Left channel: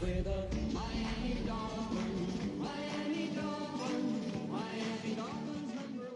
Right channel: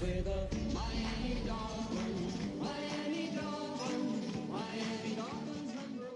with a Miami Dolphins, Miami Dolphins, Miami Dolphins #1.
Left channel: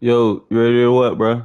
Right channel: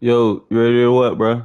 Yo, you ready to what, bro?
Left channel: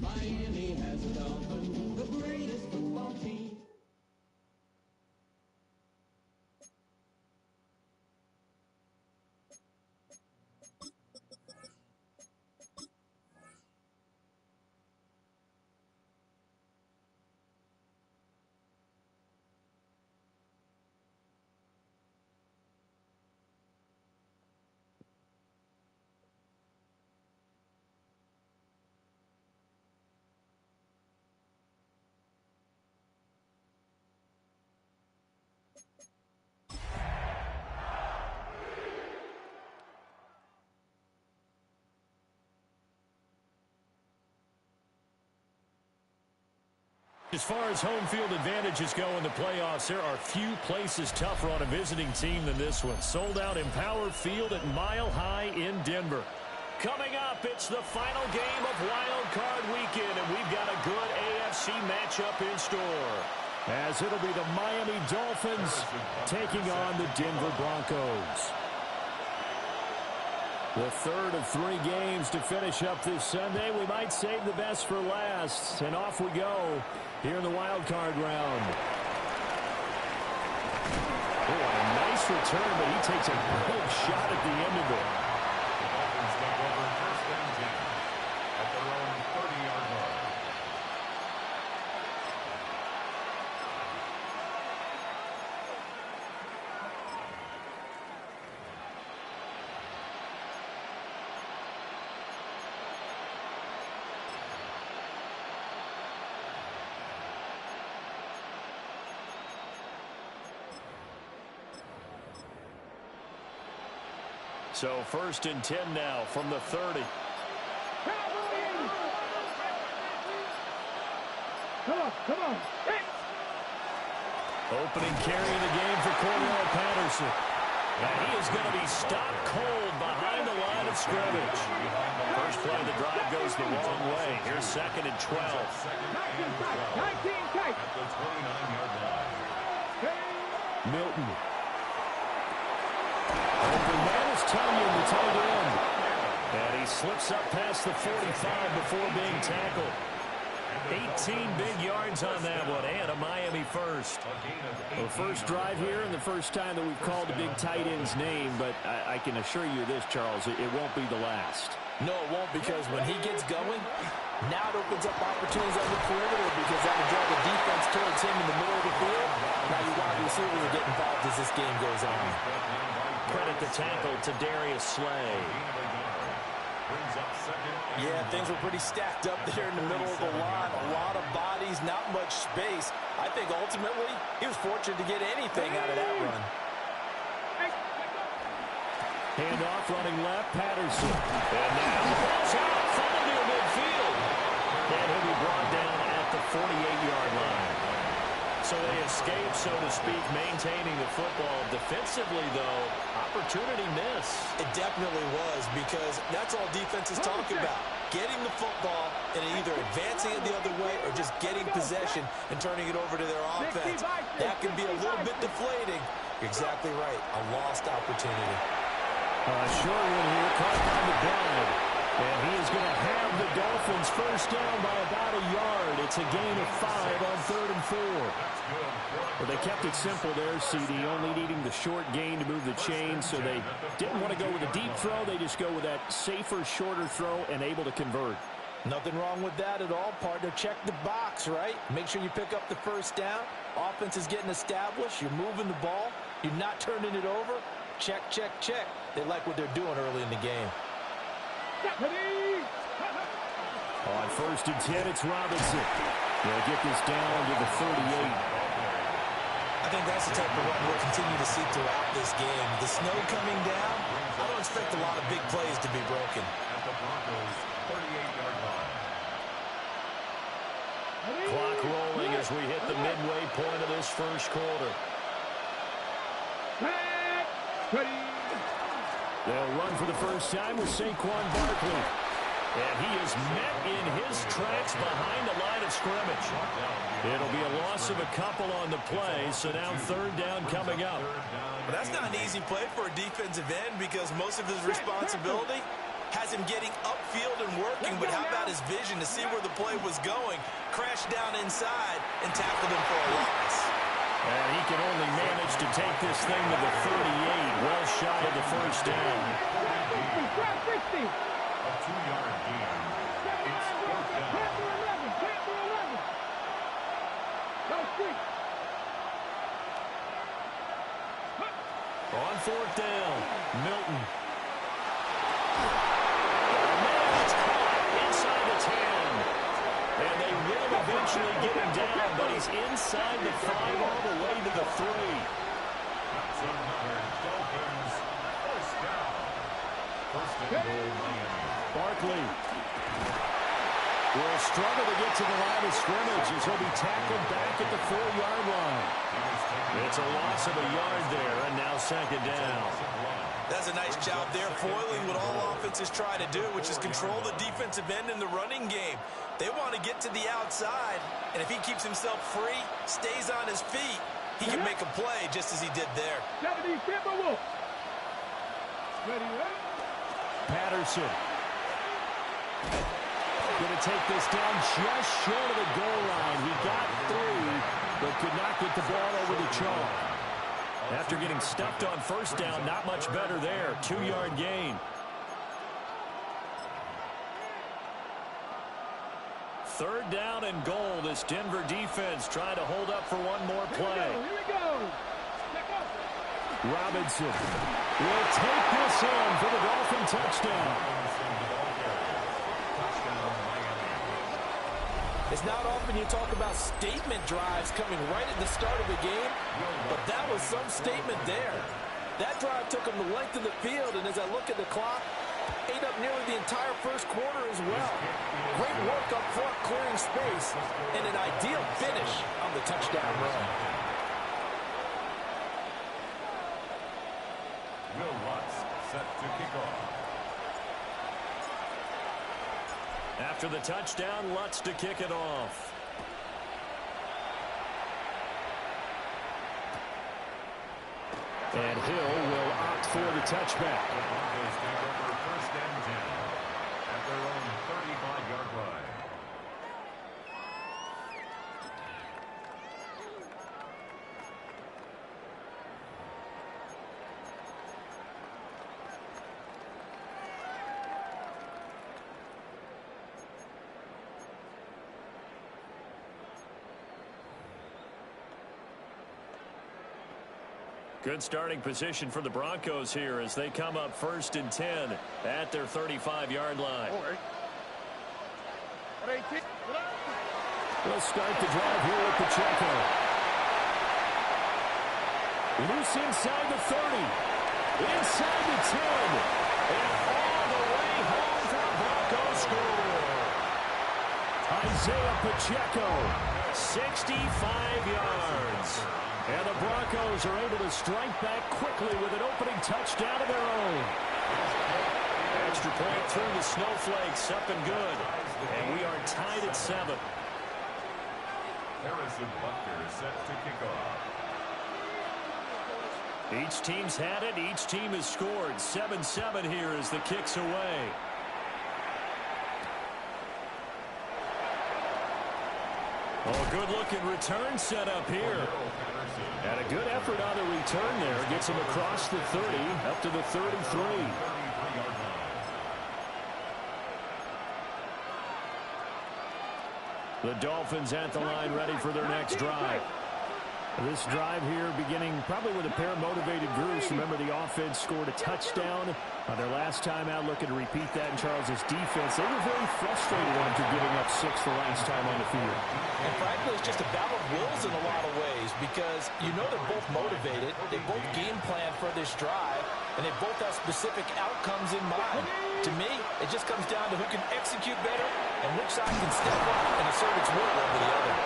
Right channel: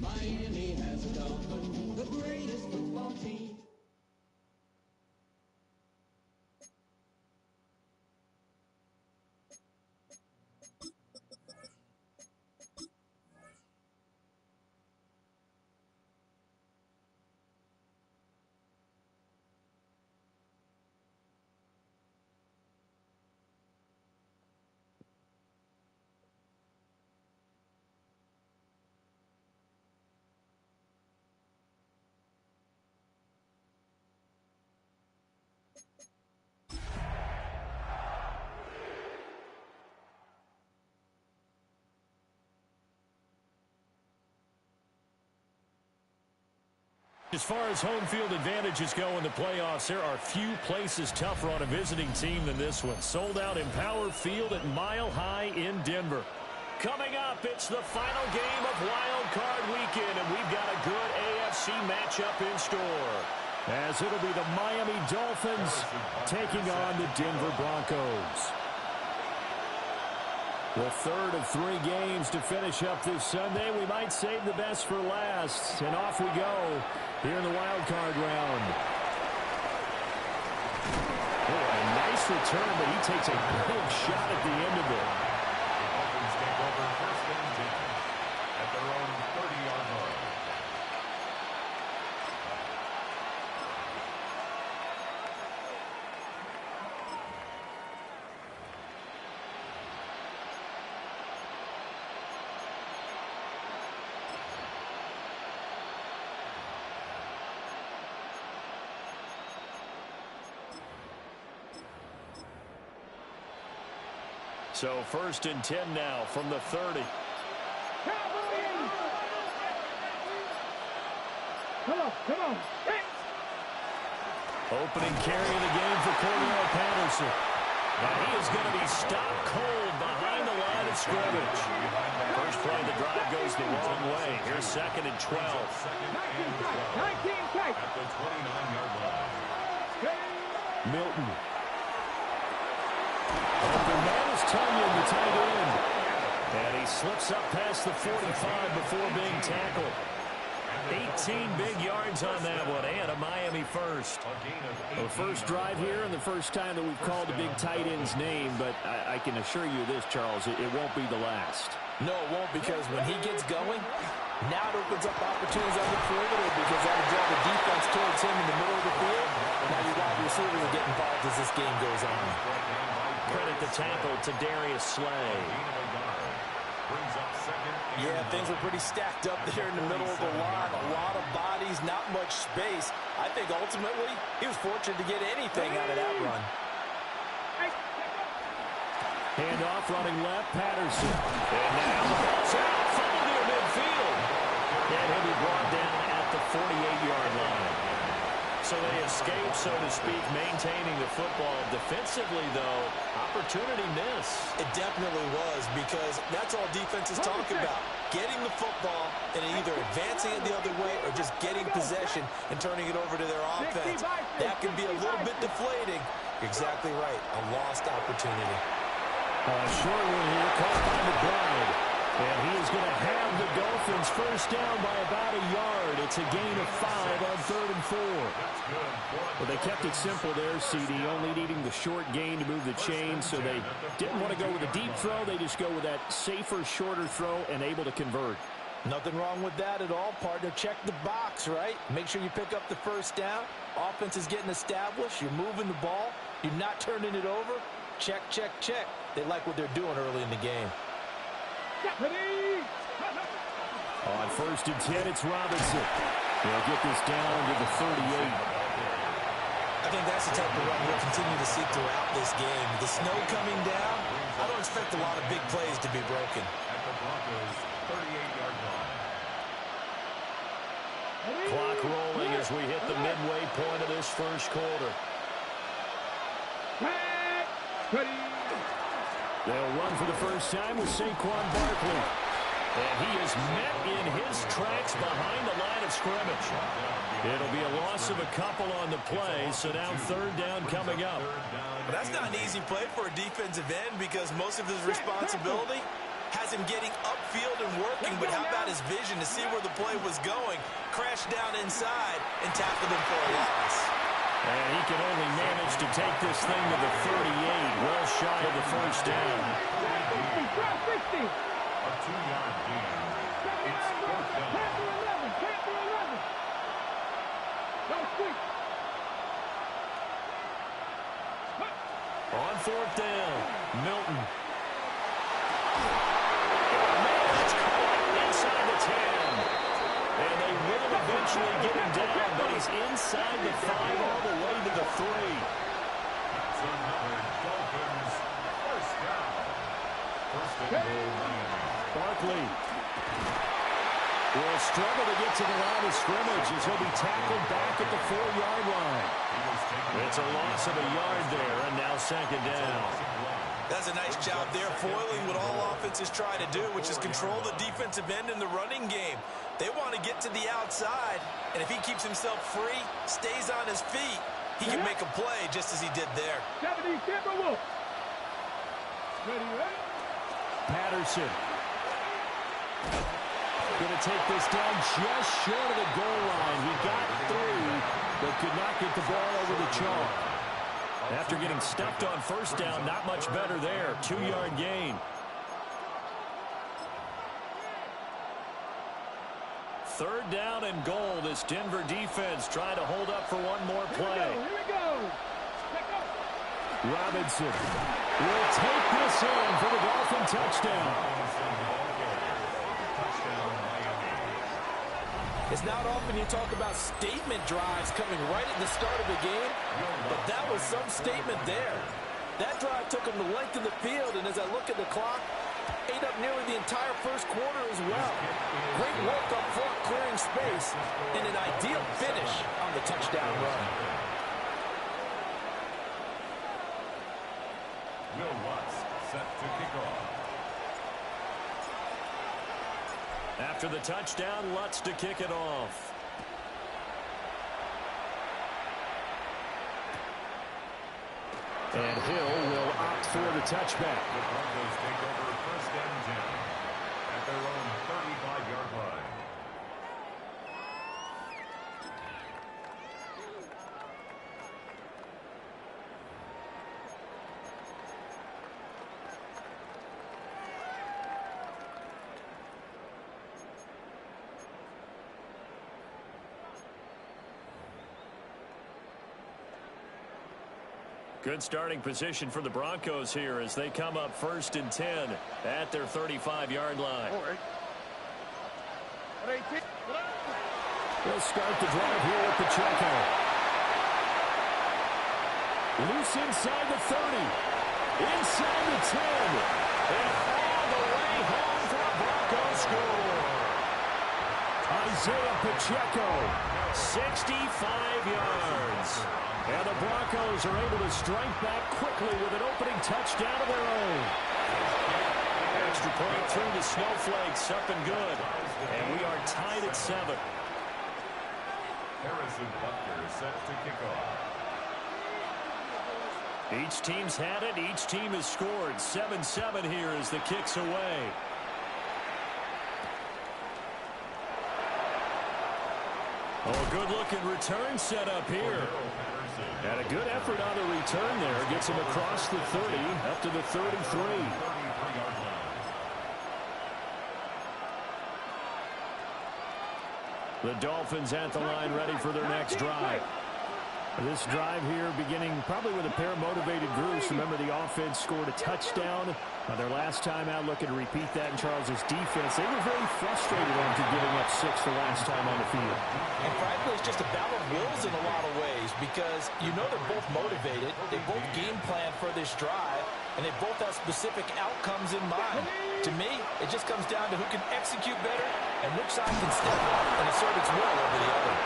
Miami has a Dolphin, the greatest football team. As far as home field advantages go in the playoffs, there are few places tougher on a visiting team than this one. Sold out Empower Field at Mile High in Denver. Coming up, it's the final game of Wildcard Weekend, and we've got a good AFC matchup in store, as it'll be the Miami Dolphins taking on the Denver Broncos. The third of 3 games to finish up this Sunday. We might save the best for last. And off we go here in the wild card round. Oh, a nice return, but he takes a big shot at the end of it. The Dolphins take over 1st and 10 at their own 30-yard line. So 1st and 10 now from the 30. Come on. Opening carry of the game for Cordell Patterson. And he is going to be stopped cold behind the line of scrimmage. First play of the drive goes the wrong way. Here's 2nd and 12. 19 tight. At the 29-yard line. Milton. Open man is Tunyon, the tight end. And he slips up past the 45 before being tackled. 18 big yards on that one, and a Miami first. The first drive here and the first time that we've called a big tight end's name, but I can assure you this, Charles, it won't be the last. No, it won't, because when he gets going, now it opens up opportunities on the perimeter because that will draw the defense towards him in the middle of the field. Now your wide receivers will get involved as this game goes on. Credit the tackle to Darius Slay. Yeah, things were pretty stacked up there in the middle of the line. A lot of bodies, not much space. I think ultimately he was fortunate to get anything out of that run. Handoff running left, Patterson. And now the ball's out, fumbled near midfield. And he'll be brought down at the 48-yard line. So they escape, so to speak, maintaining the football. Defensively, though, opportunity miss. It definitely was, because that's all defenses talk about. Getting the football and either advancing it the other way or just getting possession and turning it over to their offense. That can be a little bit deflating. You're exactly right. A lost opportunity. Short one here, caught by McBride. And he is going to have the Dolphins first down by about a yard. It's a gain of 5 on 3rd and 4. Well, they kept it simple there, CD, only needing the short gain to move the chain, so they didn't want to go with a deep throw. They just go with that safer, shorter throw and able to convert. Nothing wrong with that at all, partner. Check the box, right? Make sure you pick up the first down. Offense is getting established. You're moving the ball. You're not turning it over. Check, check, check. They like what they're doing early in the game. On 1st and 10, it's Robinson. He'll get this down to the 38. I think that's the type of run we'll continue to see throughout this game. The snow coming down, I don't expect a lot of big plays to be broken. At the Broncos' 38-yard line. Clock rolling as we hit the midway point of this first quarter. They'll run for the first time with Saquon Barkley. And he is met in his tracks behind the line of scrimmage. It'll be a loss of a couple on the play, so now 3rd down coming up. But that's not an easy play for a defensive end, because most of his responsibility has him getting upfield and working, but how about his vision to see where the play was going, crash down inside, and tackle him for a loss. And he can only manage to take this thing to the 38, well shy of the first down. A 2-yard gain. It's 4th down. On 4th down, Milton. Man, it's caught inside the 10. And they will eventually get him down, but he's inside the 5 all the way to the 3. That's another Dolphins first down. 1st and goal, Miami. Barkley will struggle to get to the line of scrimmage as he'll be tackled back at the 4-yard line. It's a loss of a yard there, and now 2nd down. That's a nice job there, foiling what all offenses try to do, which is control the defensive end in the running game. They want to get to the outside, and if he keeps himself free, stays on his feet, he can make a play just as he did there. Patterson. Going to take this down just short of the goal line. He got 3, but could not get the ball over the chalk. After getting stuffed on first down, not much better there. 2-yard gain. 3rd down and goal. This Denver defense trying to hold up for one more play. Here we go. Robinson will take this in for the Dolphin touchdown. It's not often you talk about statement drives coming right at the start of the game, but that was some statement there. That drive took them the length of the field, and as I look at the clock, ate up nearly the entire first quarter as well. Great work up front, clearing space, and an ideal finish on the touchdown run. Will Lutz set to kick off. After the touchdown, Lutz to kick it off. And Hill will opt for the touchback. The Broncos take over 1st and 10 at their own 35-yard line. Good starting position for the Broncos here as they come up 1st and 10 at their 35-yard line. We'll start the drive here with Pacheco. Loose inside the 30. Inside the 10. And all the way home for a Broncos score. Isaiah Pacheco, 65 yards. And the Broncos are able to strike back quickly with an opening touchdown of their own. Extra point through the snowflakes, up and good. And we are tied at 7. Harrison Butker set to kick off. Each team's had it. Each team has scored. 7-7 here as the kick's away. Oh, good-looking return set up here. And a good effort on the return there. Gets him across the 30, up to the 33. The Dolphins at the line, ready for their next drive. This drive here beginning probably with a pair of motivated groups. Remember, the offense scored a touchdown on their last time out. Looking to repeat that in Charles's defense. They were very frustrated after giving up 6 the last time on the field. And frankly, it's just a battle of wills in a lot of ways because you know they're both motivated. They both game plan for this drive, and they both have specific outcomes in mind. To me, it just comes down to who can execute better and which side can step up and assert its will over the other.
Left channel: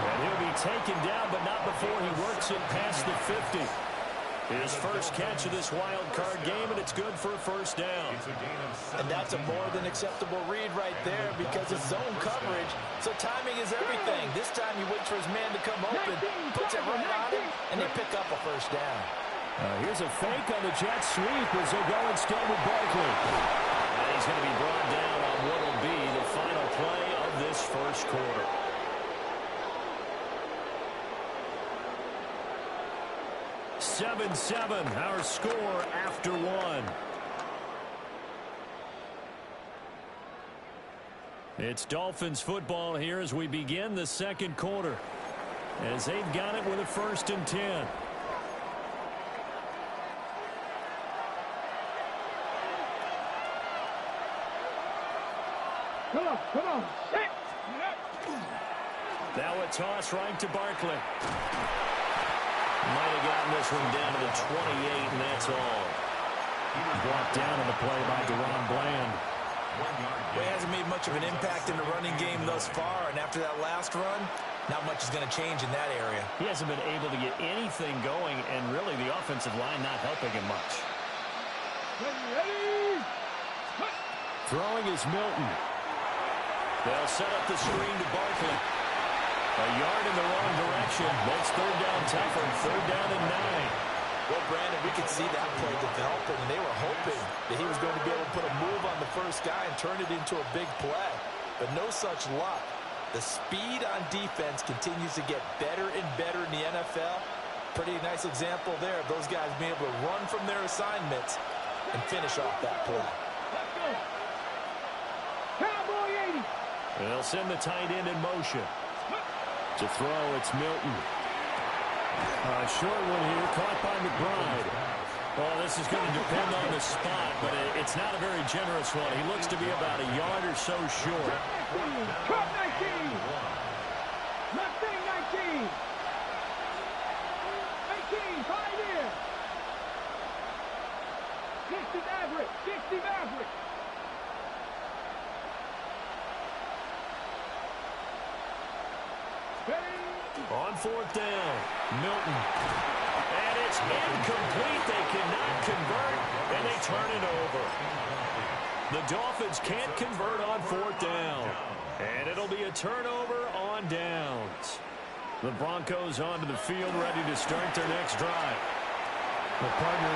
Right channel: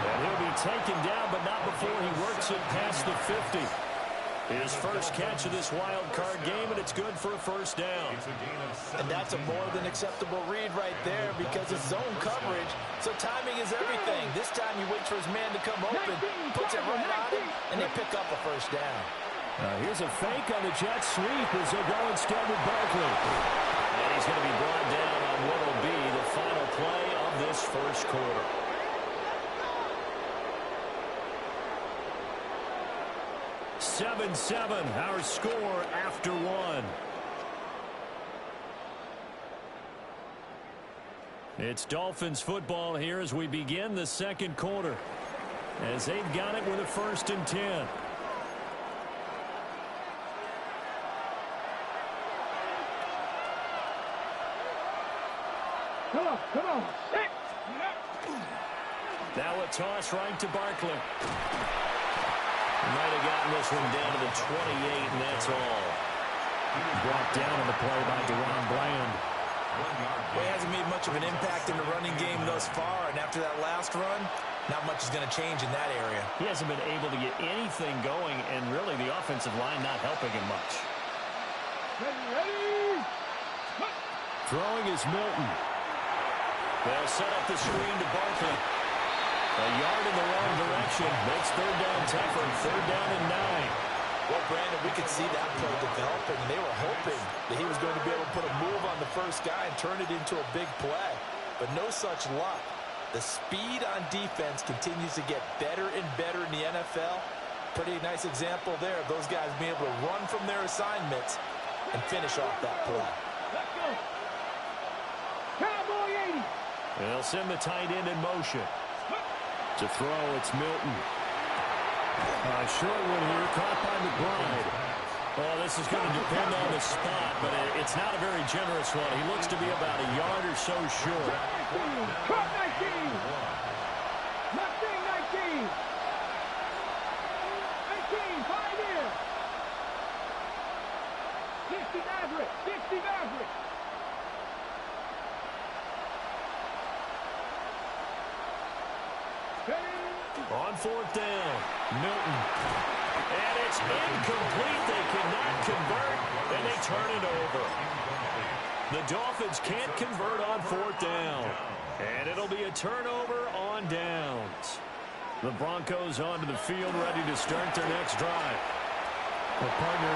And he'll be taken down, but not before he works it past the 50. His first catch of this wild card game, and it's good for a first down. And that's a more than acceptable read right there because it's zone coverage, so timing is everything. This time he waits for his man to come open, puts it right on him, and they pick up a first down. Here's a fake on the jet sweep as they'll go instead with Barkley. And he's going to be brought down on what will be the final play of this first quarter. Seven, our score after 1. It's Dolphins football here as we begin the second quarter. As they've got it with a 1st and 10. Come on. Now a toss right to Barkley. Might have gotten this one down to the 28, and that's all. He was brought down on the play by Deron Bland. Well, he hasn't made much of an impact in the running game thus far, and after that last run, not much is going to change in that area. He hasn't been able to get anything going, and really the offensive line not helping him much. Ready. Throwing is Milton. They'll set up the screen to Barkley. A yard in the wrong direction. Makes 3rd down tougher. 3rd down and 9. Well, Brandon, we could see that play developing, and they were hoping that he was going to be able to put a move on the first guy and turn it into a big play. But no such luck. The speed on defense continues to get better and better in the NFL. Pretty nice example there of those guys being able to run from their assignments and finish off that play. Let's go. Cowboy 80. They'll send the tight end in motion. To throw, it's Milton. A short one here, caught by McBride. Oh, this is going to depend on the spot, but it's not a very generous one. He looks to be about a yard or so short. Cut 19. Mustang 19. 18, 5 here. Maverick. 60 Maverick. On fourth down, Milton. And it's incomplete. They cannot convert, and they turn it over. The Dolphins can't convert on fourth down. And it'll be a turnover on downs. The Broncos onto the field, ready to start their next drive. Well, partner,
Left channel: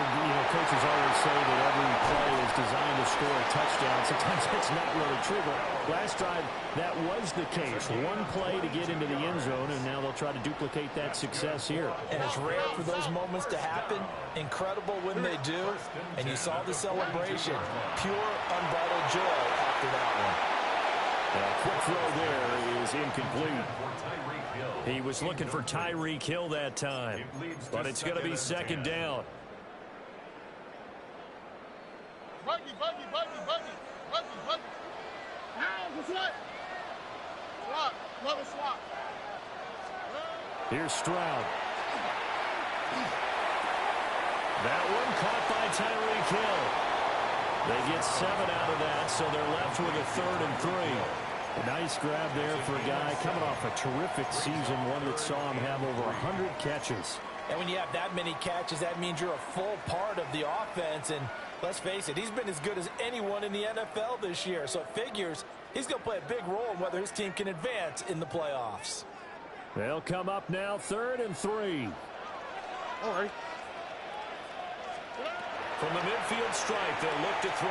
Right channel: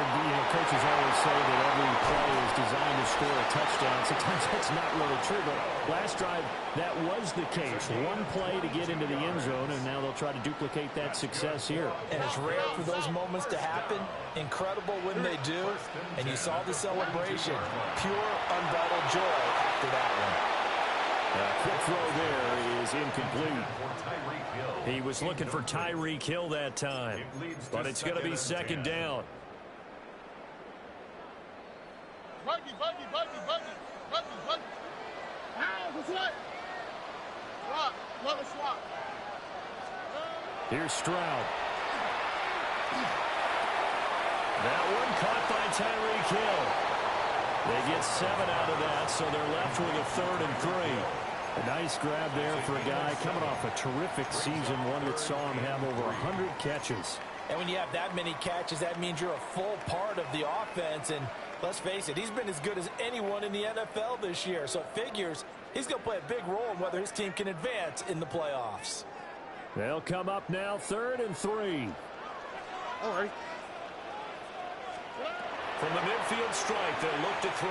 coaches always say that every play is designed to score a touchdown. Sometimes that's not really true, but last drive, that was the case. One play to get into the end zone, and now they'll try to duplicate that success here. And it's rare for those moments to happen. Incredible when they do. And you saw the celebration. Pure, unbridled joy after that one. Quick throw there is incomplete. He was looking for Tyreek Hill that time, but it's going to be second down. Buggy. How's the swap? Love a swap. Here's Stroud. That one caught by Tyreek Hill. They get 7 out of that, so they're left with a 3rd and 3. A nice grab there for a guy coming off a terrific season, one that saw him have over 100 catches. And when you have that many catches, that means you're a full part of the offense. And let's face it, he's been as good as anyone in the NFL this year. So it figures he's going to play a big role in whether his team can advance in the playoffs. They'll come up now 3rd and 3. All right. From the midfield stripe, they'll look to throw.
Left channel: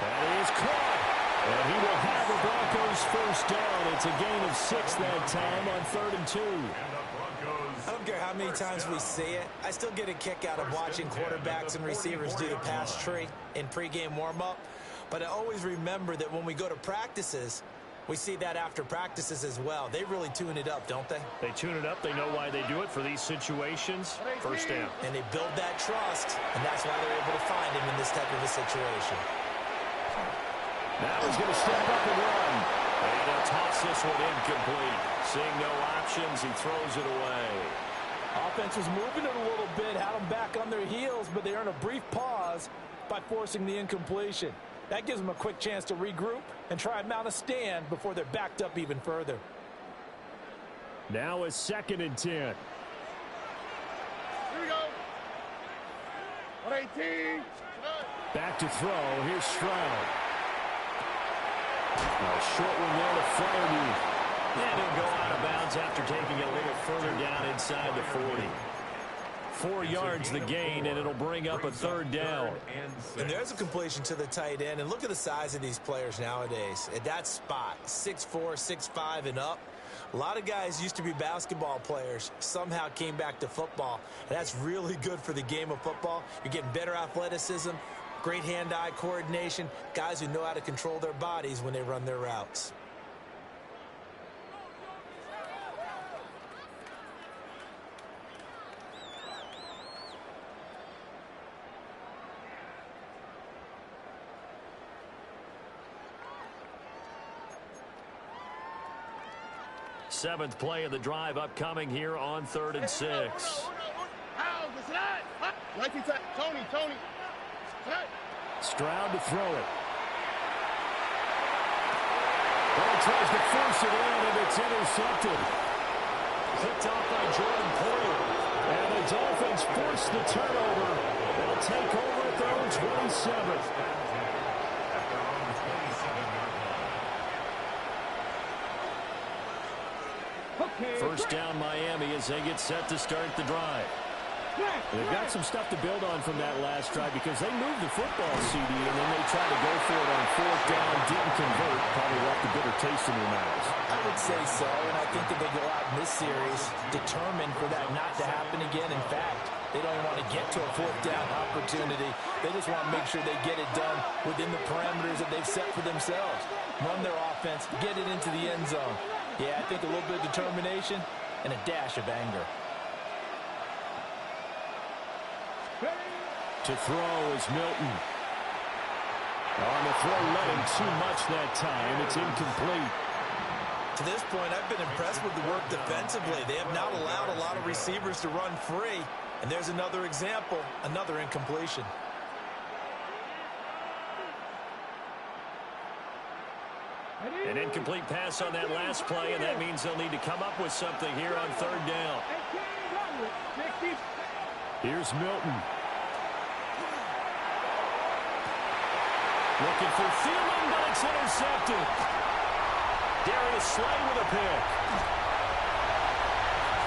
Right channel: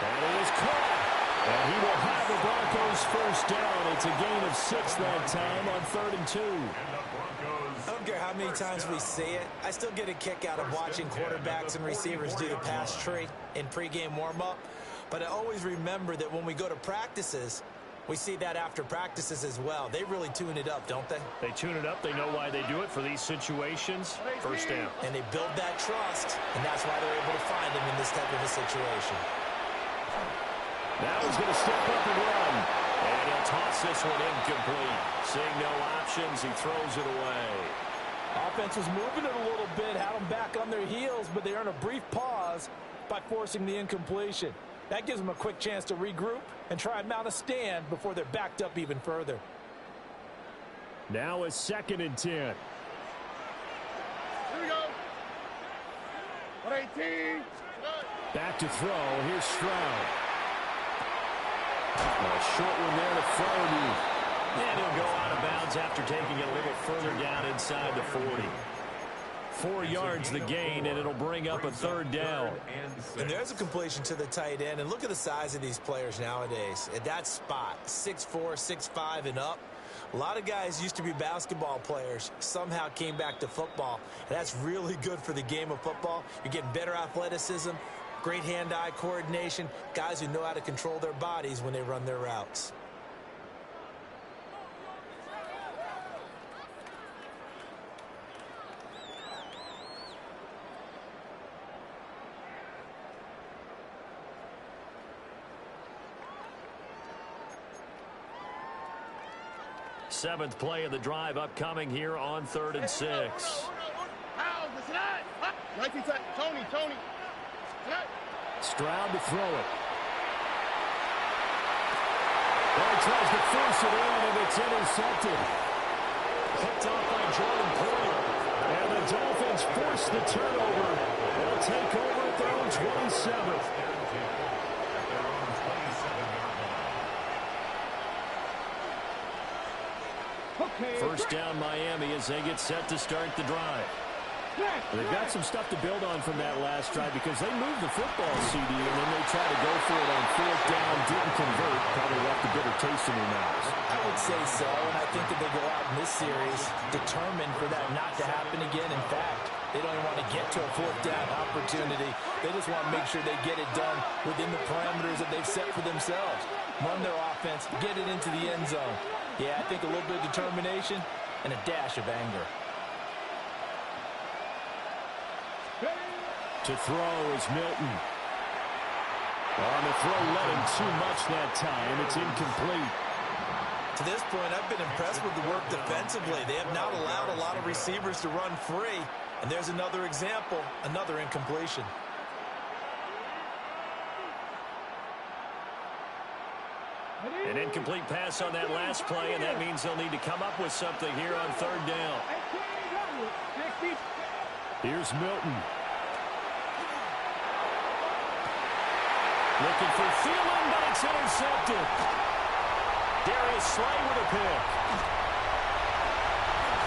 That is caught. And he will have the Broncos first down. It's a gain of 6 that time on 3rd and 2. I don't care how many times we see it. I still get a kick out of watching quarterbacks and receivers do the pass tree in pregame warm-up. But I always remember that when we go to practices, we see that after practices as well. They really tune it up, don't they? They tune it up. They know why they do it for these situations. First down. And they build that trust, and that's why they're able to find him in this type of a situation. Now he's going to step up and run. And he'll toss this one incomplete. Seeing no options, he throws it away. Offense was moving it a little bit, had them back on their heels, but they earn a brief pause by forcing the incompletion. That gives them a quick chance to regroup and try and mount a stand before they're backed up even further. Now a 2nd and 10. Here we go. 118. Back to throw. Here's Stroud. A short one there to Flaherty. And he'll go out of bounds after taking it a little further down inside the 40. 4 yards the gain, and it'll bring up a 3rd down. And there's a completion to the tight end. And look at the size of these players nowadays. At that spot, 6'4", 6'5", and up. A lot of guys used to be basketball players, somehow came back to football. And that's really good for the game of football. You're getting better athleticism, great hand-eye coordination, guys who know how to control their bodies when they run their routes. Seventh play of the drive upcoming here on 3rd and 6. Tony. Stroud to throw it. Well, he tries to force it in, and it's intercepted. Picked off by Jordan Poyer. And the Dolphins force the turnover. They'll take over at their own 27. First down Miami as they get set to start the drive. They've got some stuff to build on from that last drive because they moved the football, CD, and then they tried to go for it on 4th down, didn't convert, probably left a bitter taste in their mouths. I would say so, and I think that they go out in this series determined for that not to happen again. In fact, they don't even want to get to a 4th down opportunity. They just want to make sure they get it done within the parameters that they've set for themselves. Run their offense, get it into the end zone. Yeah, I think a little bit of determination and a dash of anger. To throw is Milton. On the throw, let him too much that time. It's incomplete. To this point, I've been impressed with the work defensively. They have not allowed a lot of receivers to run free. And there's another example, another incompletion. An incomplete pass on that last play, and that means they'll need to come up with something here on third down. Here's Milton. Looking for Thielen, but it's intercepted. Darius Slay with a pick.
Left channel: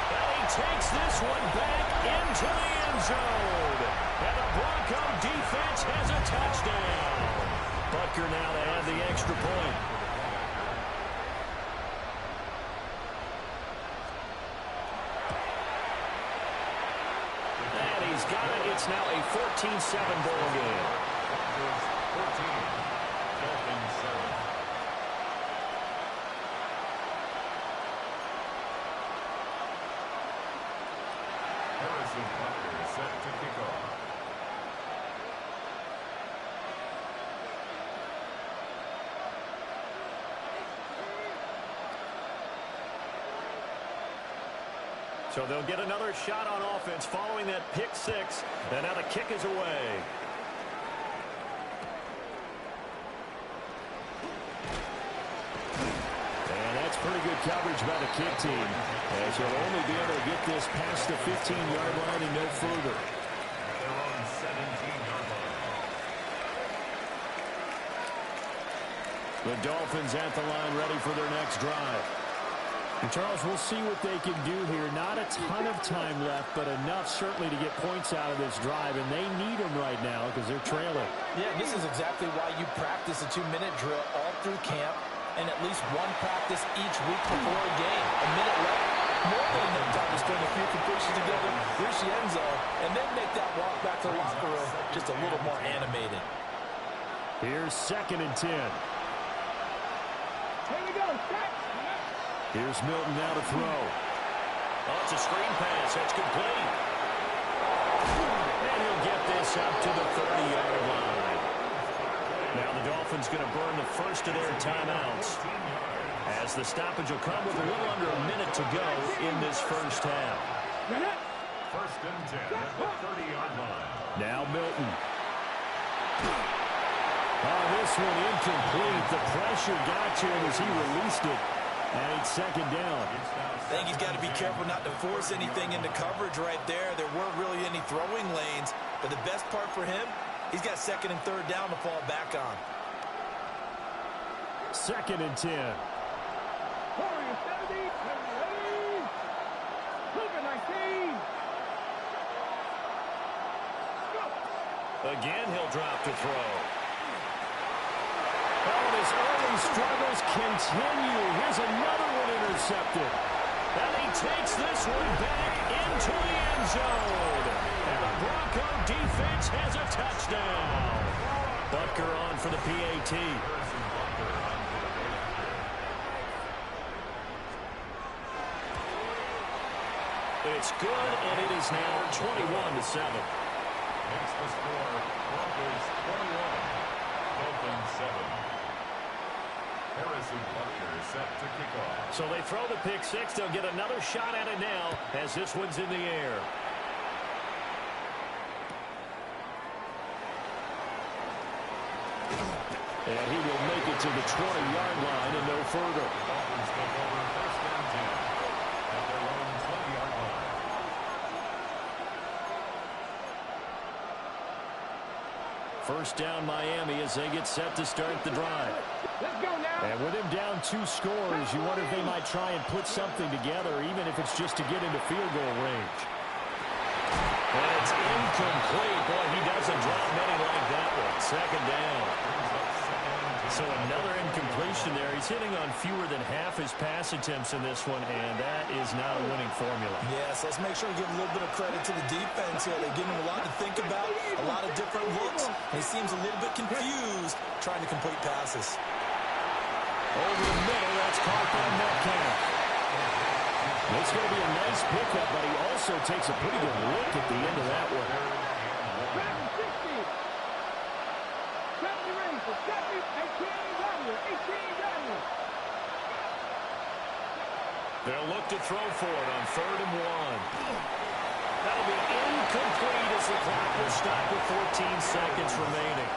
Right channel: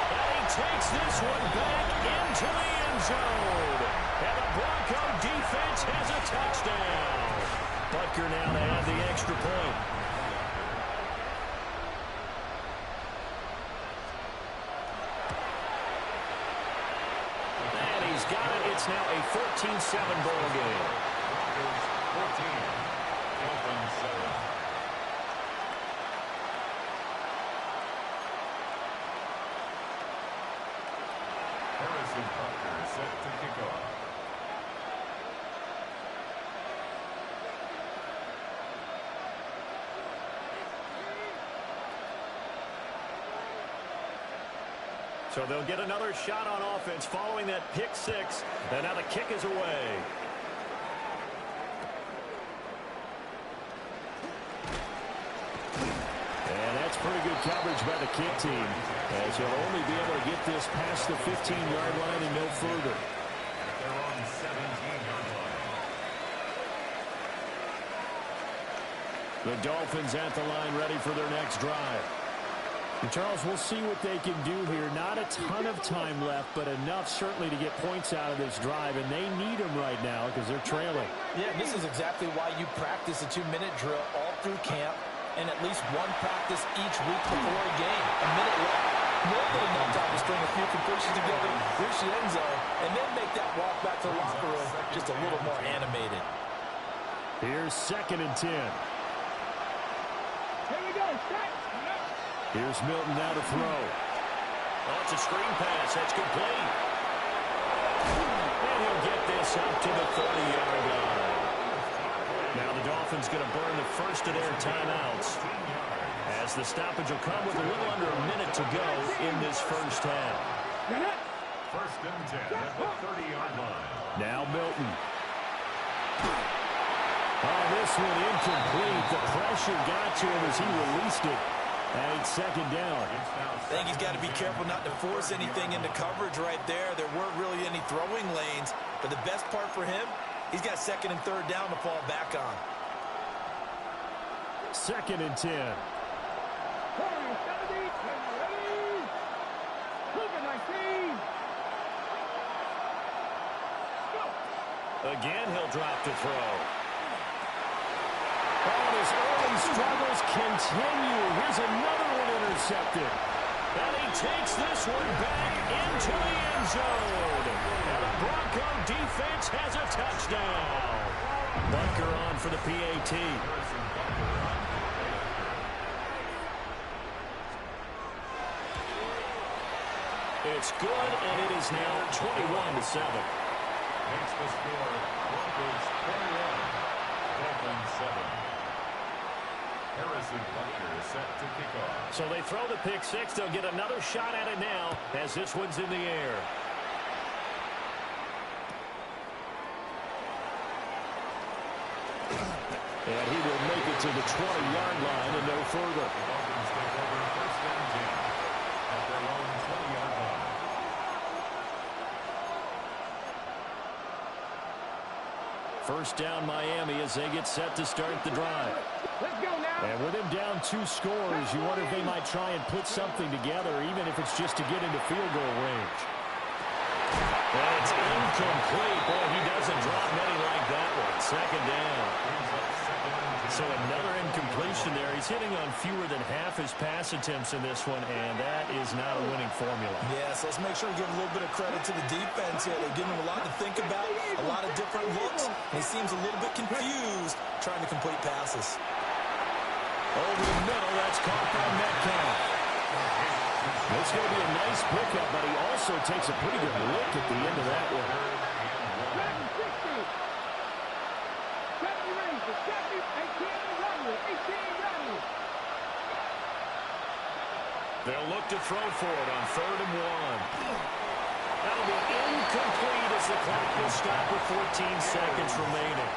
And he takes this one back into the end zone. And the Bronco defense has a touchdown. Butker now to add the extra point. And he's got it. It's now a 14-7 ball game. 14, Dolphins 7. Harrison Butker is set to kick off. So they'll get another shot on offense following that pick six. And now the kick is away. And that's pretty good coverage by the kick team, as he'll only be able to get this past the 15-yard line and no further. At their own 17-yard line. The Dolphins at the line ready for their next drive. And Charles, we'll see what they can do here. Not a ton of time left, but enough certainly to get points out of this drive, and they need them right now because they're trailing. Yeah, this is exactly why you practice a 2-minute drill all through camp and at least one practice each week before a game. A minute left, more than enough time to string a few completions together, reach the end zone, and then make that walk back to the locker room just a little more animated. Here's 2nd and 10. Here we go. Here's Milton now to throw. Oh, it's a screen pass. That's complete. And he'll get this up to the 30-yard line. Now the Dolphins going to burn the first of their timeouts, as the stoppage will come with a little under a minute to go in this first half. 1st and 10 at the 30-yard line. Now Milton. Oh, this one incomplete. The pressure got to him as he released it. And it's 2nd down. I think he's got to be careful not to force anything into coverage right there. There weren't really any throwing lanes. But the best part for him, he's got 2nd and 3rd down to fall back on. 2nd and 10. Again, he'll drop to throw. Oh, and his early struggles continue. Here's another one intercepted. And he takes this one back into the end zone. And the Bronco defense has a touchdown. Butker on for the PAT. Harrison Butker on for the PAT. It's good, and it is now 21-7. Makes the score Broncos 21, Dolphins 7. Harrison Butker is set to kick off. So they throw the pick six. They'll get another shot at it now as this one's in the air. And he will make it to the 20-yard line and no further. The Dolphins take over 1st and 10 at their own 20-yard line. First down Miami as they get set to start the drive. Let's go now. And with him down 2 scores, you wonder if they might try and put something together, even if it's just to get into field goal range. And it's incomplete. Boy, he doesn't drop many like that one. 2nd down. Brings up 2nd and 10. So another incompletion there. He's hitting on fewer than half his pass attempts in this one, and that is not a winning formula. Yeah, so let's make sure we give a little bit of credit to the defense here. They're giving him a lot to think about, a lot of different looks, and he seems a little bit confused trying to complete passes. Over the middle, that's caught by Metcalf. It's going to be a nice pickup, but he also takes a pretty good look at the end of that one. They'll look to throw for it on 3rd and 1. That'll be incomplete as the clock will stop with 14 seconds remaining.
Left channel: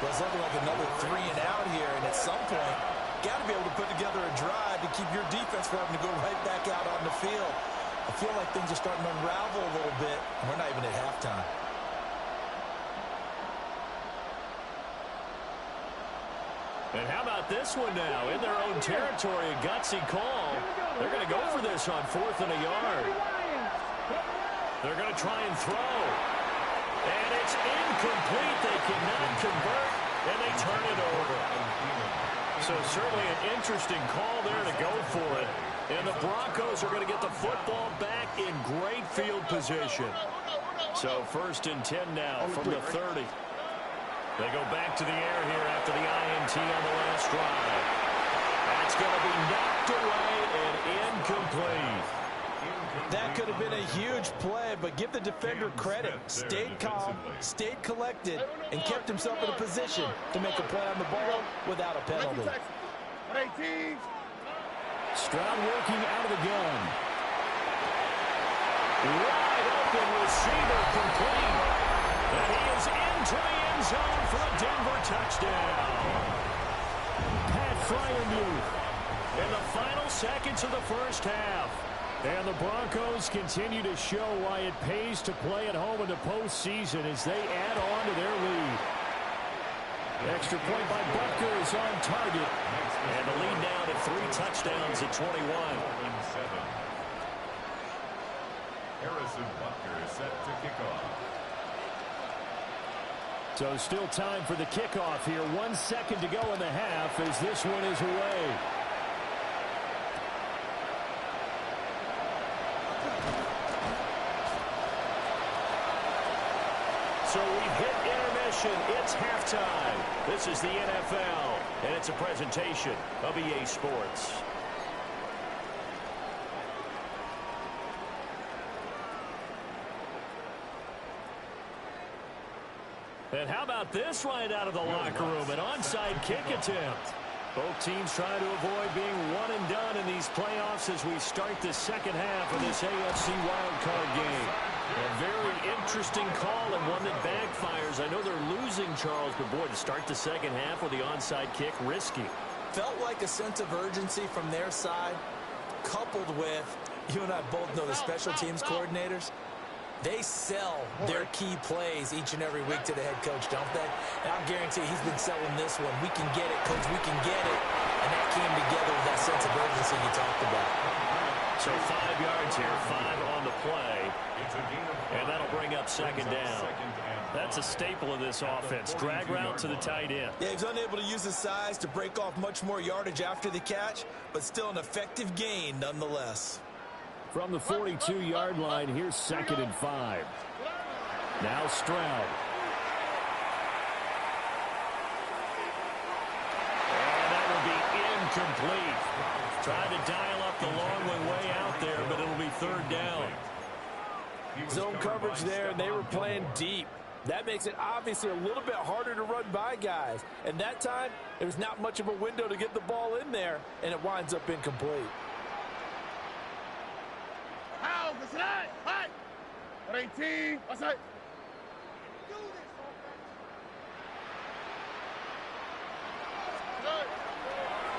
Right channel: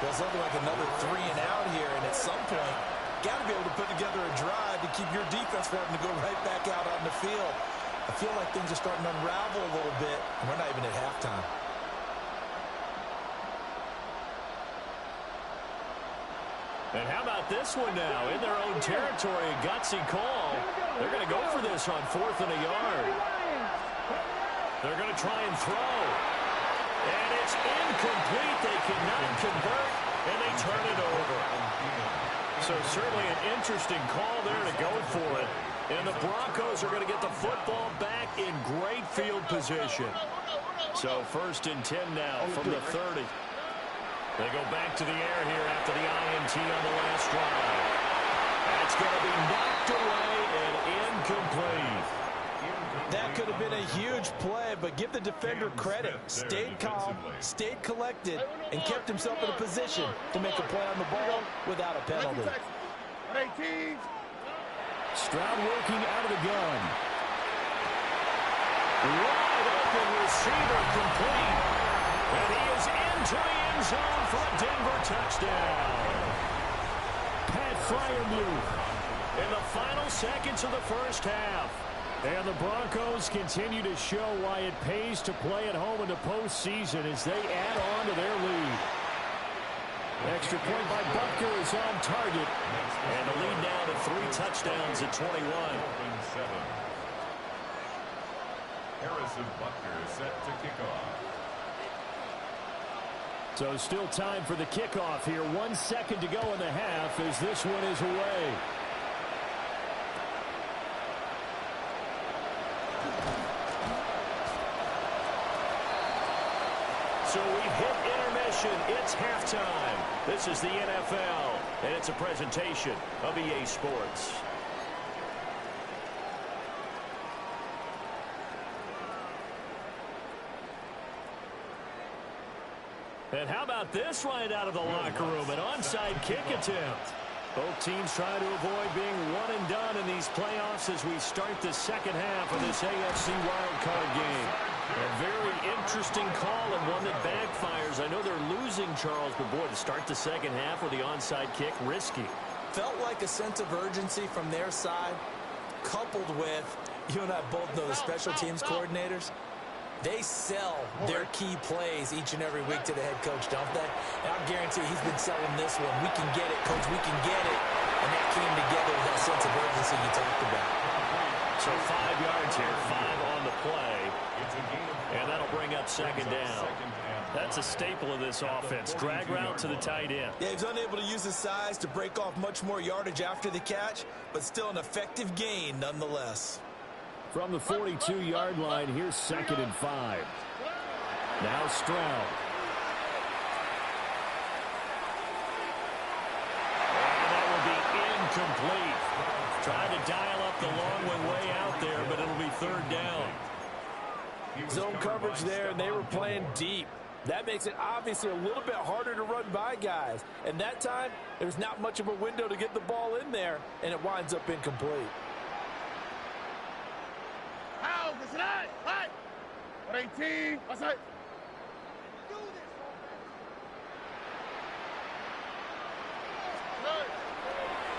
Well, it's looking like another 3 and out here, and at some point, got to be able to put together a drive to keep your defense from having to go right back out on the field. I feel like things are starting to unravel a little bit, and we're not even at halftime. And how about this one now? In their own territory, a gutsy call. They're going to go for this on 4th and a yard. They're going to try and throw. And it's incomplete. They cannot convert, and they turn it over. So certainly an interesting call there to go for it. And the Broncos are going to get the football back in great field position. So 1st and 10 now from the 30. They go back to the air here after the INT on the last drive. That's going to be knocked away and incomplete. That could have been a huge play, but give the defender credit. Stayed calm, stayed collected, and kept himself in a position to make a play on the ball without a penalty. Stroud working out of the gun. Wide open receiver complete. And he is into the end zone for a Denver touchdown. Pat Freiermuth In the final seconds of the first half. And the Broncos continue to show why it pays to play at home in the postseason as they add on to their lead. Extra point by Butker is on target. And the lead now to 3 touchdowns at 21. Harrison Butker set to kick off. So still time for the kickoff here. 1 second to go in the half as this one is away. So we've hit intermission. It's halftime. This is the NFL, and it's a presentation of EA Sports. And how about this right out of the locker room? An onside kick attempt. Both teams try to avoid being one and done in these playoffs as we start the second half of this AFC wildcard game. A very interesting call and one that backfires. I know they're losing, Charles, but boy, to start the second half with the onside kick, risky. Felt like a sense of urgency from their side, coupled with, you and I both know the special teams coordinators. They sell their key plays each and every week to the head coach, don't they? And I'll guarantee he's been selling this one. We can get it, coach. We can get it. And that came together with that sense of urgency you talked about. So 5 yards here, 5 on the play. And that'll bring up second down. That's a staple of this offense. Drag route to the tight end. Yeah, he's unable to use his size to break off much more yardage after the catch, but still an effective gain nonetheless. From the 42-yard line, here's 2nd and 5. Now Stroud. And that will be incomplete. Tried to dial up the long way out there, but it'll be 3rd down. Zone coverage there, and they were playing deep. That makes it obviously a little bit harder to run by guys. And that time, there's not much of a window to get the ball in there, and it winds up incomplete. How? That's right. Right. 18. That's right.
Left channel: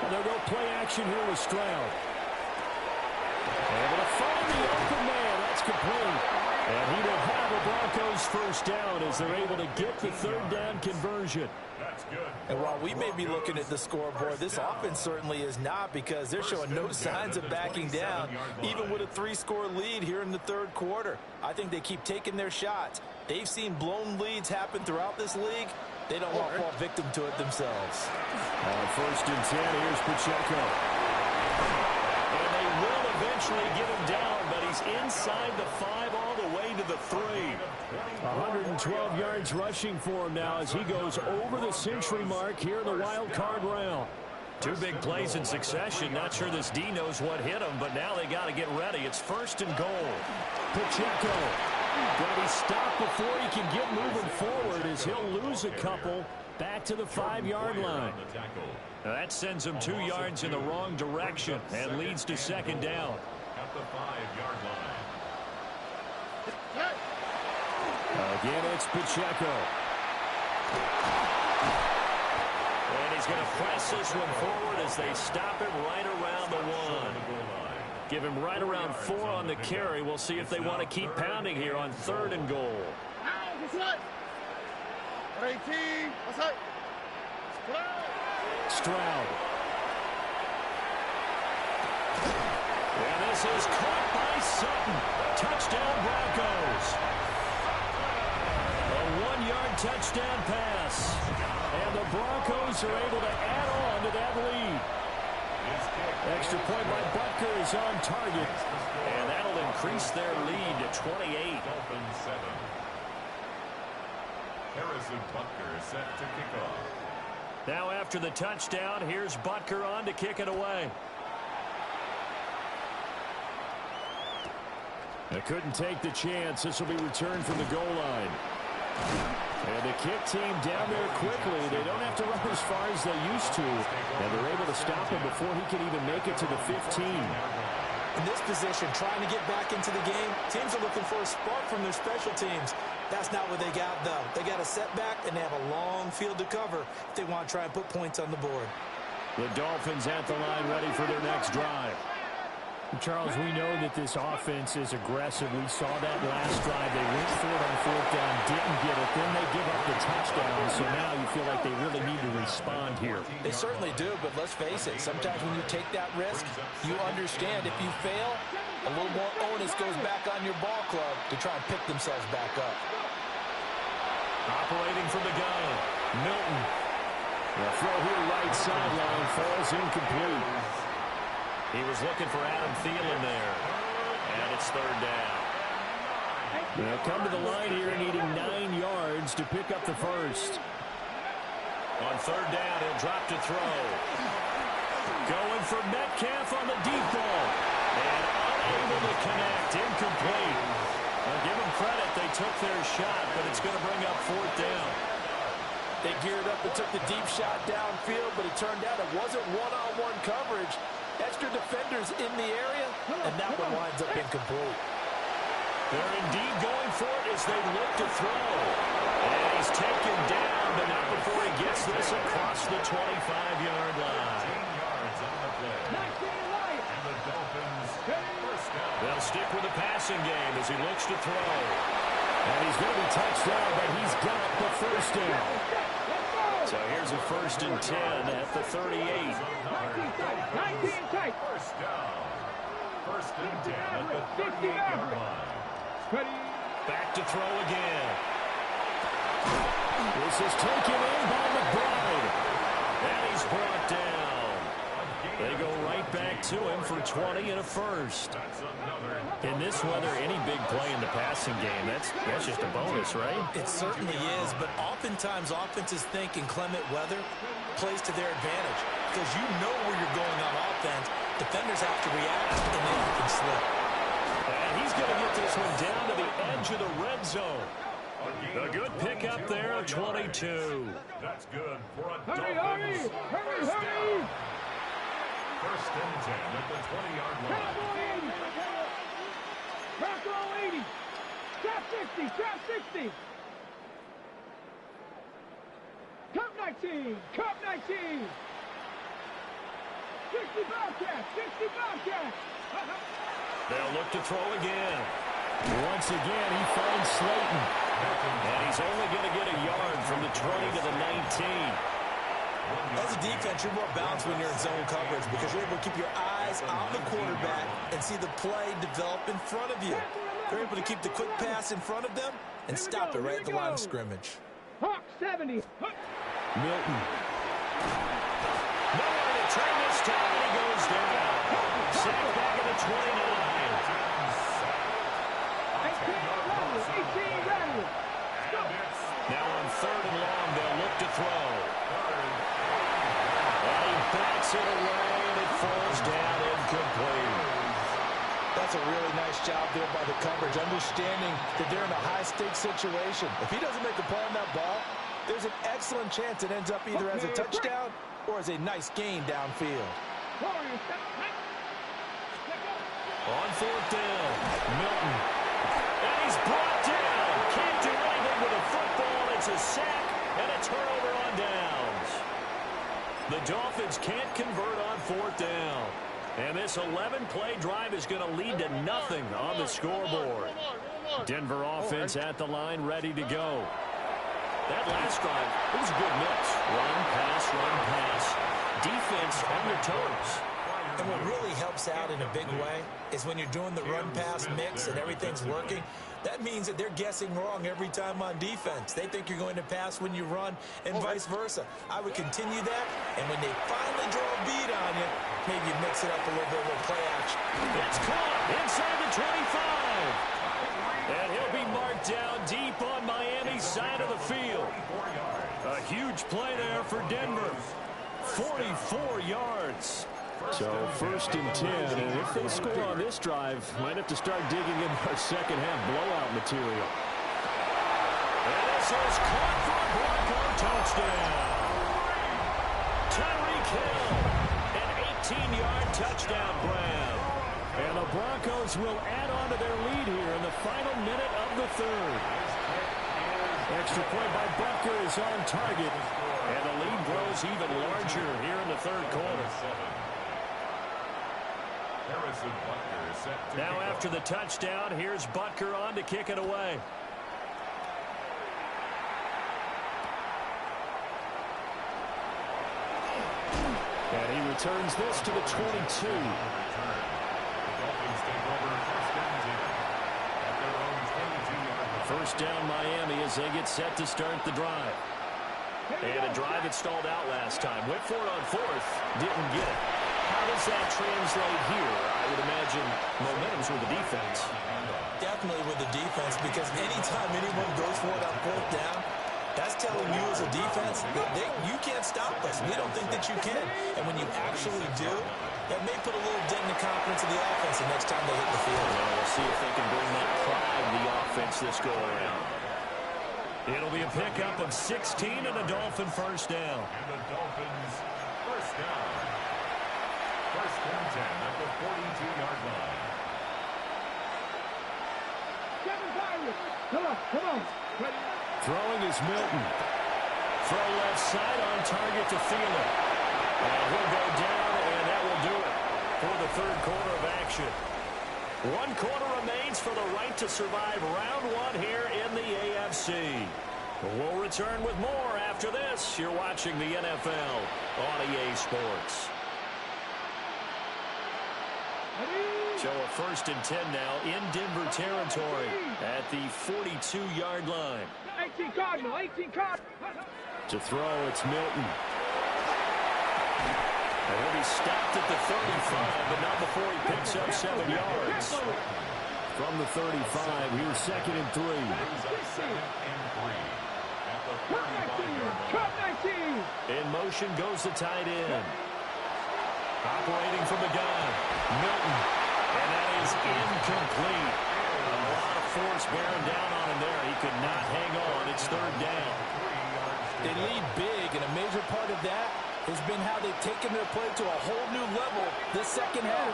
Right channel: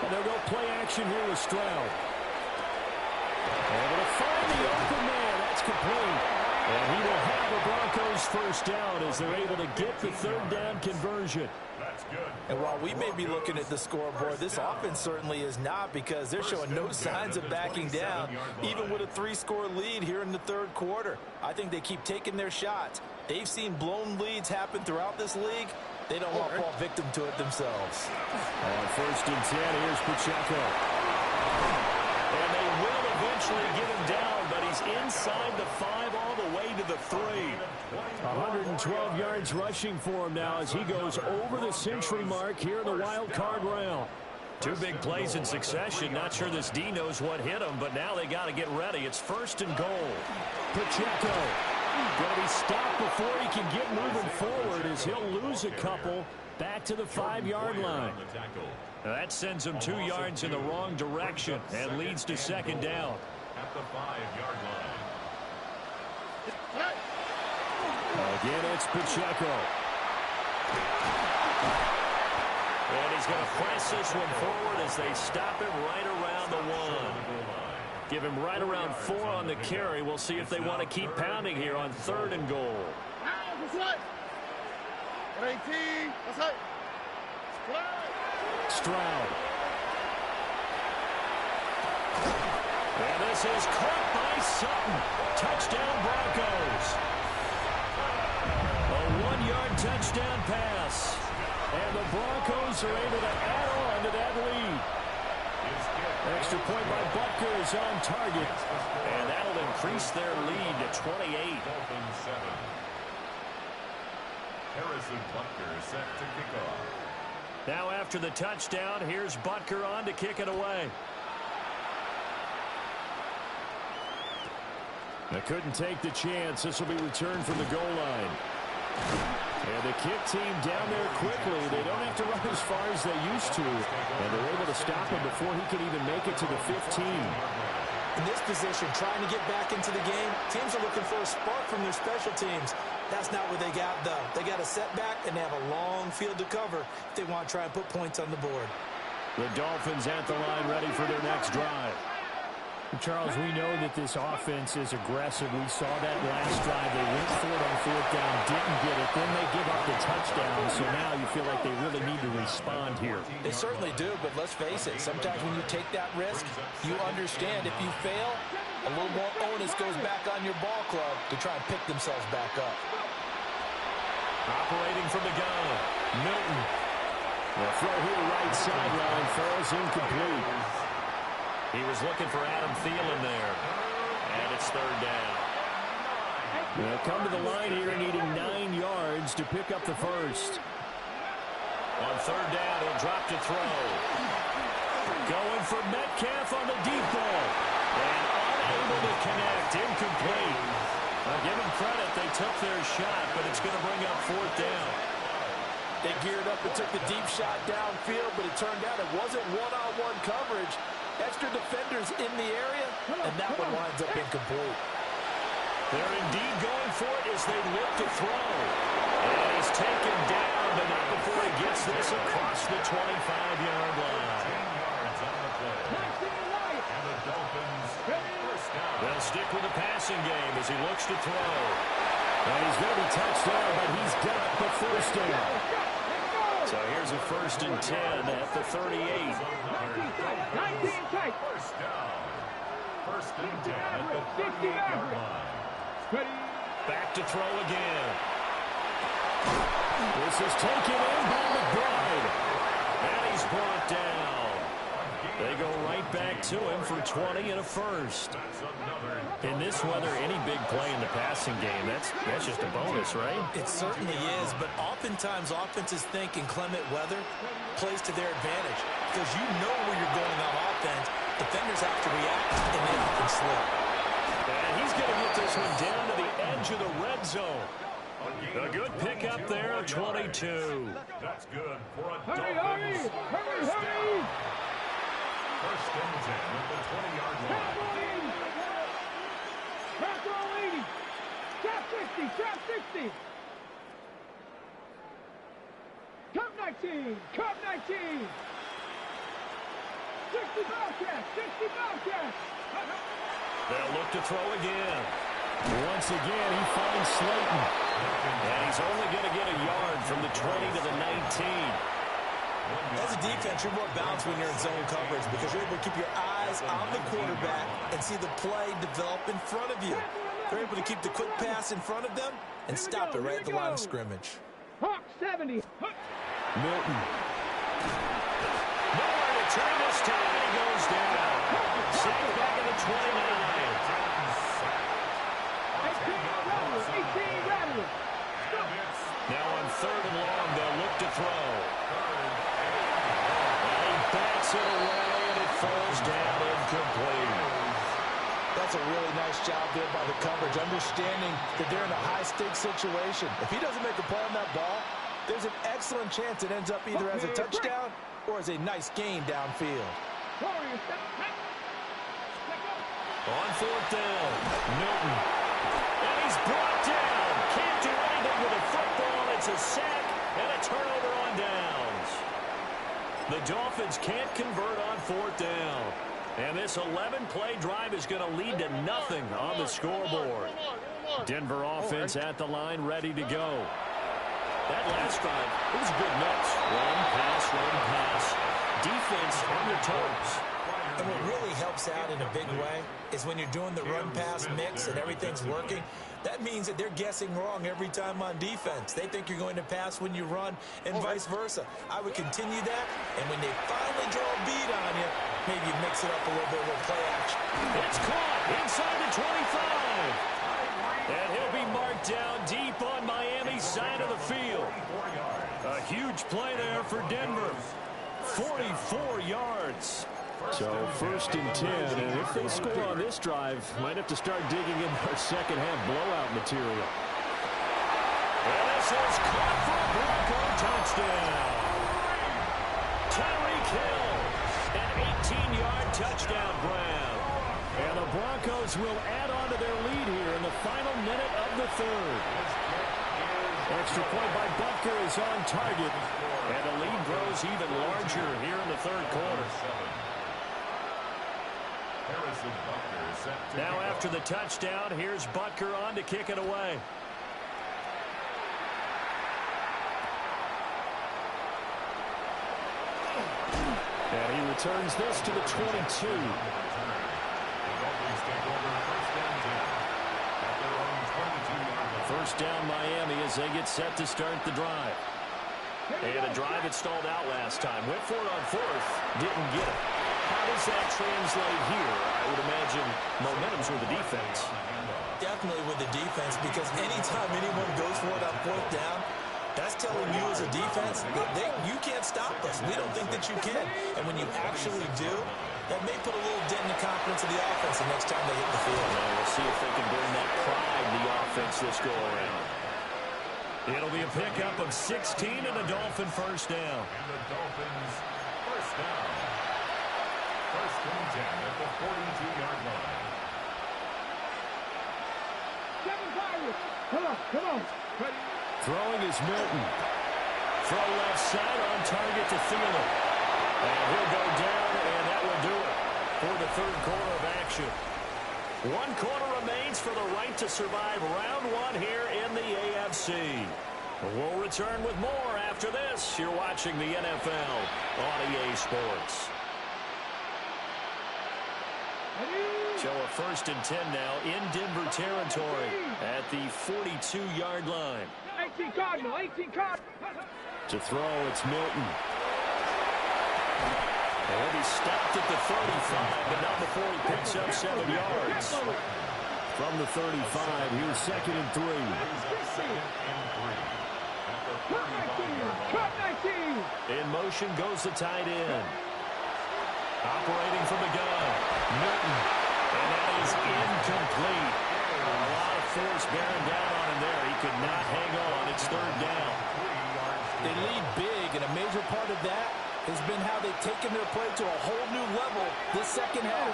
And they'll go play action here with Stroud. Able to find the open man. That's complete. And he will have a Broncos first down as they're able to get the 3rd down conversion. That's good. And while we may be looking at the scoreboard, this offense certainly is not, because they're showing no signs of backing down, even with a 3-score lead here in the 3rd quarter. I think they keep taking their shots. They've seen blown leads happen throughout this league. They don't want to fall victim to it themselves. On 1st and 10, here's Pacheco. And they will eventually get him down, but he's inside the 5 all the way to the 3. 112 yards rushing for him now as he goes over the century mark here in the wild card round. 2 big plays in succession. Not sure this D knows what hit him, but now they got to get ready. It's 1st and goal. Pacheco going to be stopped before he can get moving forward as he'll lose a couple back to the 5-yard line. Now that sends him 2 yards in the wrong direction and leads to 2nd down. At the 5-yard line. Again, it's Pacheco. And he's going to press this one forward as they stop it right around the 1. Give him right around 4 on the carry. We'll see if they want to keep pounding here on 3rd and goal. Stroud. And this is caught by Sutton. Touchdown, Broncos. A 1-yard touchdown pass. And the Broncos are able to add on to that lead. Extra point by Butker is on target. And that'll increase their lead to 28. Dolphins 7. Harrison Butker set to kick off. Now after the touchdown, here's Butker on to kick it away. They couldn't take the chance. This will be returned from the goal line. And the kick team down there quickly. They don't have to run as far as they used to. And they're able to stop him before he can even make it to the 15. In this position, trying to get back into the game, teams are looking for a spark from their special teams. That's not what they got, though. They got a setback, and they have a long field to cover if they want to try and put points on the board. The Dolphins at the line ready for their next drive. Charles, we know that this offense is aggressive. We saw that last drive. They went for it on 4th down, didn't get it. Then they give up the touchdown. So now you feel like they really need to respond here. They certainly do, but let's face it. Sometimes when you take that risk, you understand if you fail, a little more onus goes back on your ball club to try and pick themselves back up. Operating from the gun, Milton. The throw here right sideline falls incomplete. He was looking for Adam Thielen there. And it's 3rd down. They'll come to the line here needing 9 yards to pick up the first. On 3rd down, he'll drop to throw. Going for Metcalf on the deep ball. And unable to connect. Incomplete. I'll give them credit. They took their shot, but it's going to bring up 4th down. They geared up and took the deep shot downfield, but it turned out it wasn't one-on-one coverage. Extra defenders in the area, and that one winds up incomplete. They're indeed going for it as they look to throw. And he's taken down, but not before he gets this across the 25-yard line. 10 yards on the play. And the Dolphins first down. They'll stick with the passing game as he looks to throw. And he's going to be touched down, but he's got the first down. So here's a 1st and 10 at the 38. 19 tight. First down. 1st and 10 at the 38-yard line. Back to throw again. This is taken in by McBride. And he's brought down. They go right back to him for 20 and a first. In this weather, any big play in the passing game, that's just a bonus, right? It certainly is, but oftentimes offenses think inclement weather plays to their advantage because you know where you're going on offense. Defenders have to react, and they often slip. And he's going to get this one down to the edge of the red zone. A good pickup there, 22. That's good for a Dolphins first down. 1st and 10 at the 20-yard line. Trap roll 80. Trap 60. Trap 60. Cup 19. Cup 19. 60 Bobcats. 60 Bobcats. They'll look to throw again. Once again, he finds Slayton. And he's only going to get a yard from the 20 to the 19. As a defense, you're more balanced when you're in zone coverage because you're able to keep your eyes on the quarterback and see the play develop in front of you. They're able to keep the quick pass in front of them and stop it right at the line of scrimmage. Hawk 70. Milton. Nowhere to turn this time, and he goes down. Sacked back at the 29. 18 Rattler. Now on 3rd and long, they'll look to throw. And he bats it away, and it falls down incomplete. That's a really nice job there by the coverage, understanding that they're in a high-stakes situation. If he doesn't make a play on that ball, there's an excellent chance it ends up either as a touchdown or as a nice gain downfield. On 4th down, Milton. And he's brought down. Can't do anything with a football. It's a sack and a turnover on downs. The Dolphins can't convert on 4th down. And this 11-play drive is going to lead to nothing on the scoreboard. Denver offense at the line, ready to go. That last drive, it was a good mix. Run, pass, defense on their toes. And what really helps out in a big way is when you're doing the run-pass mix and everything's working, that means that they're guessing wrong every time on defense. They think you're going to pass when you run and vice versa. I would continue that, and when they finally draw a beat on you, maybe you mix it up a little bit, a little play action. It's caught inside the 25. And he'll be marked down deep on Miami's side of the field. A huge play there for Denver. 44 yards. So 1st and 10, and if they score on this drive, might have to start digging in our second half blowout material. And this is caught for a Bronco touchdown. Tyreek Hill, an 18-yard touchdown grab. And the Broncos will add on to their lead here in the final minute of the 3rd. Extra point by Butker is on target. And the lead grows even larger here in the 3rd quarter. Now after the touchdown, here's Butker on to kick it away. And he returns this to the 22. First down Miami as they get set to start the drive. And a drive that stalled out last time. Went for it on 4th. Didn't get it. How does that translate here? I would imagine momentum's with the defense. Definitely with the defense, because anytime anyone goes for it on 4th down, that's telling you as a defense that you can't stop us. We don't think that you can. And when you actually do, that may put a little dent in the confidence of the offense the next time they hit the field. And we'll see if they can bring that pride to the offense this go-around. It'll be a pickup of 16 and a Dolphin first down. And the Dolphins first down. 1st and 10 at the 42-yard line. Come on. Throwing is Milton. Throw left side on target to Thielen. And he'll go down, and that will do it for the 3rd quarter of action. 1 quarter remains for the right to survive round 1 here in the AFC. We'll return with more after this. You're watching the NFL on EA Sports. So a 1st and 10 now in Denver territory at the 42-yard line. 18 Cardinal. To throw, it's Milton. And he'll be stopped at the 35, but not before he picks up 7 yards. From the 35, here's 2nd and 3. Cut 19. In motion goes the tight end. Operating from the gun, Milton. And that is incomplete. A lot of force bearing down on him there. He could not hang on. It's 3rd down. They lead big, and a major part of that has been how they've taken their play to a whole new level this second half.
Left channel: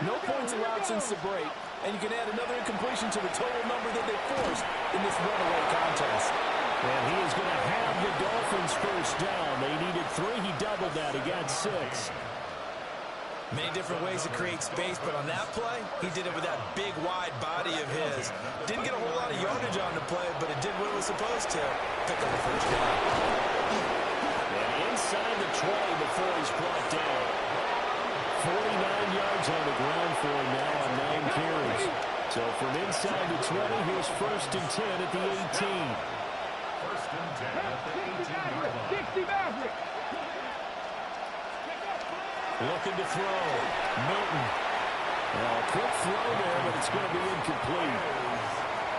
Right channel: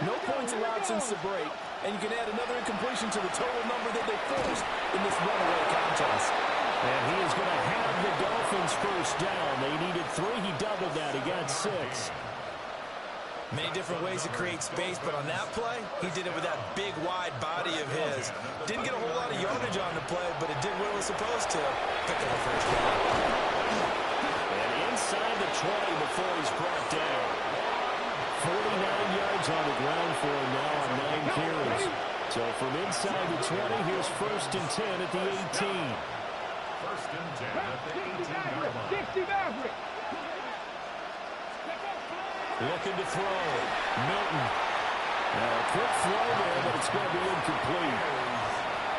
No points allowed since the break, and you can add another incompletion to the total number that they forced in this runaway contest. And he is going to have the Dolphins first down. They needed 3. He doubled that. He got 6. Many different ways to create space, but on that play, he did it with that big, wide body of his. Didn't get a whole lot of yardage on the play, but it did what it was supposed to. Pick up a first down. And inside the 20 before he's brought down. 49 yards on the ground for him now on 9 carries. So from inside the 20, here's 1st and 10 at the 18. 1st and 10 at the 18-yard line. 60 Maverick. Looking to throw. Milton. Now a quick throw there, but it's going to be incomplete.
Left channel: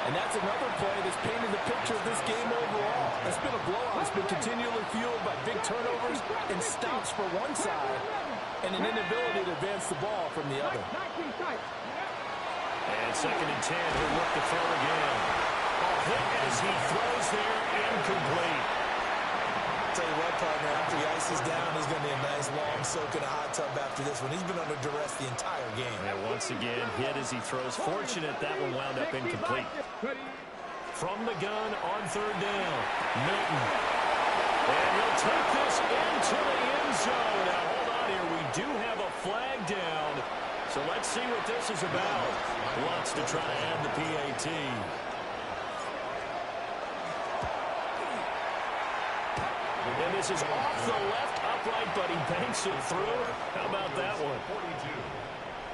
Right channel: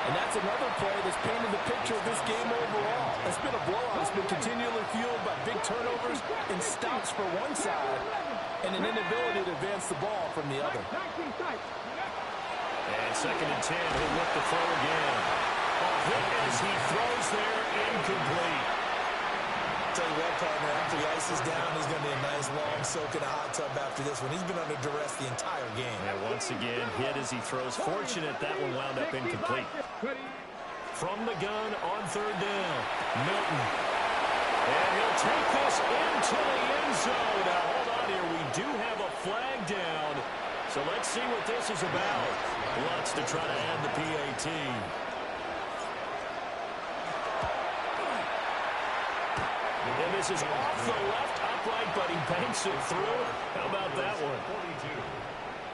And that's another play that's painted the picture of this game overall. It's been a blowout. It's been continually fueled by big turnovers and stops for one side and an inability to advance the ball from the other. And 2nd and 10. He'll look to throw again. Ball hit as he throws there, incomplete. tell you what, partner, after he ices down, he's going to be a nice long soak in a hot tub after this one. He's been under duress the entire game. And once again, hit as he throws. Fortunate that one wound up incomplete. From the gun on third down, Milton. And he'll take this into the end zone. Now, hold on here. We do have a flag down. So let's see what this is about. Wants to try to add the PAT. And this is off the left upright, but he banks it through. How about that one? 42.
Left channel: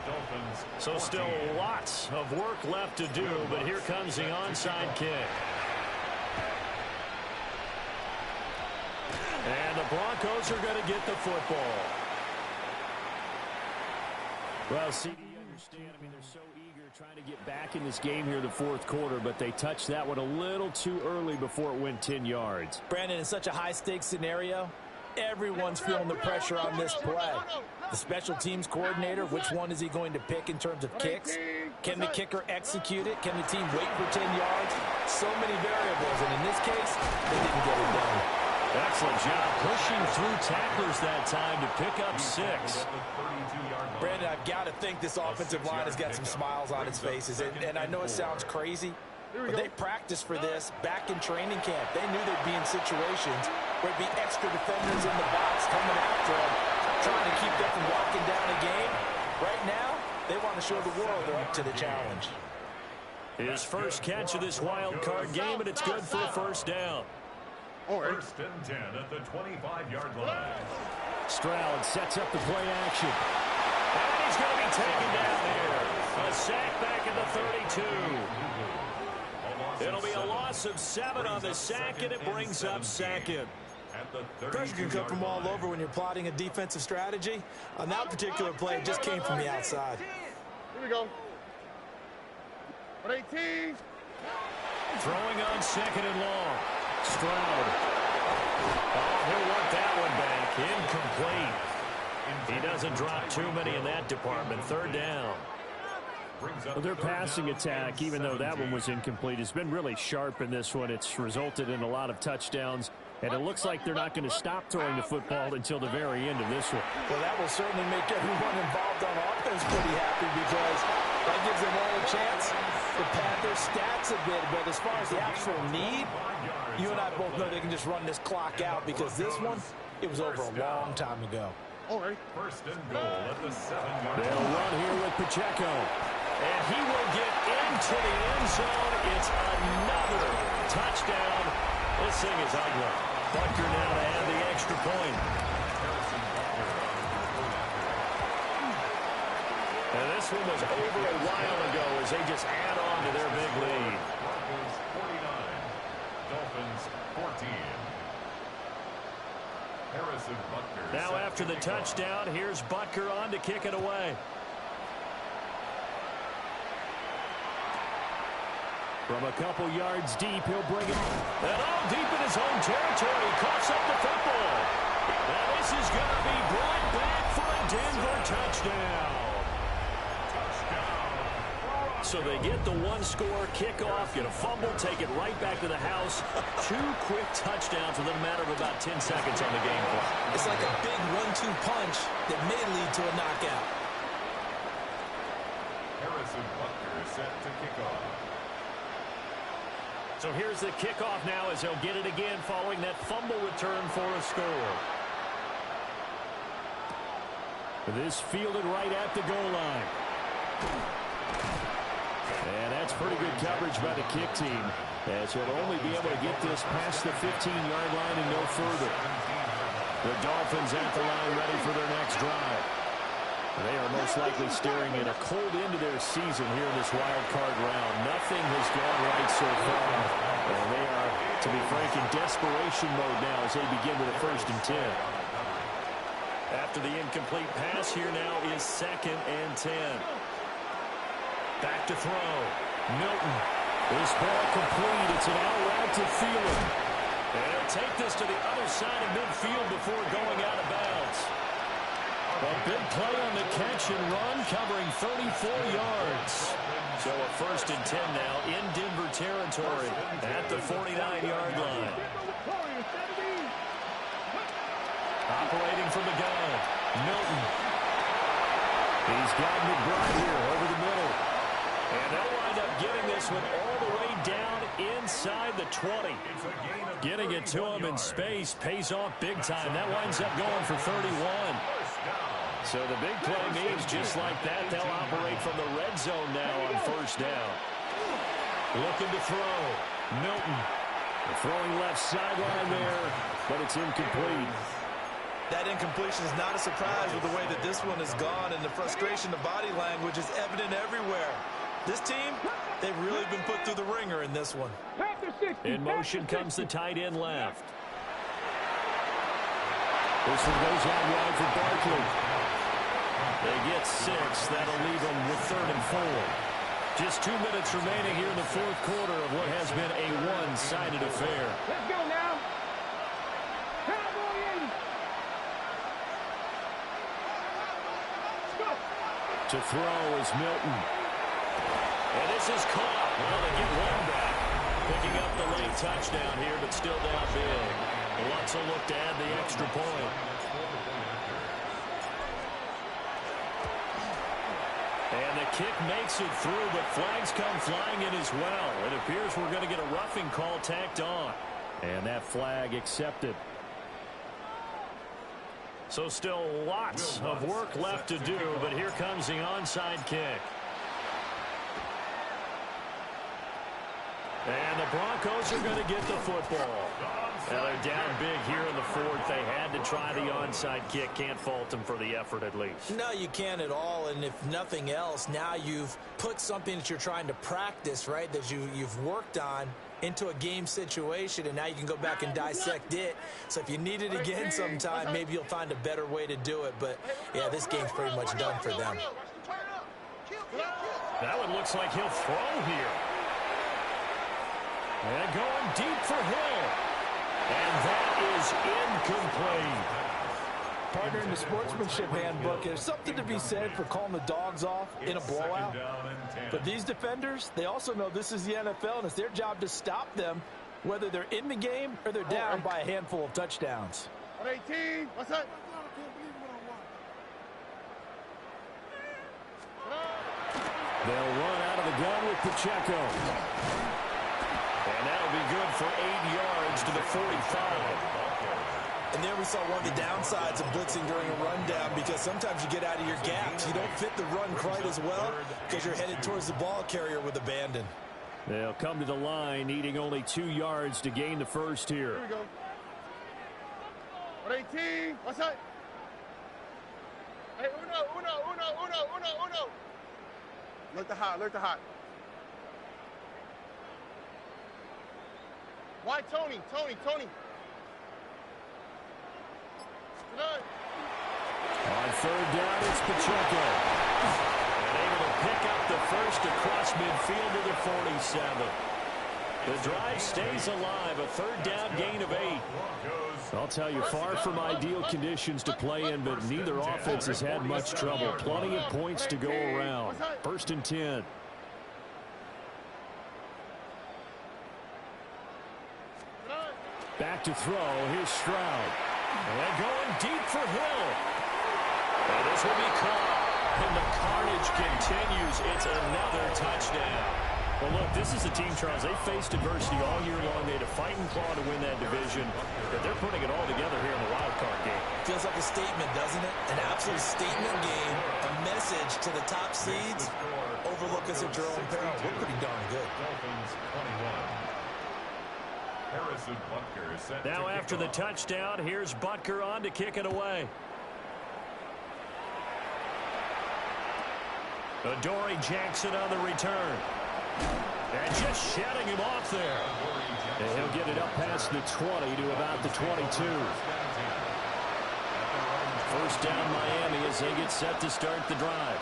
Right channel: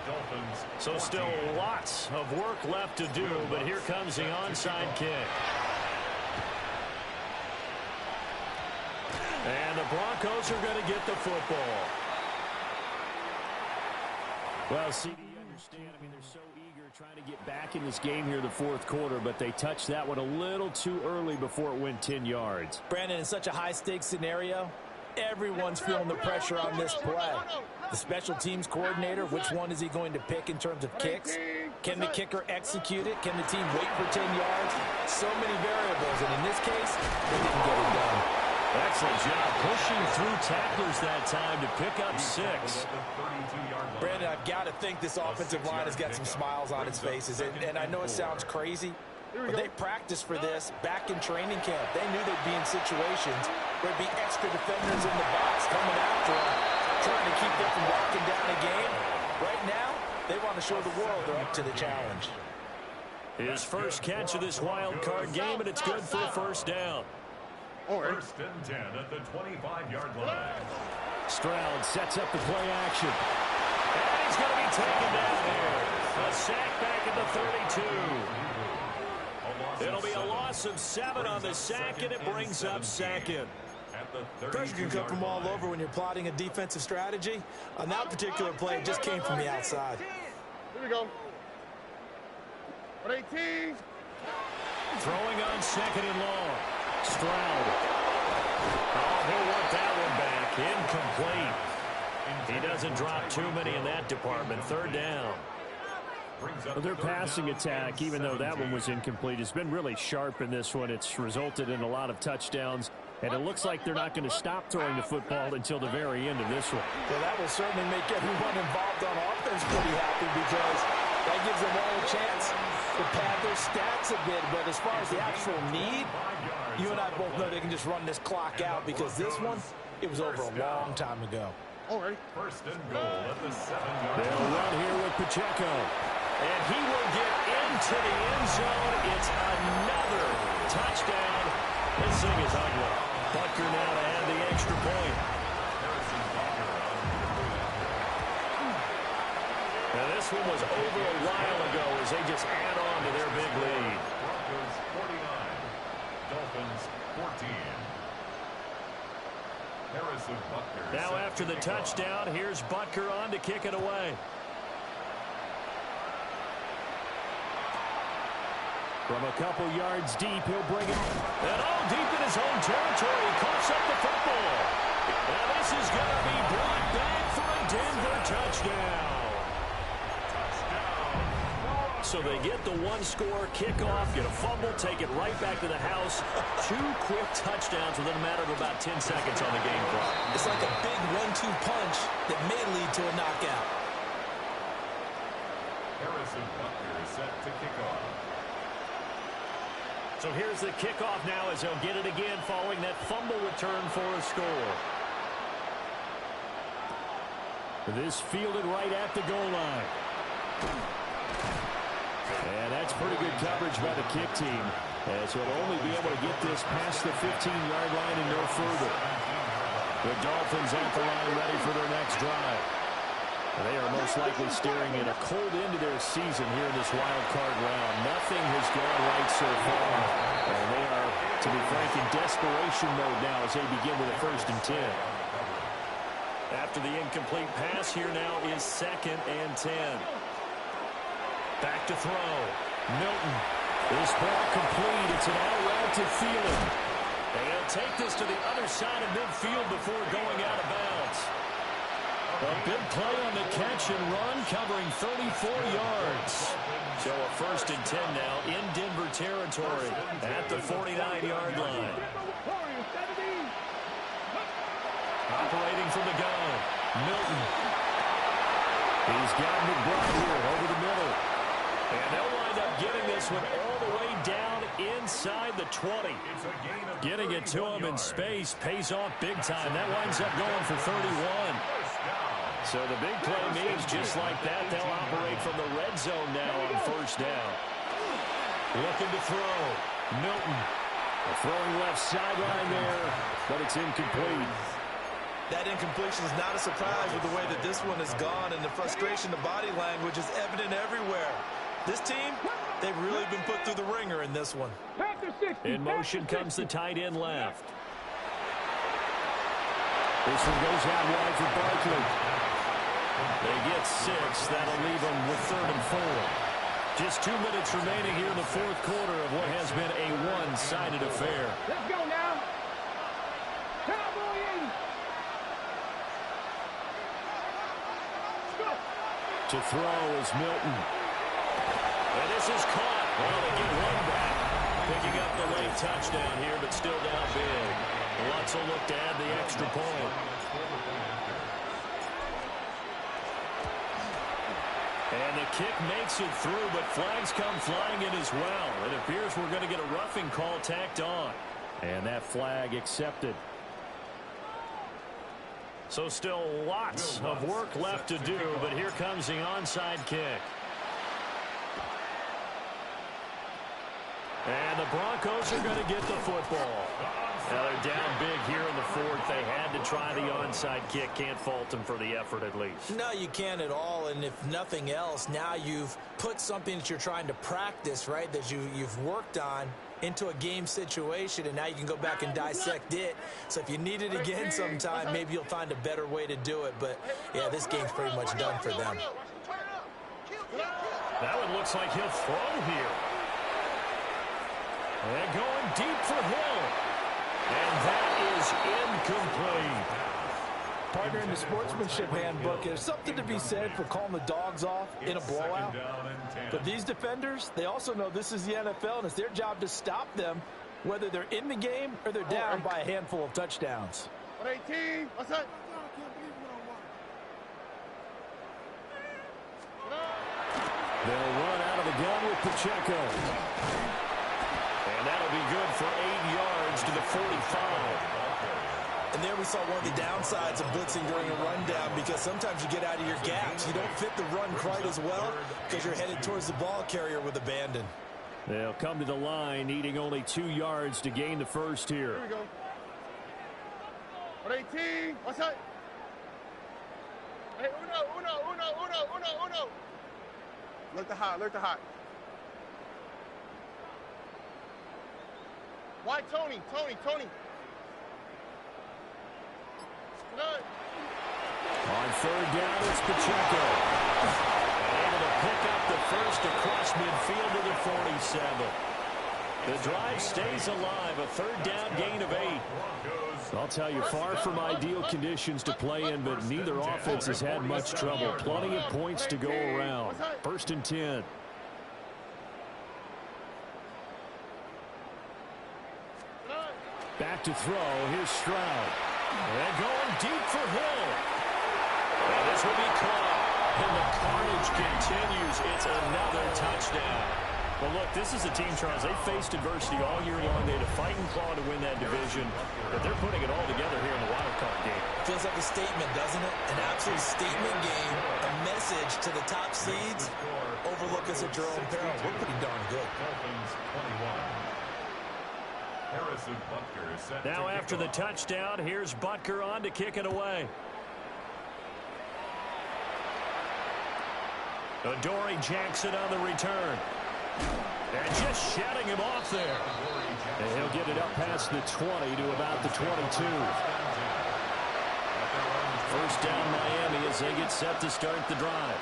Dolphins. So still lots of work left to do, but here comes the onside kick. And the Broncos are going to get the football. Well, CD, you understand. I mean, they're so eager trying to get back in this game here in the fourth quarter, but they touched that one a little too early before it went 10 yards. Brandon, in such a high-stakes scenario, everyone's feeling the pressure on this play. The special teams coordinator, which one is he going to pick in terms of kicks? Can the kicker execute it? Can the team wait for 10 yards? So many variables, and in this case, they didn't get it done. Excellent job pushing through tacklers that time to pick up 6. Brandon, I've got to think this offensive line has got some smiles on its faces. And I know it sounds crazy, but they practiced for this back in training camp. They knew they'd be in situations where there'd be extra defenders in the box coming after them, trying to keep them from walking down a game. Right now, they want to show the world they're up to the challenge. His first catch of this wild card game, and it's good for a first down. First and 10 at the 25-yard line. Stroud sets up the play action. And he's going to be taken down here. A sack back at the 32. It'll be a loss of 7 on the sack, and it brings up second. Pressure can come from all over when you're plotting a defensive strategy. On that particular play, it just came from the outside. Here we go. 18. Throwing on second and long. Stroud. Oh, he'll want that one back. Incomplete. He doesn't drop too many in that department. Third down. Well, their passing attack, even though that one was incomplete, has been really sharp in this one. It's resulted in a lot of touchdowns, and it looks like they're not going to stop throwing the football until the very end of this one. Well, that will certainly make everyone involved on offense pretty happy, because that gives them all a chance to pad their stats a bit. But as far as the actual need, you and I both know they can just run this clock out, because this one, it was over a long time ago. First and goal at the 7-yard line. They'll run here with Pacheco. And he will get into the end zone. It's another touchdown. This thing is ugly. Butker now to add the extra point. And this one was over a while ago as they just add on to their big lead. Broncos 49, Dolphins 14. Harrison Butker. Now after the touchdown, here's Butker on to kick it away. From a couple yards deep, he'll bring it. And all deep in his own territory. He coughs up the football. And this is going to be brought back for a Denver touchdown. So they get the one-score kickoff, get a fumble, take it right back to the house. 2 quick touchdowns within a matter of about 10 seconds on the game clock. It's like a big 1-2 punch that may lead to a knockout. Harrison Butker is set to kick off. So here's the kickoff now as he'll get it again following that fumble return for a score. This fielded right at the goal line. And that's pretty good coverage by the kick team, as he'll only be able to get this past the 15-yard line and no further. The Dolphins at the line ready for their next drive. They are most likely staring at a cold end to their season here in this wild card round. Nothing has gone right so far, and they are, to be frank, in desperation mode now as they begin with a 1st and 10. After the incomplete pass, here now is 2nd and 10. Back to throw. Milton. This ball complete. It's an out route to Thielen. And he'll take this to the other side of midfield before going out of bounds. A big play on the catch and run, covering 34 yards. So a 1st and 10 now in Denver territory at the 49-yard line. Operating from the gun, Milton. He's got McBride here over the middle. And they'll wind up getting this one all the way down inside the 20. Getting it to him in space pays off big time. That winds up going for 31. So the big play means just like that, they'll operate from the red zone now on first down. Looking to throw. Milton. Throwing left sideline there, but it's incomplete. That incompletion is not a surprise with the way that this one has gone, and the frustration, the body language is evident everywhere. This team, they've really been put through the ringer in this one. In motion comes the tight end left. This one goes out wide for Barkley. They get 6. That'll leave them with 3rd and 4. Just 2 minutes remaining here in the fourth quarter of what has been a one-sided affair. Let's go now. Cowboy 80. Let's go. To throw is Milton. And this is caught. Well, they get one back. Picking up the late touchdown here, but still down big. Lutz will look to add the extra point. And the kick makes it through, but flags come flying in as well. It appears we're going to get a roughing call tacked on. And that flag accepted. So still lots of work left to do, but here comes the onside kick. And the Broncos are going to get the football. Now they're down big here in the fourth. They had to try the onside kick. Can't fault them for the effort at least. No, you can't at all. And if nothing else, now you've put something that you're trying to practice, right, that you've worked on into a game situation, and now you can go back and dissect it. So if you need it again sometime, maybe you'll find a better way to do it. But, yeah, this game's pretty much done for them. That one looks like he'll throw here. And going deep for Hill. And that is incomplete. Partner, in the sportsmanship handbook, there's something to be said for calling the dogs off in a blowout. But these defenders, they also know this is the NFL, and it's their job to stop them, whether they're in the game or they're down by a handful of touchdowns. 118. What's that? They'll run out of the gun with Pacheco. And that'll be good for 8 yards to the 45. And there we saw one of the downsides of blitzing during a rundown, because sometimes you get out of your gaps. You don't fit the run quite as well because you're headed towards the ball carrier with abandon. They'll come to the line, needing only 2 yards to gain the first here. Here we go. 118. What's that? Hey, uno. Look the hot. Why Tony? On third down, it's Pacheco. And able to pick up the first across midfield to the 47. The drive stays alive, a third down gain of 8. I'll tell you, far from ideal conditions to play in, but neither offense has had much trouble. Plenty of points to go around. First and 10. Back to throw. Here's Stroud. And going deep for Hill. And this will be caught. And the carnage continues. It's another touchdown. Well, look, this is a team, Charles. They faced adversity all year long. They had to fight and claw to win that division. But they're putting it all together here in the Wildcard game. Feels like a statement, doesn't it? An absolute statement game. A message to the top seeds. Overlook us at your own peril. We're pretty darn good. Now after the touchdown, here's Butker on to kick it away. Adoree Jackson on the return. And just shutting him off there. And he'll get it up past the 20 to about the 22. First down Miami as they get set to start the drive.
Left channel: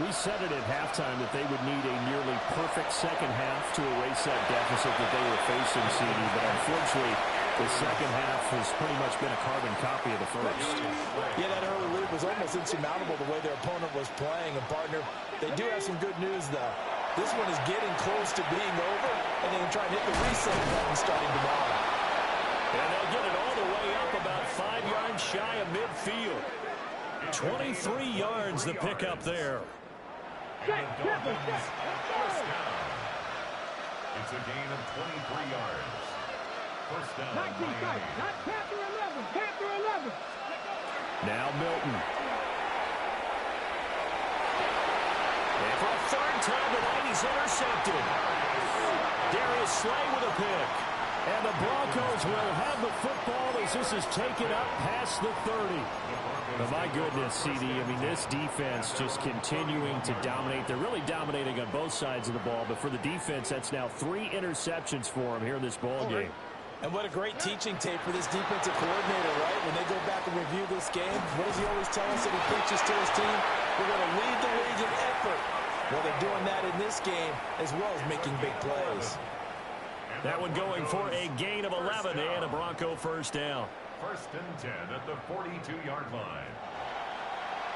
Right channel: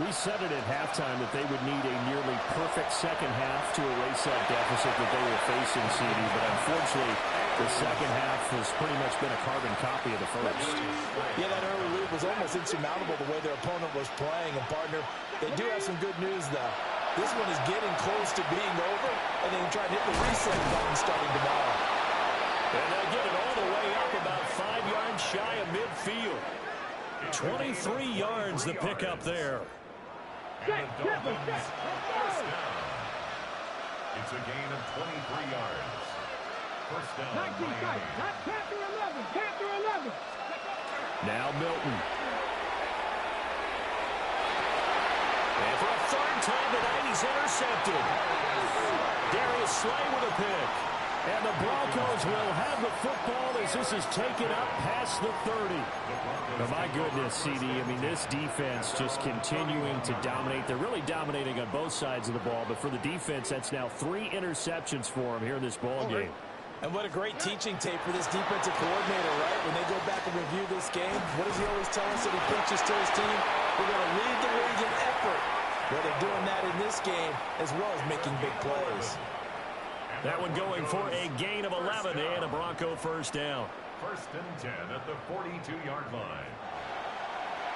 We said it at halftime that they would need a nearly perfect second half to erase that deficit that they were facing, CD. But unfortunately, the second half has pretty much been a carbon copy of the first. Yeah, that early lead was almost insurmountable the way their opponent was playing. And, partner, they do have some good news, though. This one is getting close to being over, and they can try and hit the reset button starting tomorrow. And they'll get it all the way up about 5 yards shy of midfield. 23 yards the pickup there. And the Dolphins, first down. It's a gain of 23 yards. First down, Miami. Now Milton. And for a third time tonight, he's intercepted. Darius Slay with a pick. And the Broncos will have the football as this is taken up past the 30. But my goodness, CD, I mean, this defense just continuing to dominate. They're really dominating on both sides of the ball. But for the defense, that's now 3 interceptions for them here in this ball game. And what a great teaching tape for this defensive coordinator, right? When they go back and review this game, what does he always tell us that he preaches to his team? We're going to lead the league in effort. Well, they're doing that in this game as well as making big plays. That one going for a gain of 11 and a Bronco first down. First and 10 at the 42-yard line.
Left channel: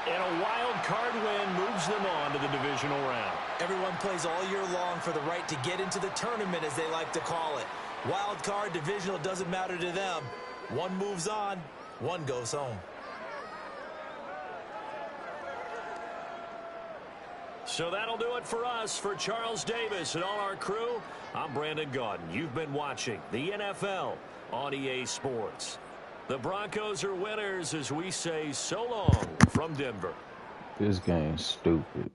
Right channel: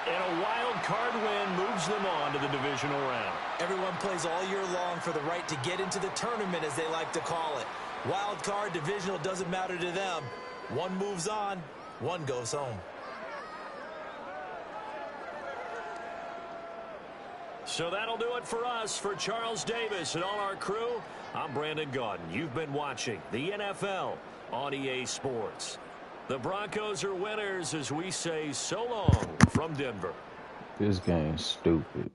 And a wild card win moves them on to the divisional round. Everyone plays all year long for the right to get into the tournament, as they like to call it. Wild card, divisional, doesn't matter to them. One moves on, one goes home. So that'll do it for us. For Charles Davis and all our crew, I'm Brandon Gaudin. You've been watching the NFL on EA Sports. The Broncos are winners as we say so long from Denver. This game's stupid.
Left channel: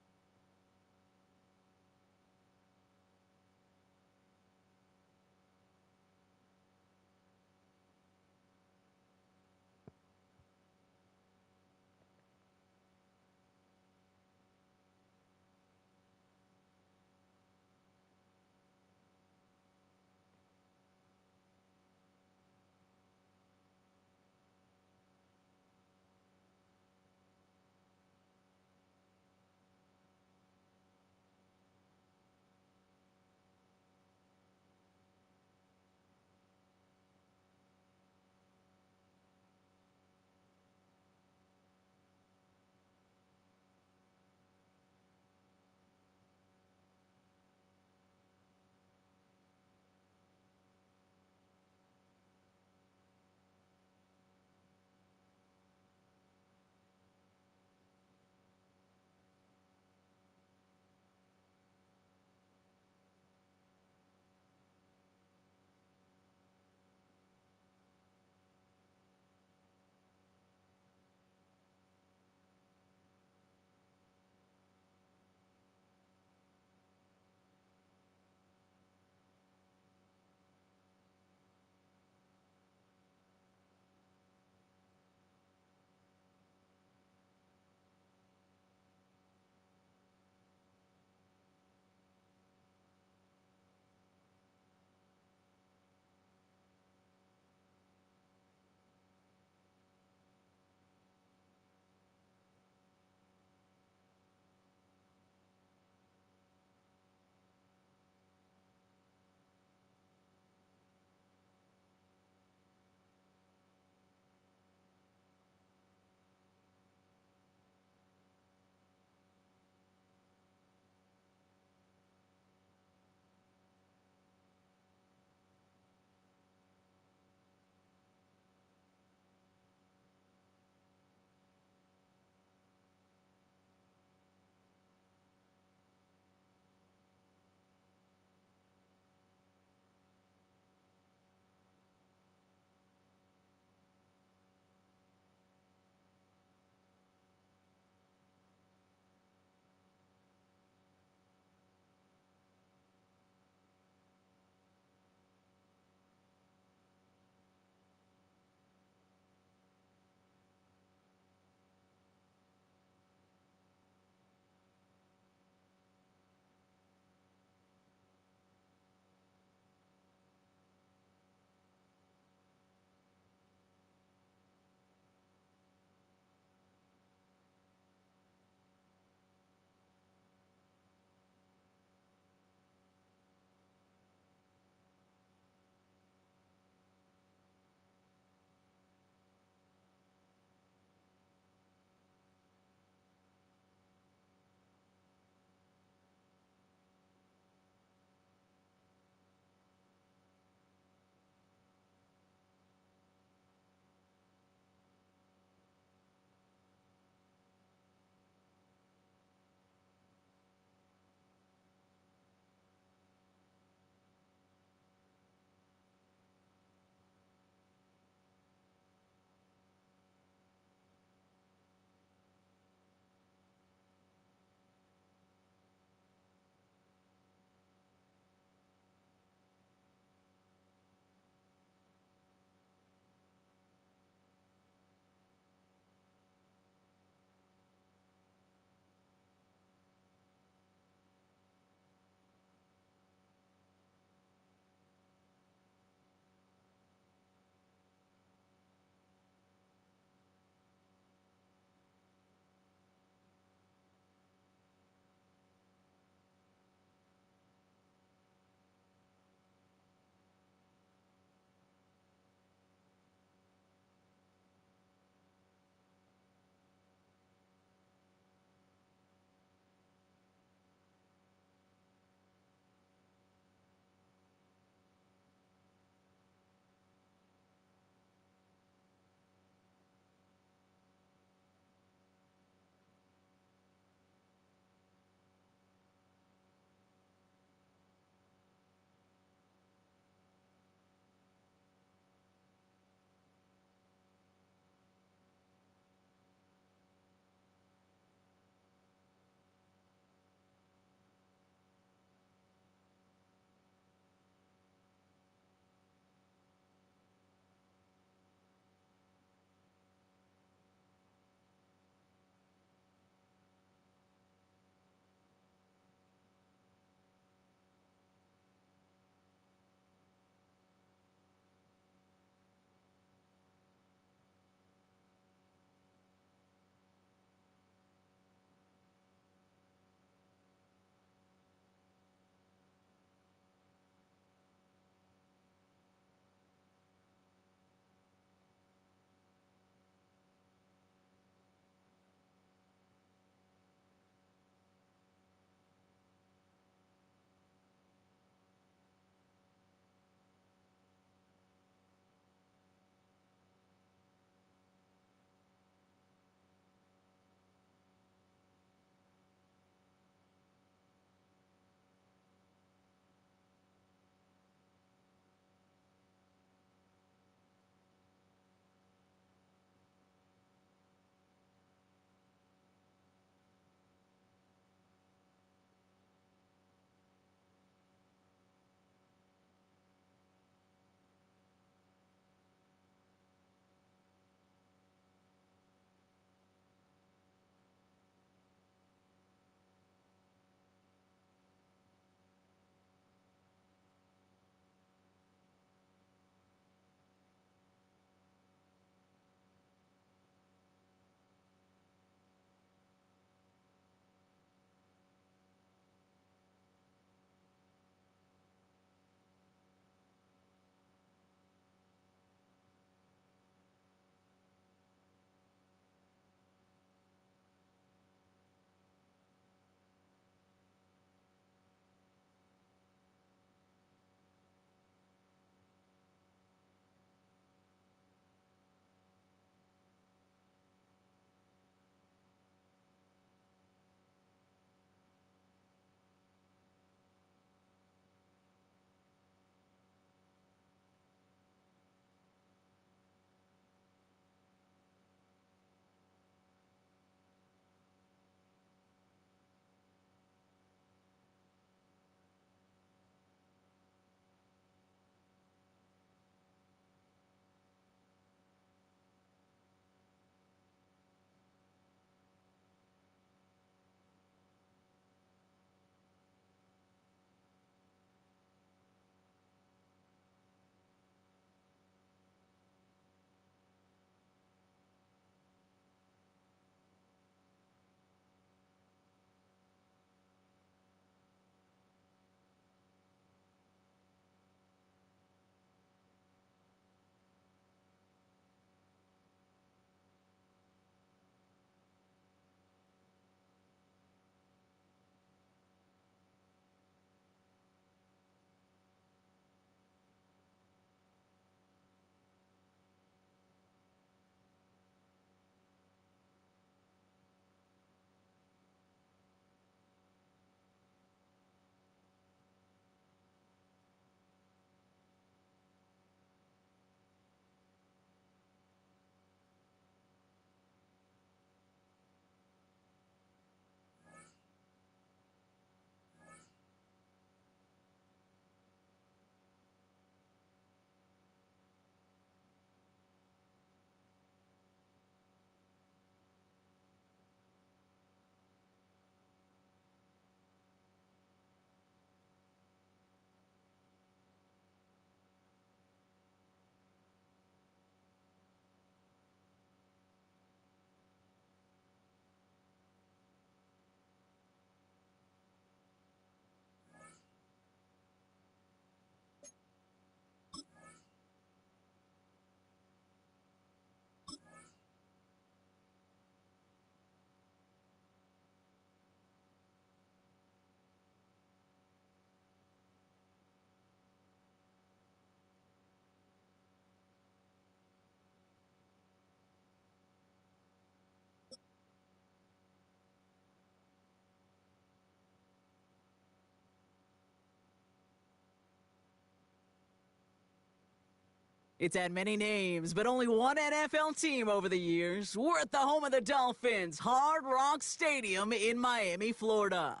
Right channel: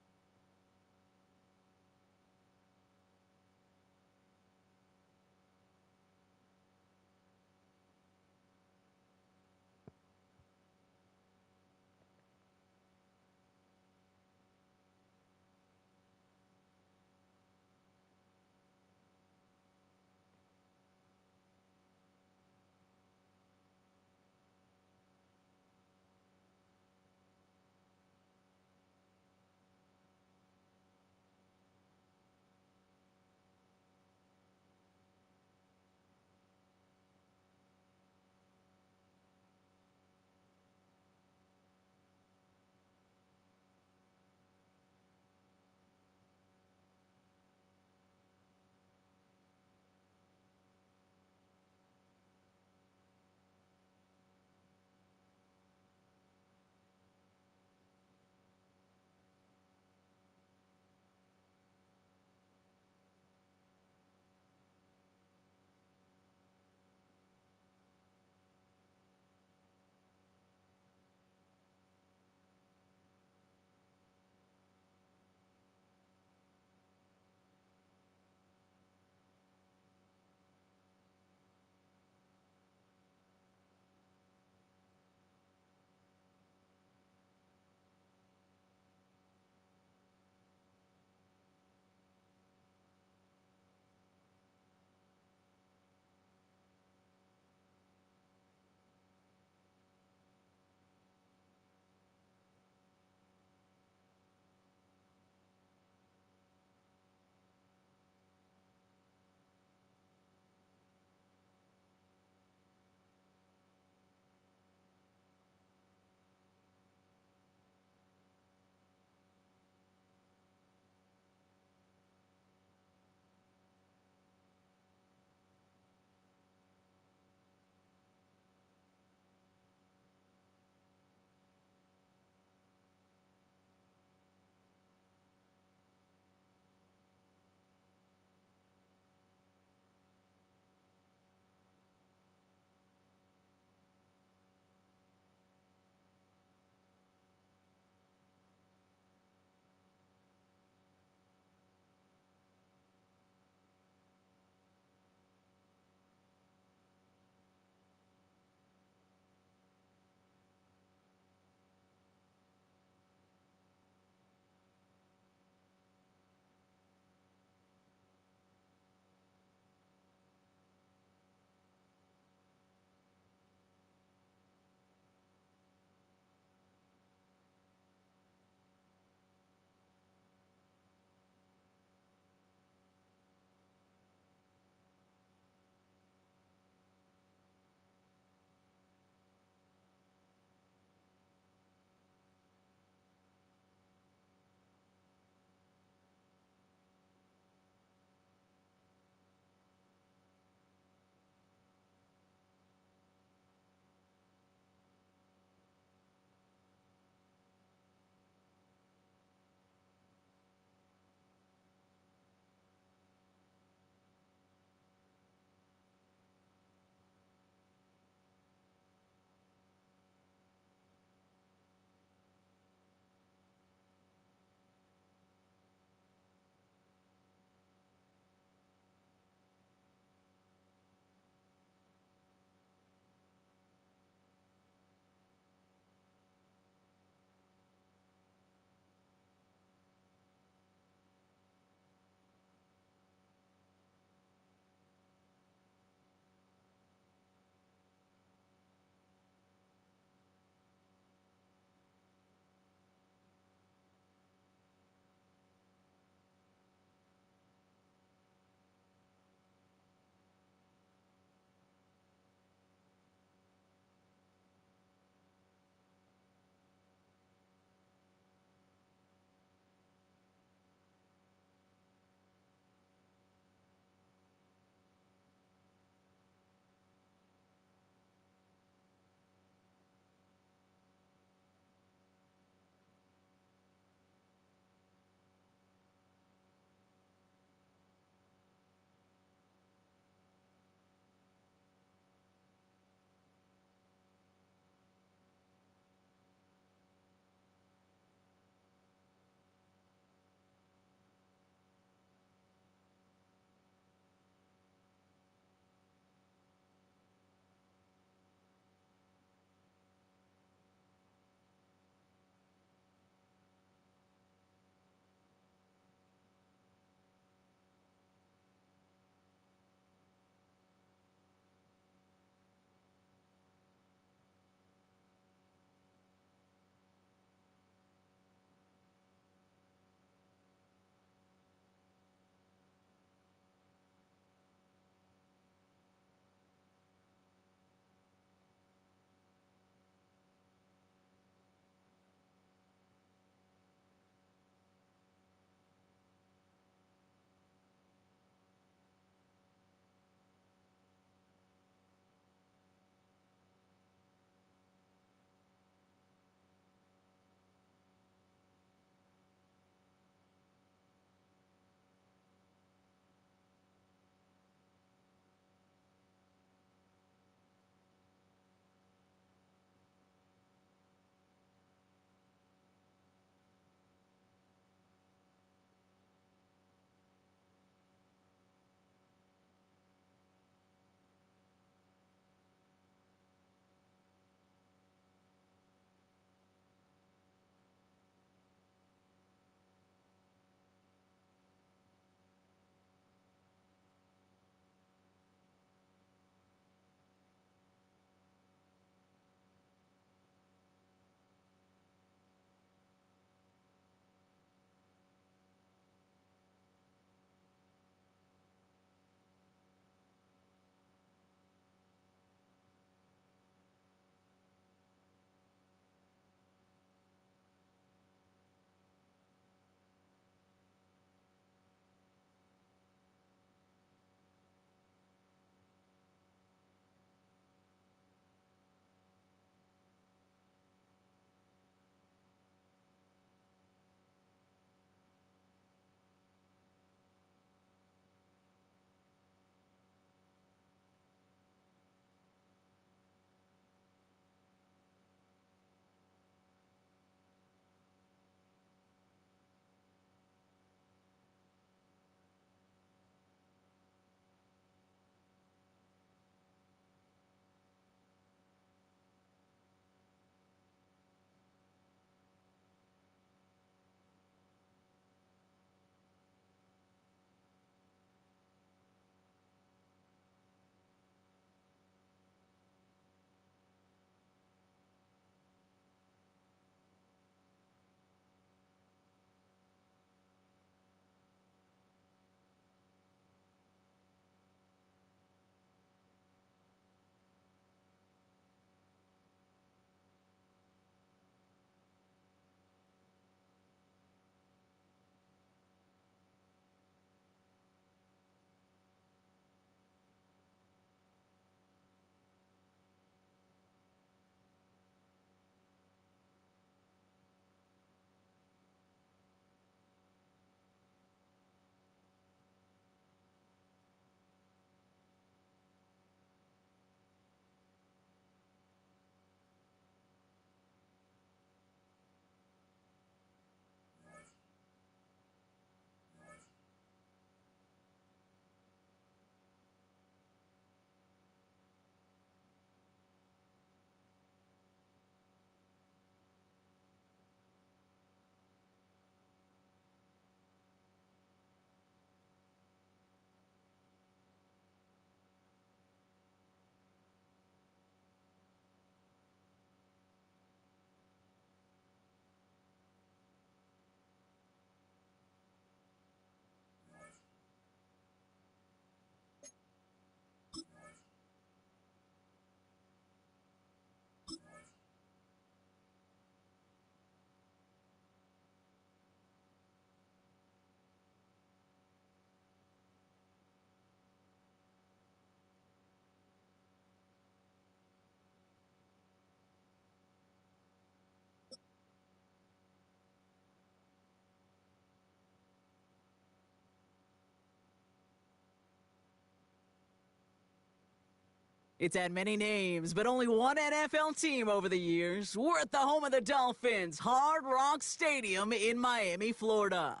It's had many names, but only one NFL team over the years. We're at the home of the Dolphins, Hard Rock Stadium in Miami, Florida.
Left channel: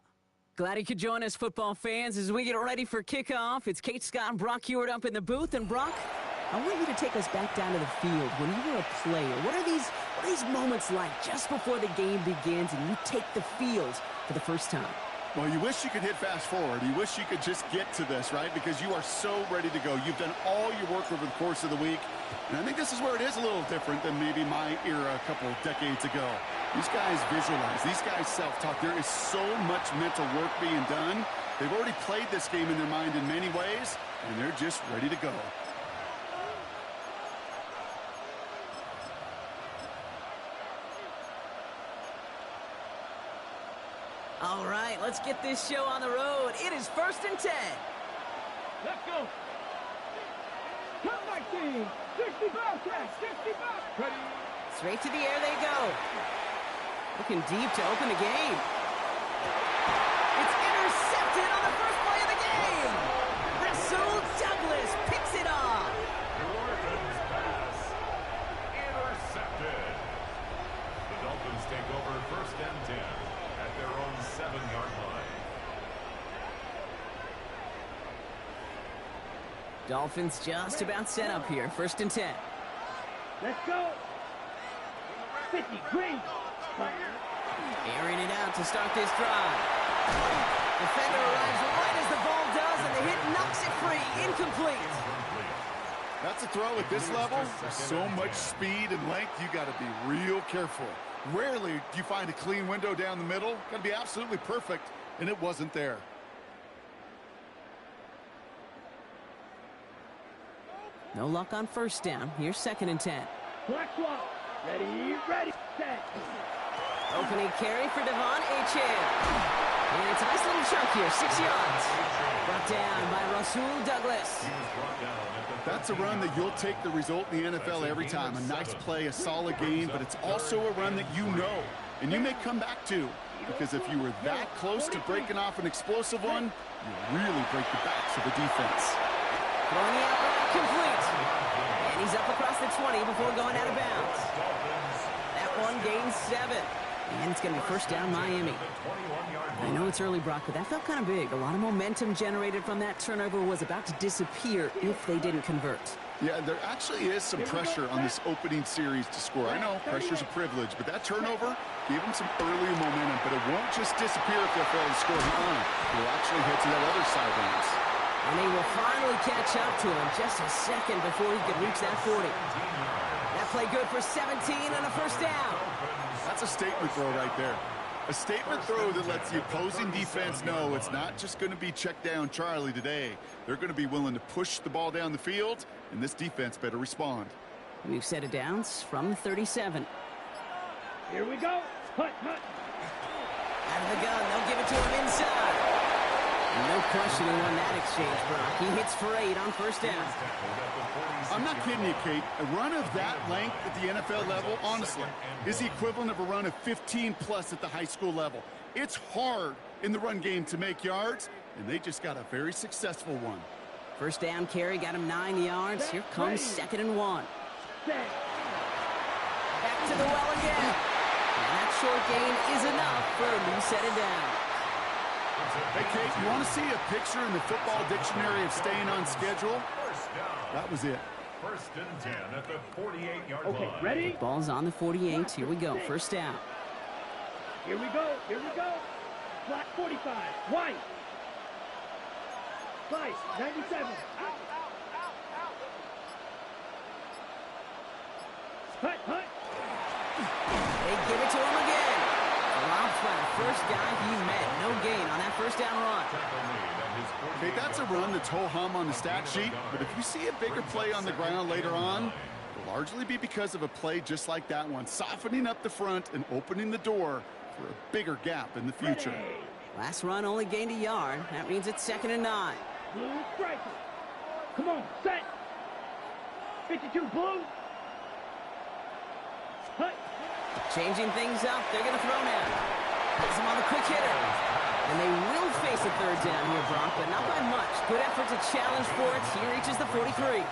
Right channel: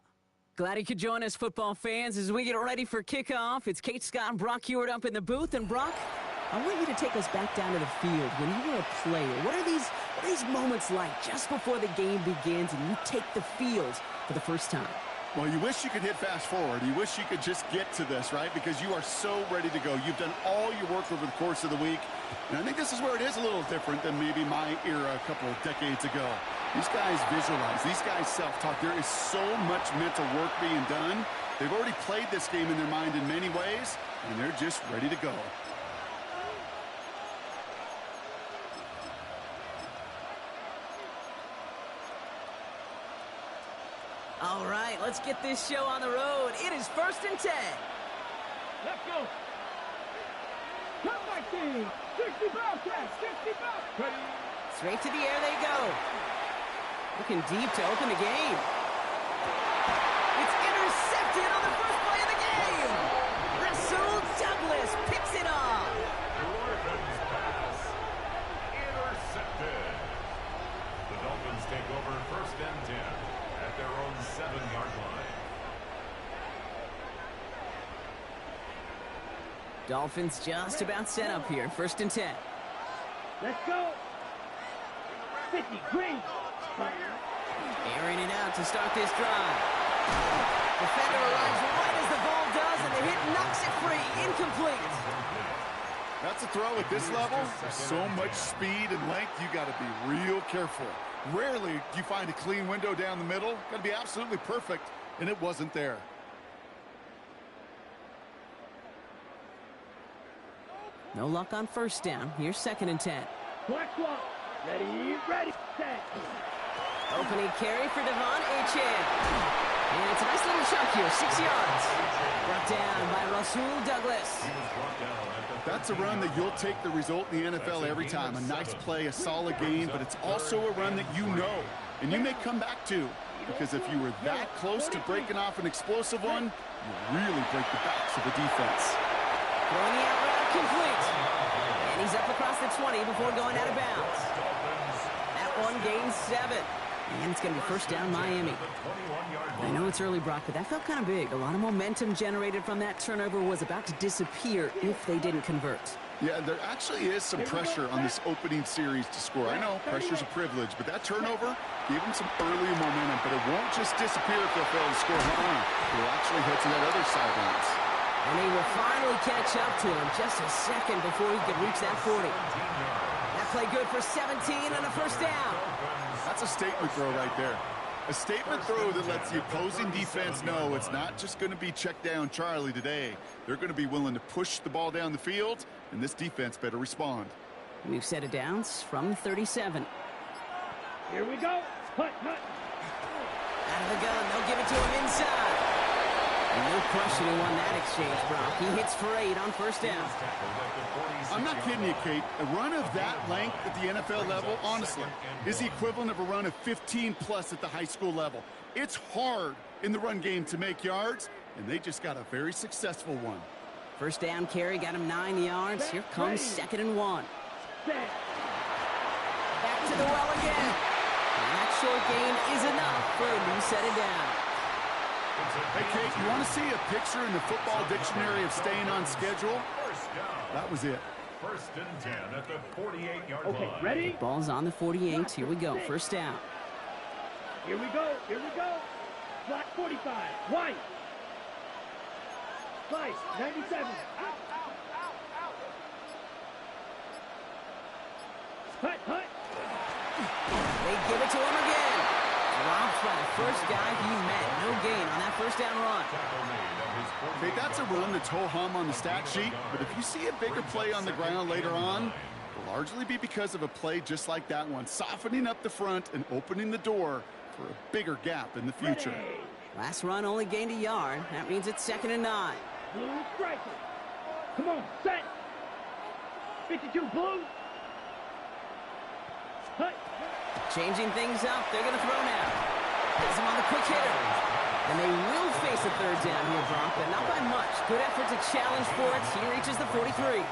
Glad you could join us, football fans, as we get ready for kickoff. It's Kate Scott and Brock Hewitt up in the booth. And Brock, I want you to take us back down to the field. When you were a player, what are these moments like just before the game begins and you take the field for the first time? Well, you wish you could hit fast forward. You wish you could just get to this, right? Because you are so ready to go. You've done all your work over the course of the week. And I think this is where it is a little different than maybe my era a couple decades ago. These guys visualize. These guys self-talk. There is so much mental work being done. They've already played this game in their mind in many ways, and they're just ready to go. All right, let's get this show on the road. It is 1st and 10. Let's go. Come back, team. 65, Jack. 65. Ready. Straight to the air they go. Looking deep to open the game. It's intercepted on the first play of the game. Rasul Douglas picks it off. Dolphins pass. Intercepted. The Dolphins take over 1st and 10 at their own 7-yard line. Dolphins just about set up here. 1st and 10. Let's go. 50, green. Airing it out to start this drive. Defender arrives right as the ball does, and the hit knocks it free. Incomplete. That's a throw at this level. There's so much speed and length, you got to be real careful. Rarely do you find a clean window down the middle. Got to be absolutely perfect, and it wasn't there. No luck on 1st down. Here's 2nd and 10. Black swap. Ready, set. Opening carry for Devon Achane. And it's a nice little chunk here, 6 yards. Brought down by Rasul Douglas. That's a run that you'll take the result in the NFL every time. A nice play, a solid game, but it's also a run that you know, and you may come back to. Because if you were that close to breaking off an explosive one, you really break the backs of the defense. Throwing the out route complete. And he's up across the 20 before going out of bounds. That one gains 7. And it's going to be 1st down Miami. I know it's early, Brock, but that felt kind of big. A lot of momentum generated from that turnover was about to disappear if they didn't convert. Yeah, there actually is some pressure on this opening series to score. I know pressure's a privilege, but that turnover gave them some early momentum. But it won't just disappear if they fail to score. They'll actually head to that other sidelines. And they will finally catch up to him just a second before he could reach that 40. That play good for 17 and a 1st down. That's a statement throw right there. A statement throw that lets the opposing defense know it's not just going to be check down Charlie today. They're going to be willing to push the ball down the field, and this defense better respond. New set of downs from 37. Here we go. Hut. Out of the gun, they'll give it to him inside. And no question who won that exchange, Brock. He hits for 8 on 1st down. I'm not kidding you, Kate. A run of that length at the NFL level, honestly, is the equivalent of a run of 15+ at the high school level. It's hard in the run game to make yards, and they just got a very successful one. 1st down carry got him 9 yards. Here comes 2nd and 1. Back to the well again. And that short gain is enough for a new set of downs. Hey, Kate, you want to see a picture in the football dictionary of staying on schedule? That was it. 1st and 10 at the 48-yard line. Okay, ready? Ball's on the 48. Here we go. 1st down. Here we go. Black 45. White. Slice 97. Out. Hut. They give it to him again. Dropped by the first guy he met. No gain on that 1st down run. Okay, that's a run that's ho-hum on the stat sheet, but if you see a bigger play on the ground later on, it'll largely be because of a play just like that one, softening up the front and opening the door for a bigger gap in the future. Last run only gained 1 yard. That means it's 2nd and 9. Blue striker. Come on, set. 52 blue. Hut. Changing things up. They're going to throw now. Has him on the quick hitter. And they will face a 3rd down here, Brock, but not by much. Good effort to challenge for it. He reaches the 43.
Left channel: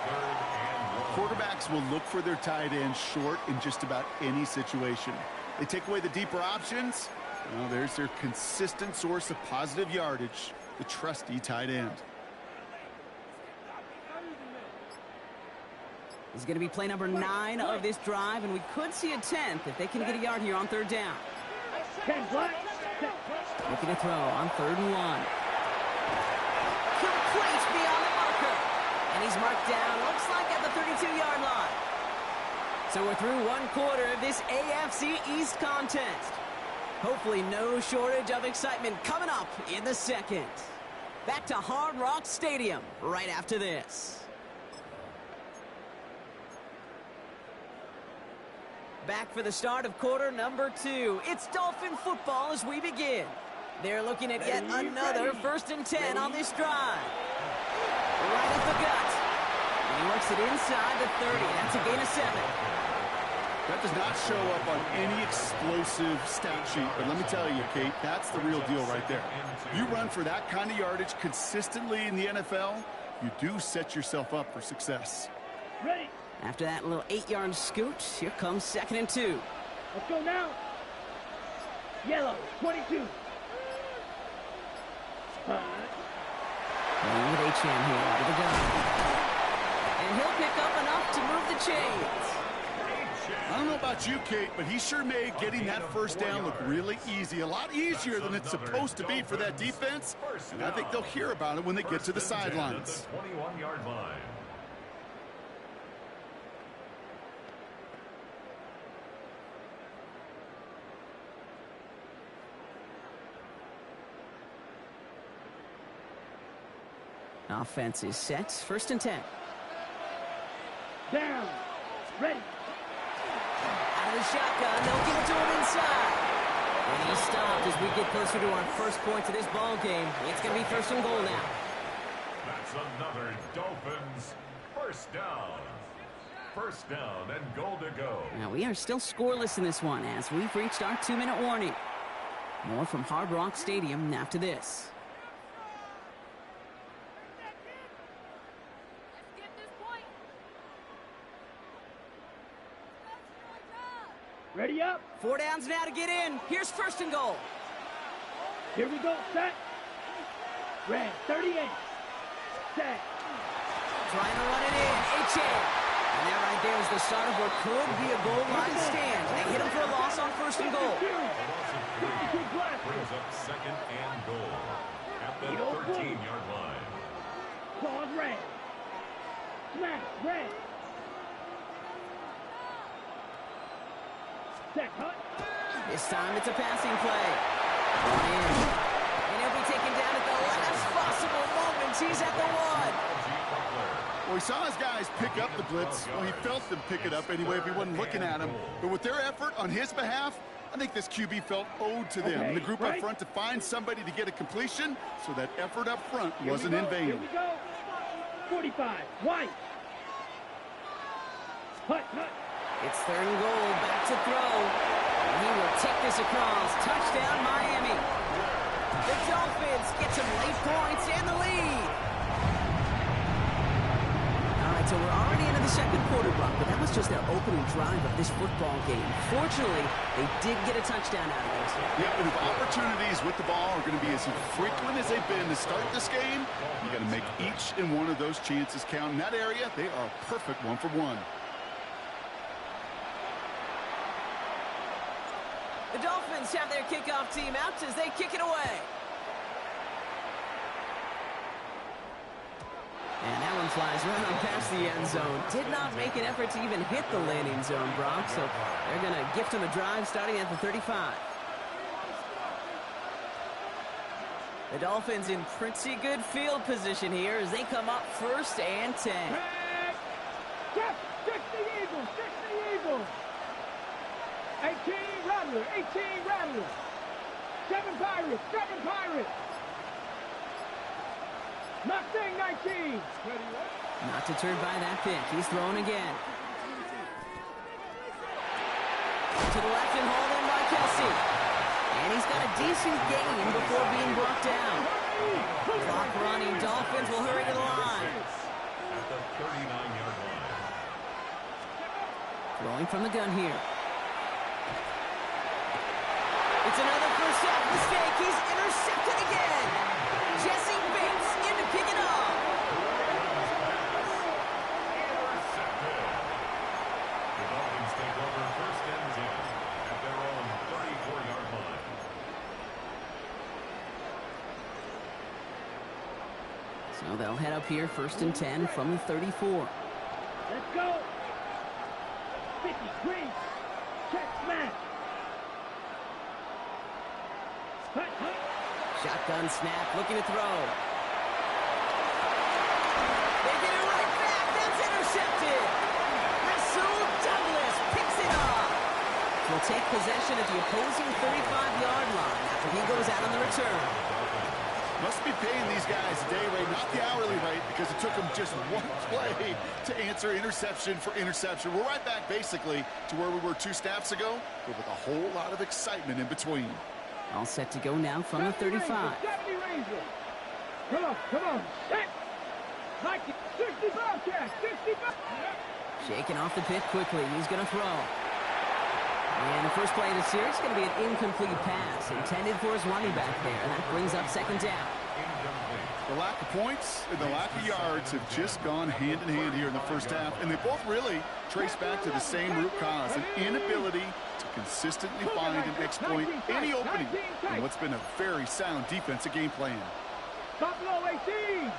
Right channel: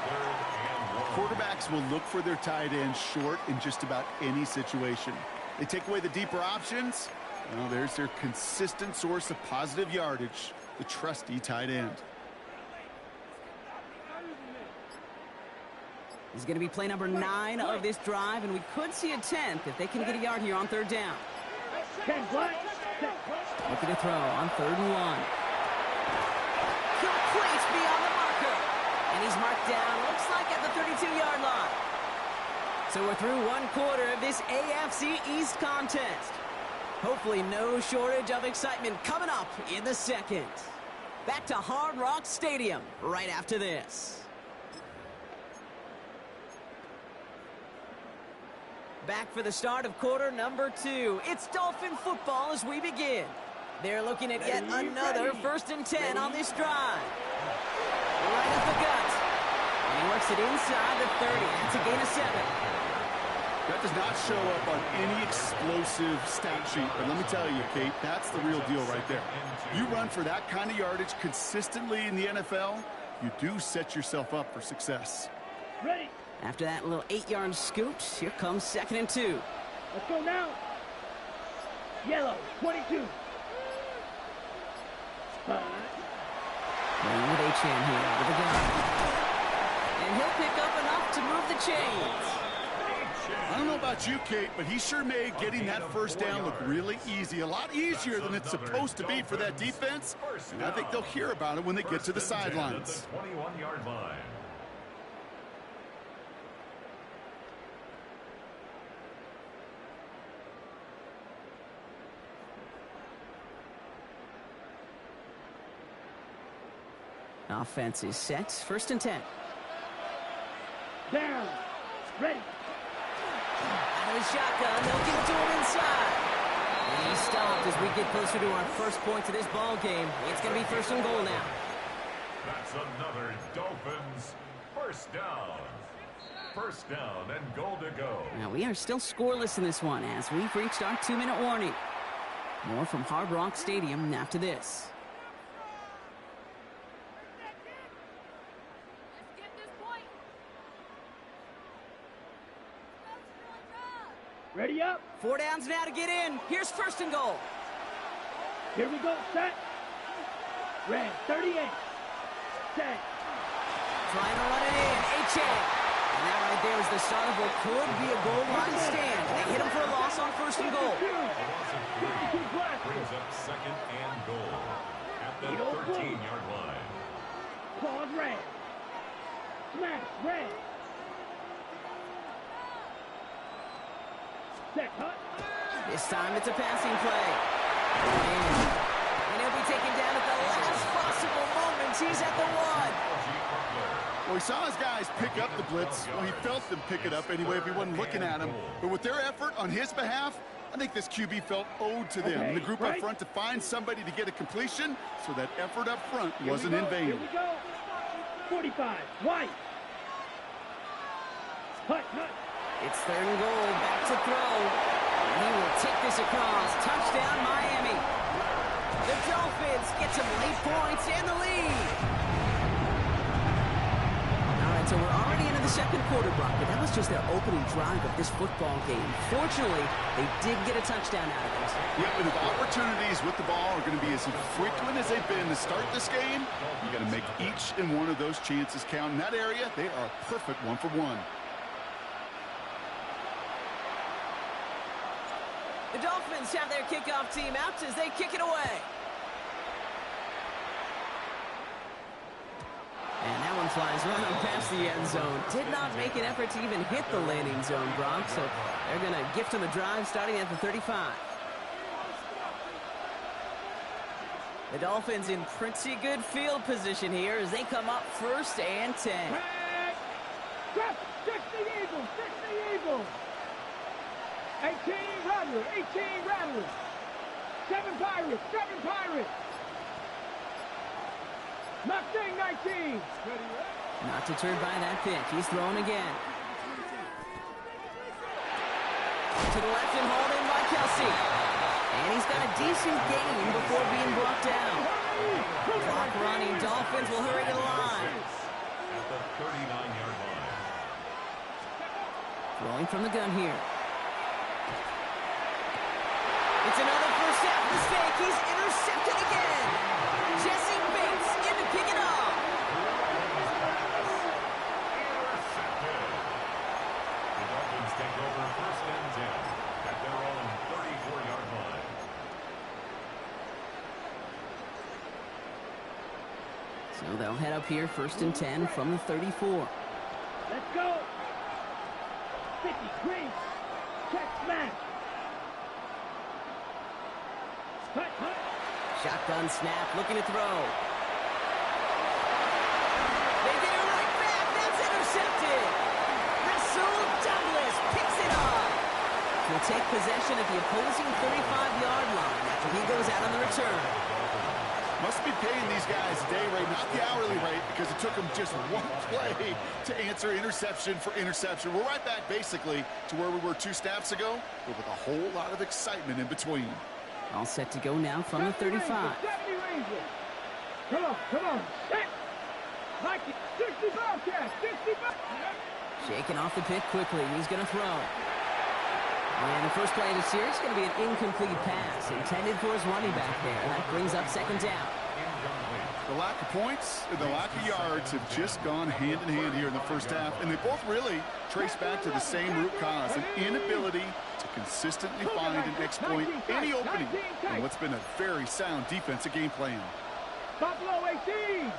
Quarterbacks will look for their tight end short in just about any situation. They take away the deeper options. Well, there's their consistent source of positive yardage, the trusty tight end. He's going to be play number 9 of this drive, and we could see a 10th if they can get a yard here on 3rd down. Looking to throw on 3rd and 1. Complete beyond the marker. And he's marked down, looks like at the 32-yard line. So we're through 1 quarter of this AFC East contest. Hopefully no shortage of excitement coming up in the second. Back to Hard Rock Stadium right after this. Back for the start of quarter number 2. It's Dolphin football as we begin. They're looking at yet another 1st and 10 on this drive. Right at the gut. And he works it inside the 30. That's a gain of 7. That does not show up on any explosive stat sheet, but let me tell you, Kate, that's the real deal right there. You run for that kind of yardage consistently in the NFL, you do set yourself up for success. Ready. After that little 8-yard scoot, here comes 2nd and 2. Let's go now. Yellow, 22. Playing with H-Chan here out of the gun. And he'll pick up enough to move the chains. I don't know about you, Kate, but he sure made getting that 1st down look really easy. A lot easier than it's supposed to be for that defense. And I think they'll hear about it when they get to the sidelines. 21-yard line. Offense is set. 1st and 10. Down. Ready. Out of the shotgun, they'll give it to him inside. And he's stopped as we get closer to our first points of this ball game. It's going to be 1st and goal now. That's another Dolphins 1st down. 1st down and goal to go. Now we are still scoreless in this one as we've reached our 2-minute warning. More from Hard Rock Stadium after this. Ready up. 4 downs now to get in. Here's 1st and goal. Here we go. Set. Red. 38. Set. Trying to run it in. H-Chan. And that right there is the start of what could be a goal line stand. They hit him for a loss on 1st and goal. A loss of 3 brings up 2nd and goal at the 13-yard line. Claws red. Smash red. Set. Hut. This time it's a passing play. Brought in. And he'll be taken down at the last possible moment. He's at the 1. Well, he saw his guys pick up the blitz. Well, he felt them pick it up anyway if he wasn't looking at him. But with their effort on his behalf, I think this QB felt owed to them. And the group up front to find somebody to get a completion, so that effort up front wasn't in vain. Here we go. 45. White. Hut, hut. It's 3rd and goal. Back to throw. And he will take this across. Touchdown, Miami. The Dolphins get some late points and the lead. All right, so we're already into the 2nd quarter, Brock, but that was just their opening drive of this football game. Fortunately, they did get a touchdown out of this. Yep, and if opportunities with the ball are going to be as frequent as they've been to start this game, you got to make each and one of those chances count. In that area, they are a perfect 1-for-1. The Dolphins have their kickoff team out as they kick it away. And that one flies right on past the end zone. Did not make an effort to even hit the landing zone, Brock, so they're going to gift him a drive starting at the 35. The Dolphins in pretty good field position here as they come up 1st and 10. Six the Eagles. 18 Rattlers. 18 Rattlers. 7 Pirates. 7 Pirates. Mustang 19. Not deterred by that pick. He's thrown again. To the left and hauled in by Kelsey. And he's got a decent gain before being brought down. Clock running. Dolphins will hurry to the line. At the 39-yard line. Throwing from the gun here. It's another first half mistake. He's intercepted again. Jesse Bates in to pick it off. Intercepted. The Dolphins take over first and 10 at their own 34-yard line. So they'll head up here first and 10 from the 34. Let's go. 50, green. Check, smash. Hut, hut. Shotgun snap, looking to throw. They get it right back. That's intercepted. Rasul Douglas picks it off. Will take possession at the opposing 35-yard line after he goes out on the return. Must be paying these guys a day rate, not the hourly rate, because it took them just one play to answer interception for interception. We're right back, basically, to where we were 2 snaps ago, but with a whole lot of excitement in between. All set to go now from the 35. 70 Rangers. Come on, set. Mikey, 65 catch, 65. Shaking off the pit quickly. He's going to throw. And the first play of the series is going to be an incomplete pass intended for his running back there. And that brings up second down. The lack of points and the lack of yards have just gone hand in hand here in the first half. And they both really trace back to the same root cause, an inability to consistently find and exploit any opening in what's been a very sound defensive game plan. Buffalo 18.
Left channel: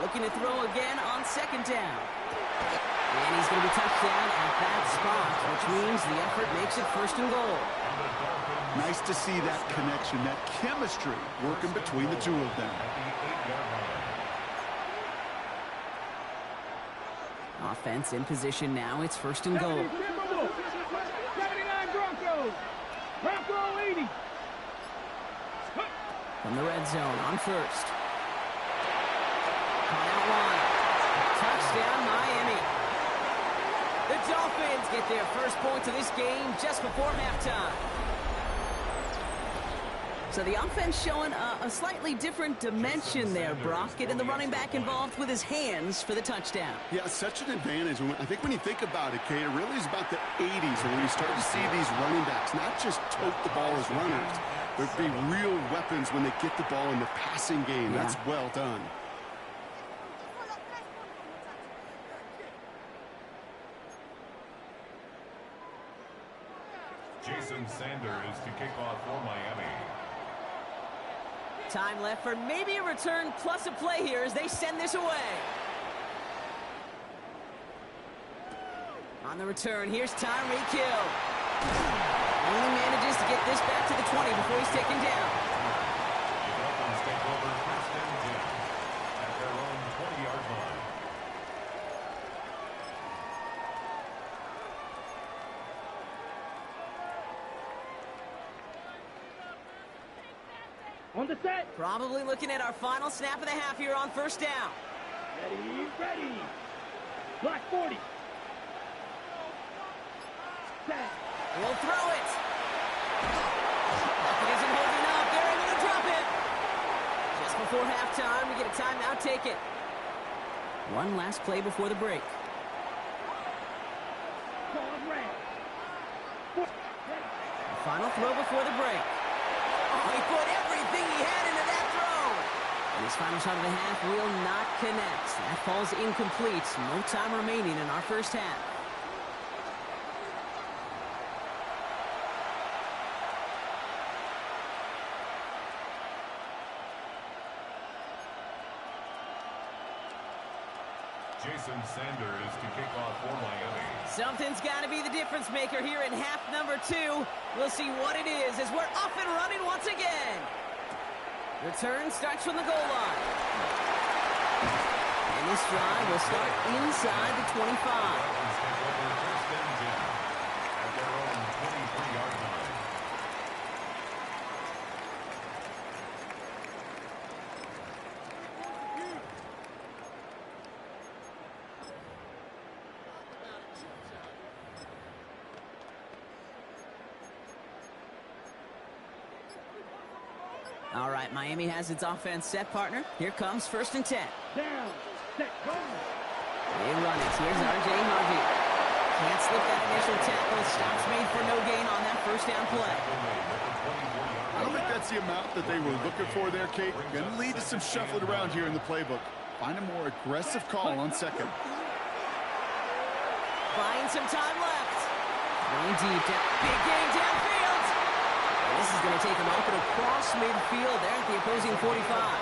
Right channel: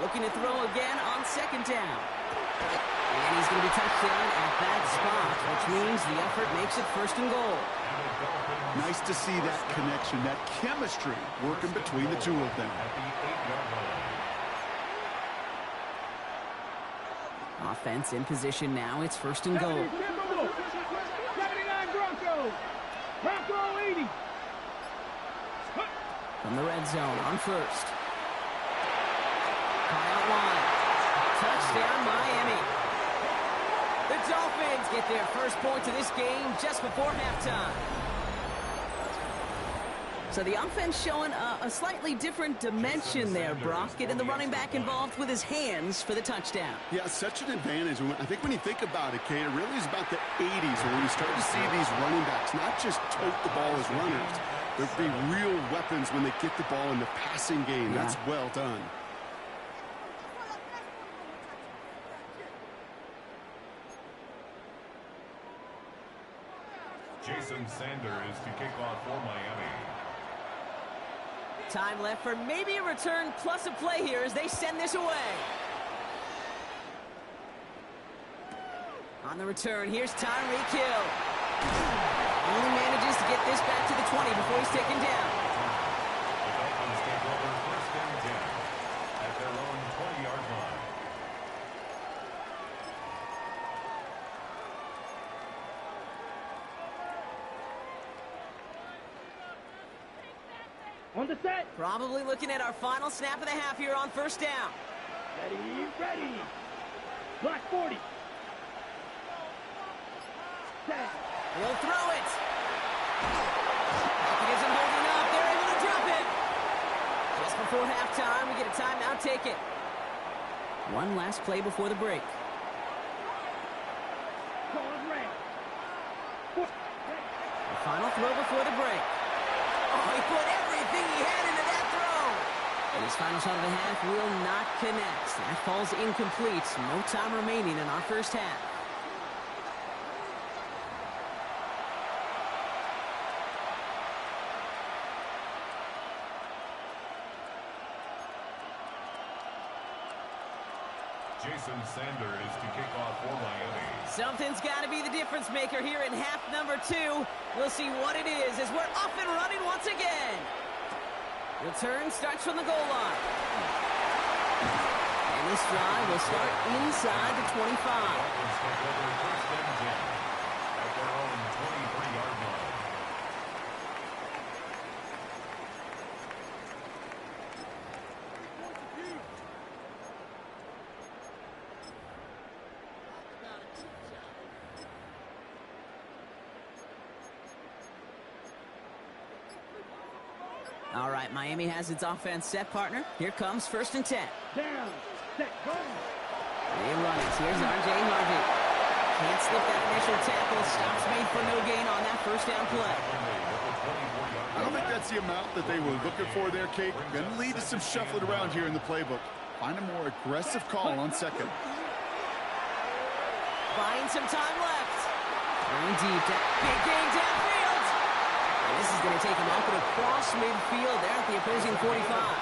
Looking to throw again on second down. And he's going to be touchdown at that spot, which means the effort makes it first and goal. Nice to see that connection, that chemistry working between the two of them. Offense in position now. It's first and goal. 79 Broncos. Bronco 80. From the red zone on first. Caught out wide. Touchdown, Miami. The Dolphins get their first points of this game just before halftime. So the offense showing a slightly different dimension there, Brock. Getting the running back involved with his hands for the touchdown. Yeah, such an advantage. I think when you think about it, Kate, it really is about the 80s when you start to see these running backs not just tote the ball as runners, but be real weapons when they get the ball in the passing game. Yeah. That's well done. Jason Sanders to kick off for Miami. Time left for maybe a return plus a play here as they send this away. On the return, here's Tyreek Hill. Only manages to get this back to the 20 before he's taken down. The Dolphins take over first and 10 at their own 20-yard line. On the set. Probably looking at our final snap of the half here on first down. Ready. Black 40. Set. He'll throw it. Pocket isn't holding up. They're able to drop it. Just before halftime, we get a timeout. Take it. One last play before the break. The final throw before the break. Oh, he put everything he had into that throw. And his final shot of the half will not connect. That falls incomplete. No time remaining in our first half. Jason Sanders to kick off for Miami. Something's got to be the difference maker here in half number 2. We'll see what it is as we're off and running once again. Return starts from the goal line. And this drive will start inside the 25. Dolphins take over first and 10 at their own 23-yard line. All right, Miami has its offense set, partner. Here comes 1st and 10. Down, set, go. They run it. Here's R.J. Harvey. Can't slip that initial tackle. Stops made for no gain on that 1st down play. I don't think that's the amount that they were looking for there, Kate. Going to lead to some shuffling around here in the playbook. Find a more aggressive call on 2nd. Buying some time left. Going deep. Big game downfield. And this is going to take them off and across midfield there at the opposing 45.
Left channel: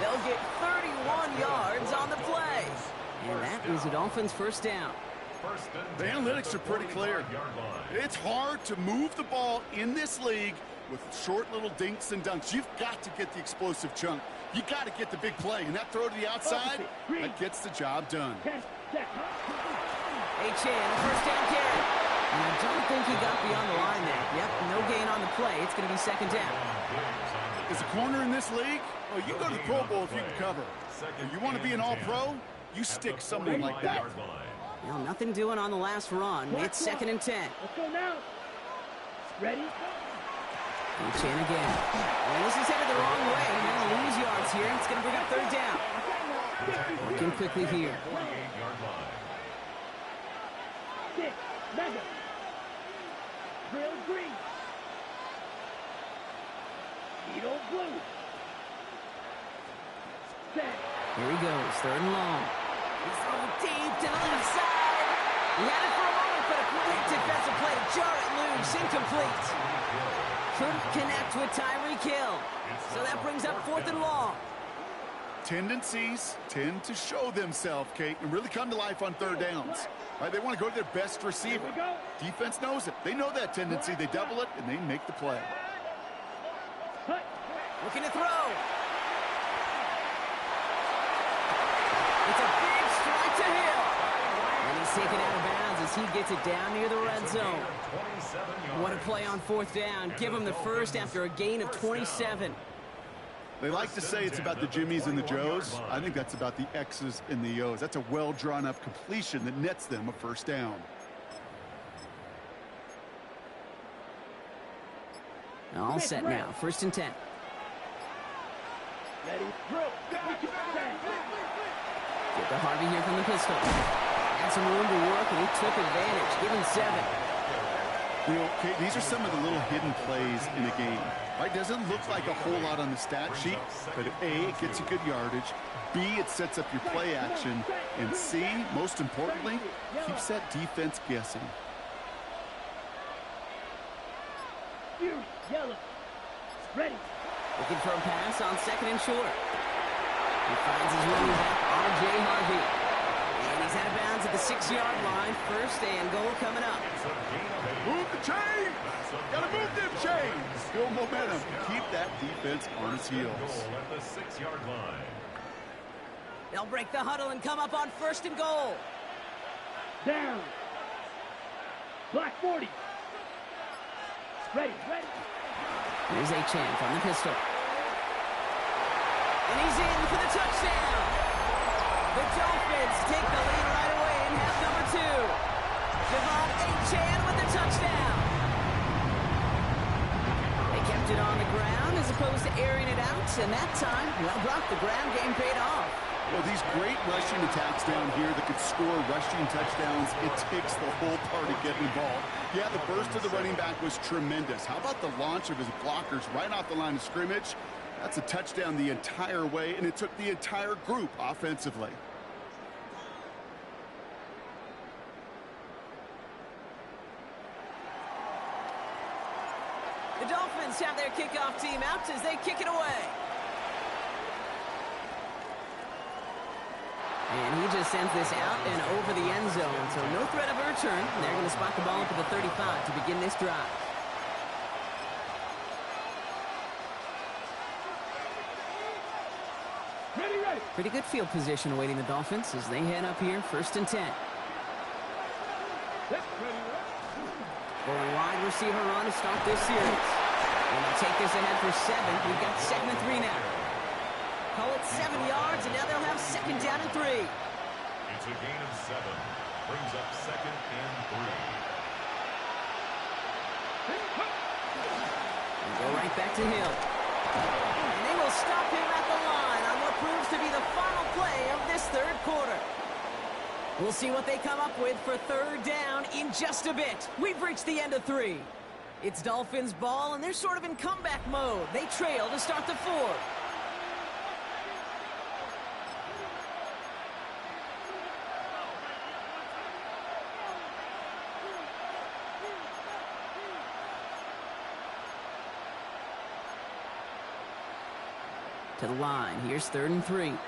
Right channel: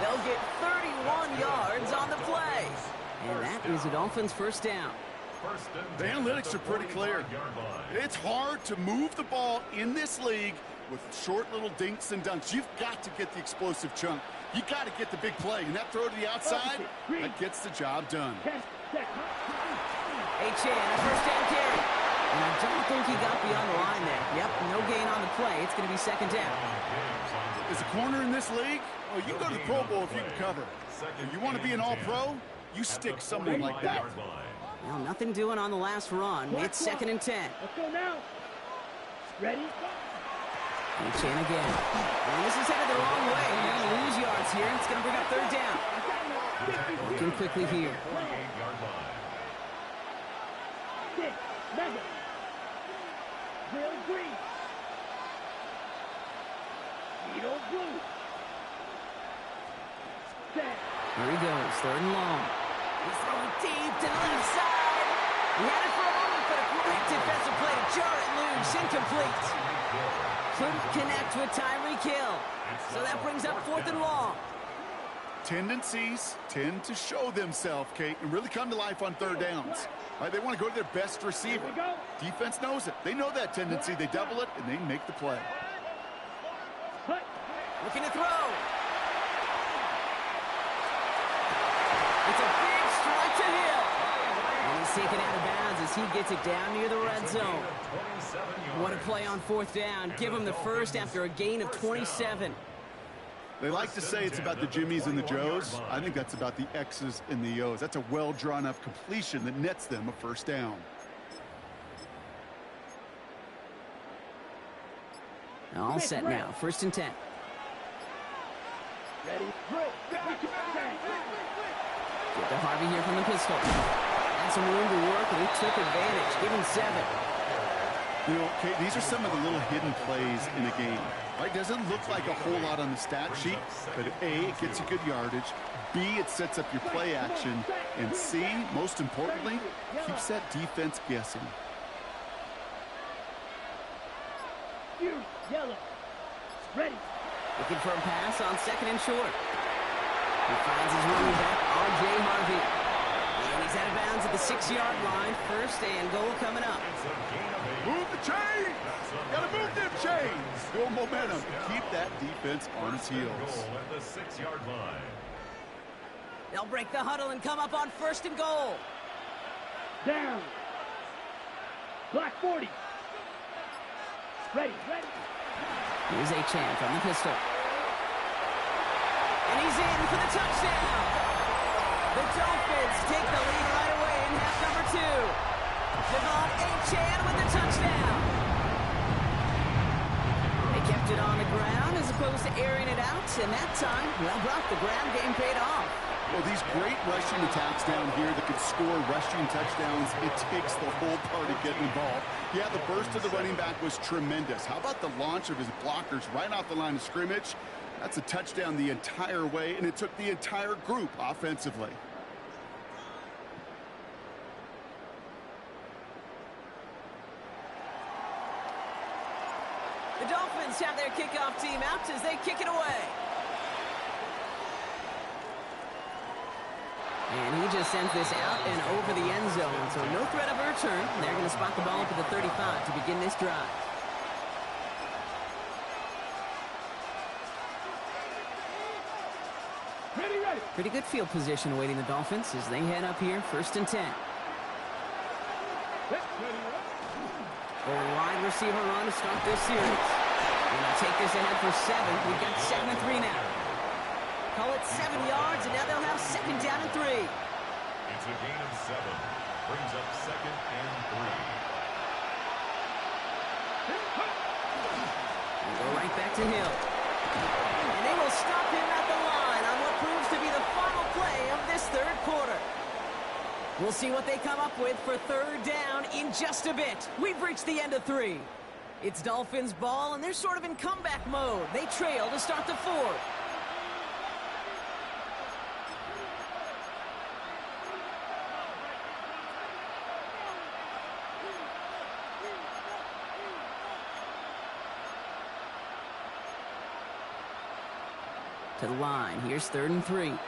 They'll get 31 yards on the play. And that is the Dolphins' 1st down. The analytics are pretty clear. It's hard to move the ball in this league with short little dinks and dunks. You've got to get the explosive chunk. You got to get the big play. And that throw to the outside, that gets the job done. Achane, a 1st down carry. And I don't think he got beyond the line there. Yep, no gain on the play. It's going to be 2nd down. As a corner in this league, oh, you can go to the Pro Bowl if you can cover. If you want to be an all-pro, you stick someone like that. Well, nothing doing on the last run. It's 2nd and 10. Let's go now. Ready? Achane again. And this is headed the wrong way. They're going to lose yards here. It's going to bring up 3rd down. Working quickly here. 6, mega. Drill green. Needle blue. Set. Here he goes, 3rd and long. He's throwing deep to the left side. He had it for a moment, but a great defensive play to jar it loose. Incomplete. Couldn't connect with Tyreek Hill. So that brings up 4th and long. Tendencies tend to show themselves, Kate, and really come to life on 3rd downs. Right? They want to go to their best receiver. Defense knows it. They know that tendency. They double it, and they make the play. Looking to throw. It's a big strike to Hill. And he's taken out of bounds as he gets it down near the red zone. What a play on 4th down. Give him the 1st after a gain of 27. They like to say it's about the Jimmies and the Joes. I think that's about the X's and the O's. That's a well-drawn-up completion that nets them a 1st down. All set now. 1st and 10. Ready? Drill. Get to Harvey here from the pistol. Had some room to work, and he took advantage. Give him 7. You know, Kate, these are some of the little hidden plays in a game. Right? Doesn't look like a whole lot on the stat sheet, but A, it gets you good yardage. B, it sets up your play action. And C, most importantly, keeps that defense guessing. Yellow. Ready. Looking for a pass on 2nd and short. He finds his running back, R.J. Harvey. And he's out of bounds at the 6-yard line. 1st and goal coming up. Move the chains! Gotta move them chains! Build momentum. Keep that defense on its heels. At the 6-yard line. They'll break the huddle and come up on 1st and goal. Down. Black 40. Ready. Here's Achane from the pistol. And he's in for the touchdown. The Dolphins take the lead right away in half number 2. Devon Achane with the touchdown. They kept it on the ground as opposed to airing it out. And that time, well, Brock, the ground game paid off. Well, these great rushing attacks down here that could score rushing touchdowns, it takes the whole party getting involved. Yeah, the burst of the running back was tremendous. How about the launch of his blockers right off the line of scrimmage? That's a touchdown the entire way, and it took the entire group offensively. The Dolphins have their kickoff team out as they kick it away. And he just sends this out and over the end zone, so no threat of a return. They're going to spot the ball up at the 35 to begin this drive. Ready. Pretty good field position awaiting the Dolphins as they head up here, 1st and 10. Going wide receiver run to start this series. And they'll take this ahead for 7. We've got 2nd and 3 now. Call it 7 yards, and now they'll have 2nd down and 3. It's a gain of 7. Brings up 2nd and 3. We'll go right back to Hill. And they will stop him at the line on what proves to be the final play of this third quarter. We'll see what they come up with for third down in just a bit. We've reached the end of 3. It's Dolphins ball, and they're sort of in comeback mode. They trail to start the fourth. To the line. Here's 3rd and 3.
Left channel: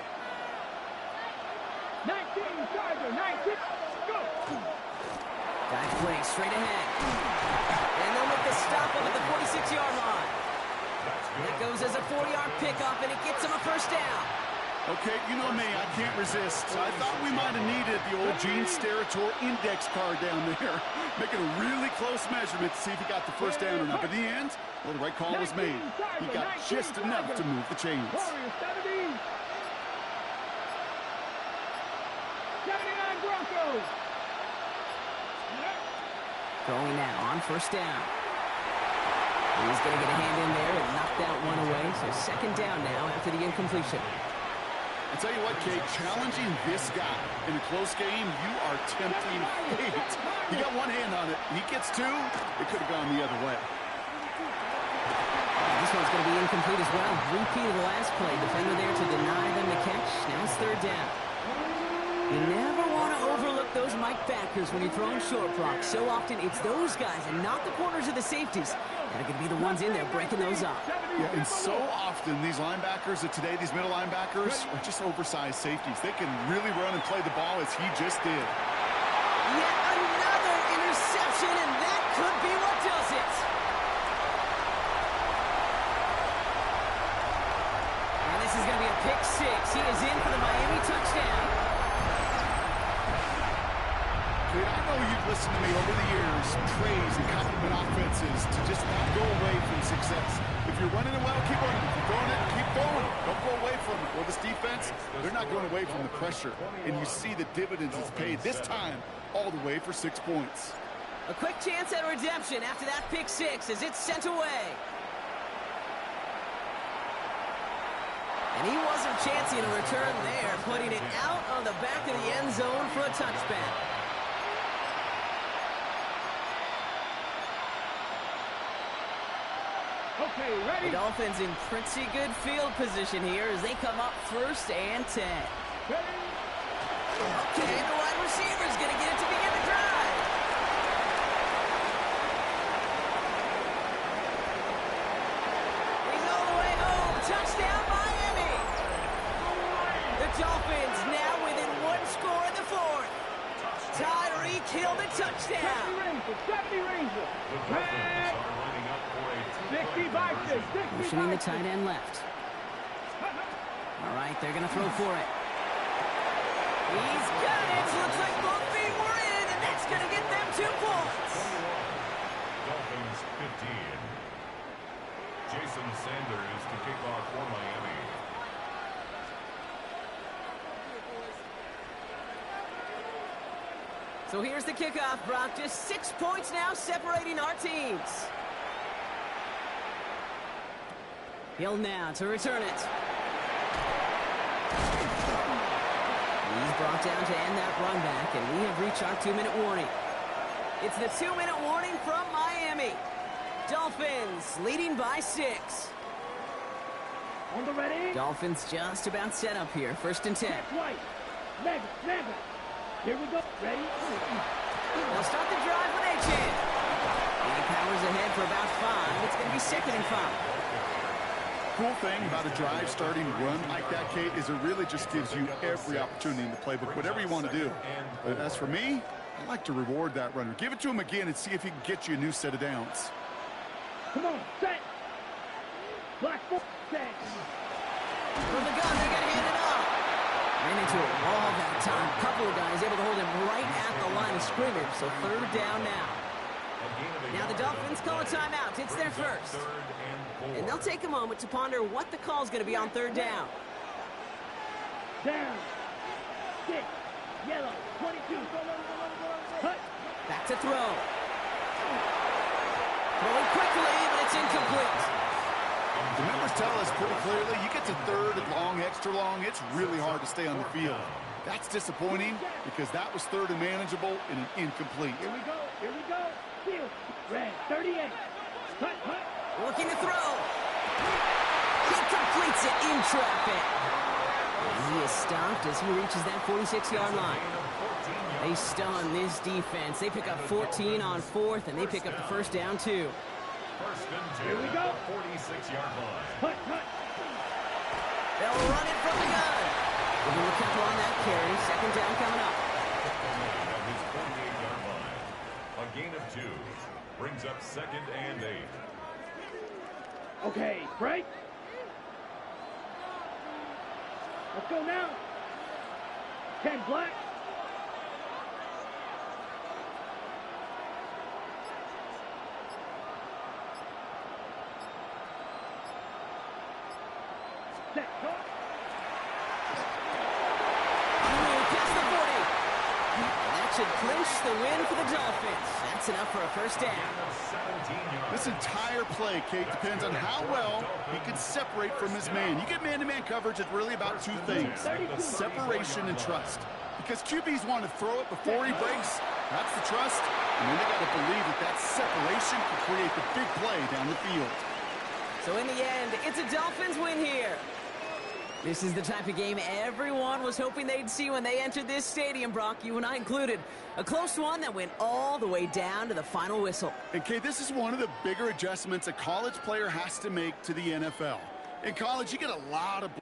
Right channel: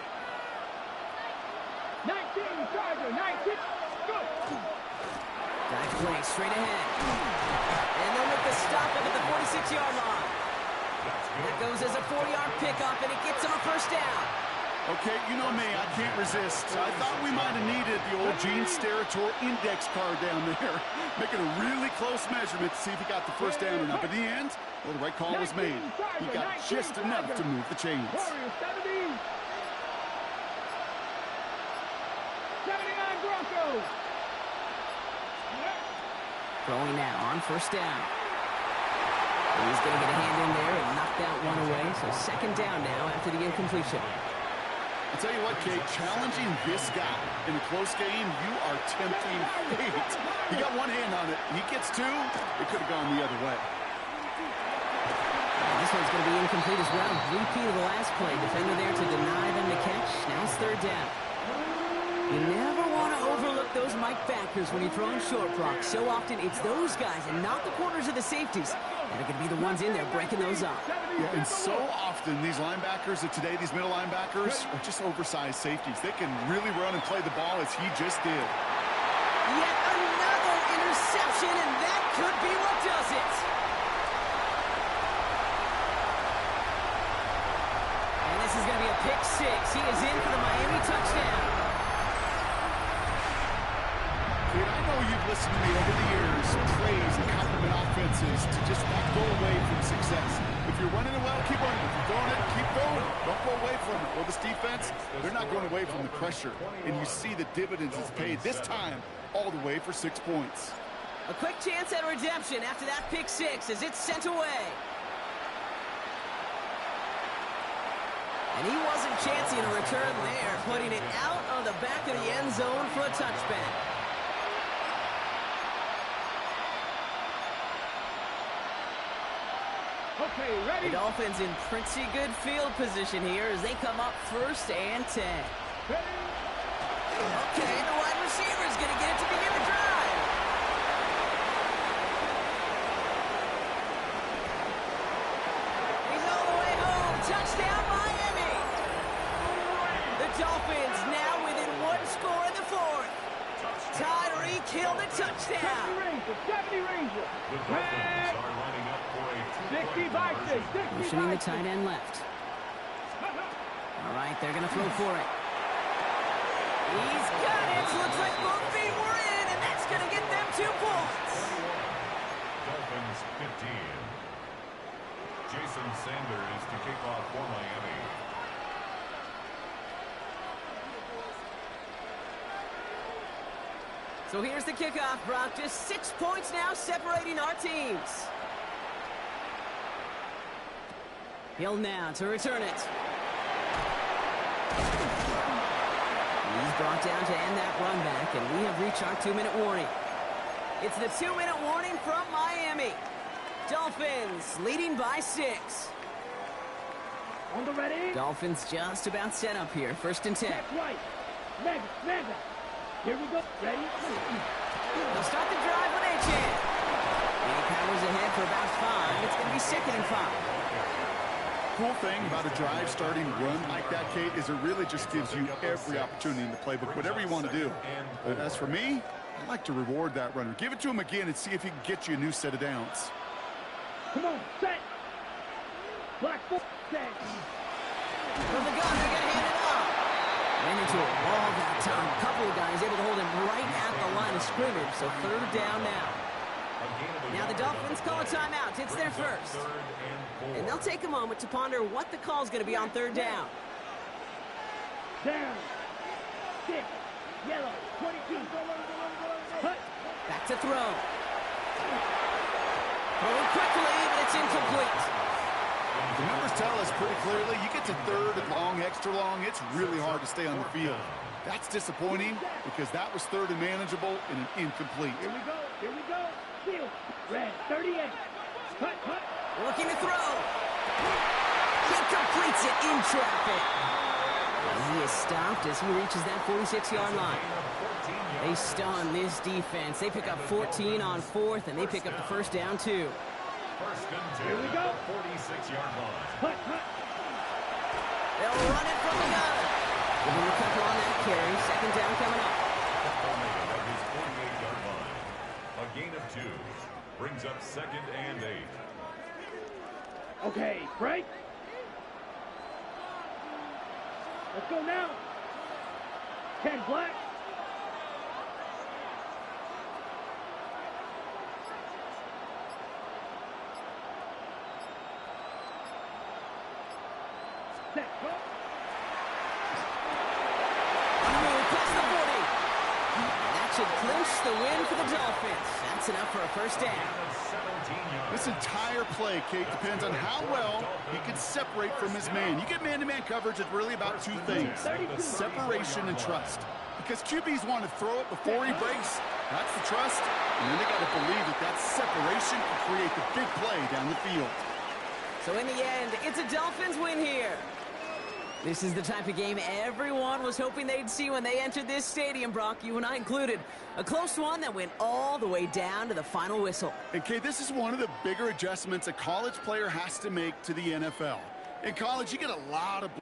19, Charger, 19, go! Dive play straight ahead. And they'll make the stop up at the 46-yard line. It goes as a 40-yard pickup, and it gets them a first down. Okay, you know me, I can't resist. I thought we might have needed the old Gene Steratore index card down there, making a really close measurement to see if he got the first down or not. But in the end, well, the right call was made. He got just enough to move the chains. Warriors 70. 79 Broncos. Throwing now on first down. He's going to get a hand in there and knock that one away. So second down now after the incompletion. I'll tell you what, Kate, challenging this guy in a close game, you are tempting fate. He got one hand on it. He gets two. It could have gone the other way. This one's going to be incomplete as well. Repeat of the last play. Defender there to deny them the catch. Now it's third down. You never want to overlook those Mike backers when you're throwing short blocks. So often it's those guys and not the corners or the safeties that are going to be the ones in there breaking those up. Yeah, and so often these linebackers of today, these middle linebackers, are just oversized safeties. They can really run and play the ball as he just did. Yet another interception, and that could be what does it. And this is going to be a pick six. He is in for the Miami touchdown. Kate, I know you've listened to me over the years praise and compliment offenses to just not go away from success. If you're running it well, keep running. If you're throwing it, keep throwing it. Don't go away from it. Well, this defense, they're not going away from the pressure. And you see the dividends it's paid this time all the way for 6 points. A quick chance at redemption after that pick six as it's sent away. And he wasn't chancing a return there, putting it out on the back of the end zone for a touchback. Okay, ready? The Dolphins in pretty good field position here as they come up 1st and 10. Ready? Okay, the wide receiver's going to get it to begin the drive. He's all the way home. Touchdown, Miami. The Dolphins now within 1 score in the 4th. Tyreek Hill the touchdown. 70 Ranger. The Dolphins are lining up for a 60 by 6. 60 Motioning by the tight end left. All right, they're going to throw for it. He's got it. Looks like both feet were in, and that's going to get them 2 points. 21. Dolphins 15. Jason Sanders to kick off for Miami. So here's the kickoff, Brock. Just 6 points now separating our teams. Hill now to return it. He's brought down to end that run back, and we have reached our 2-minute warning. It's the 2-minute warning from Miami. Dolphins leading by 6. On the ready? Dolphins just about set up here. 1st and 10. That's right. Mega. Here we go. Ready? They'll start the drive with Achan. And he powers ahead for about 5. It's going to be 2nd and 5. Cool thing about a drive starting run like that, Kate, is it really just gives you every opportunity in the playbook, whatever you want to do. But as for me, I like to reward that runner. Give it to him again and see if he can get you a new set of downs. Come on, set. Black 4, set. From the gun, they're going to hand it off. Ran into a wall that time. A couple of guys able to hold him right at the line of scrimmage. So 3rd down now. Now the Dolphins call a timeout. It's their first. And they'll take a moment to ponder what the call is going to be on 3rd down. Down. 6. Yellow. 22. Hut. Back to throw. Throwing quickly, but it's incomplete. The numbers tell us pretty clearly, you get to third and long, extra long, it's really hard to stay on the field. That's disappointing because that was third and manageable and an incomplete. Here we go. Here we go. Field. Red. 38. Cut. Looking to throw. He completes it in traffic. And he is stopped as he reaches that 46-yard line. They stun this defense. They pick up 14 on fourth, and they pick up the first down, too. First and 10. Here we go. 46-yard line. Cut. They'll run it from the gun. Give him a couple on that carry. Second down coming up. Made at his 48-yard line. A gain of 2 brings up second and 8. Okay, break. Let's go now. Ken Black. Set, go. On the move, past the 40. And that should clinch the win for the Dolphins. That's enough for a first down. This entire play, Kate, depends on how well he can separate from his man. You get man-to-man coverage, it's really about two things, separation and trust. Because QBs want to throw it before he breaks, that's the trust, and then they got to believe that that separation can create the big play down the field. So in the end, it's a Dolphins win here. This is the type of game everyone was hoping they'd see when they entered this stadium, Brock, you and I included. A close one that went all the way down to the final whistle. And, Kate, this is one of the bigger adjustments a college player has to make to the NFL. In college, you get a lot of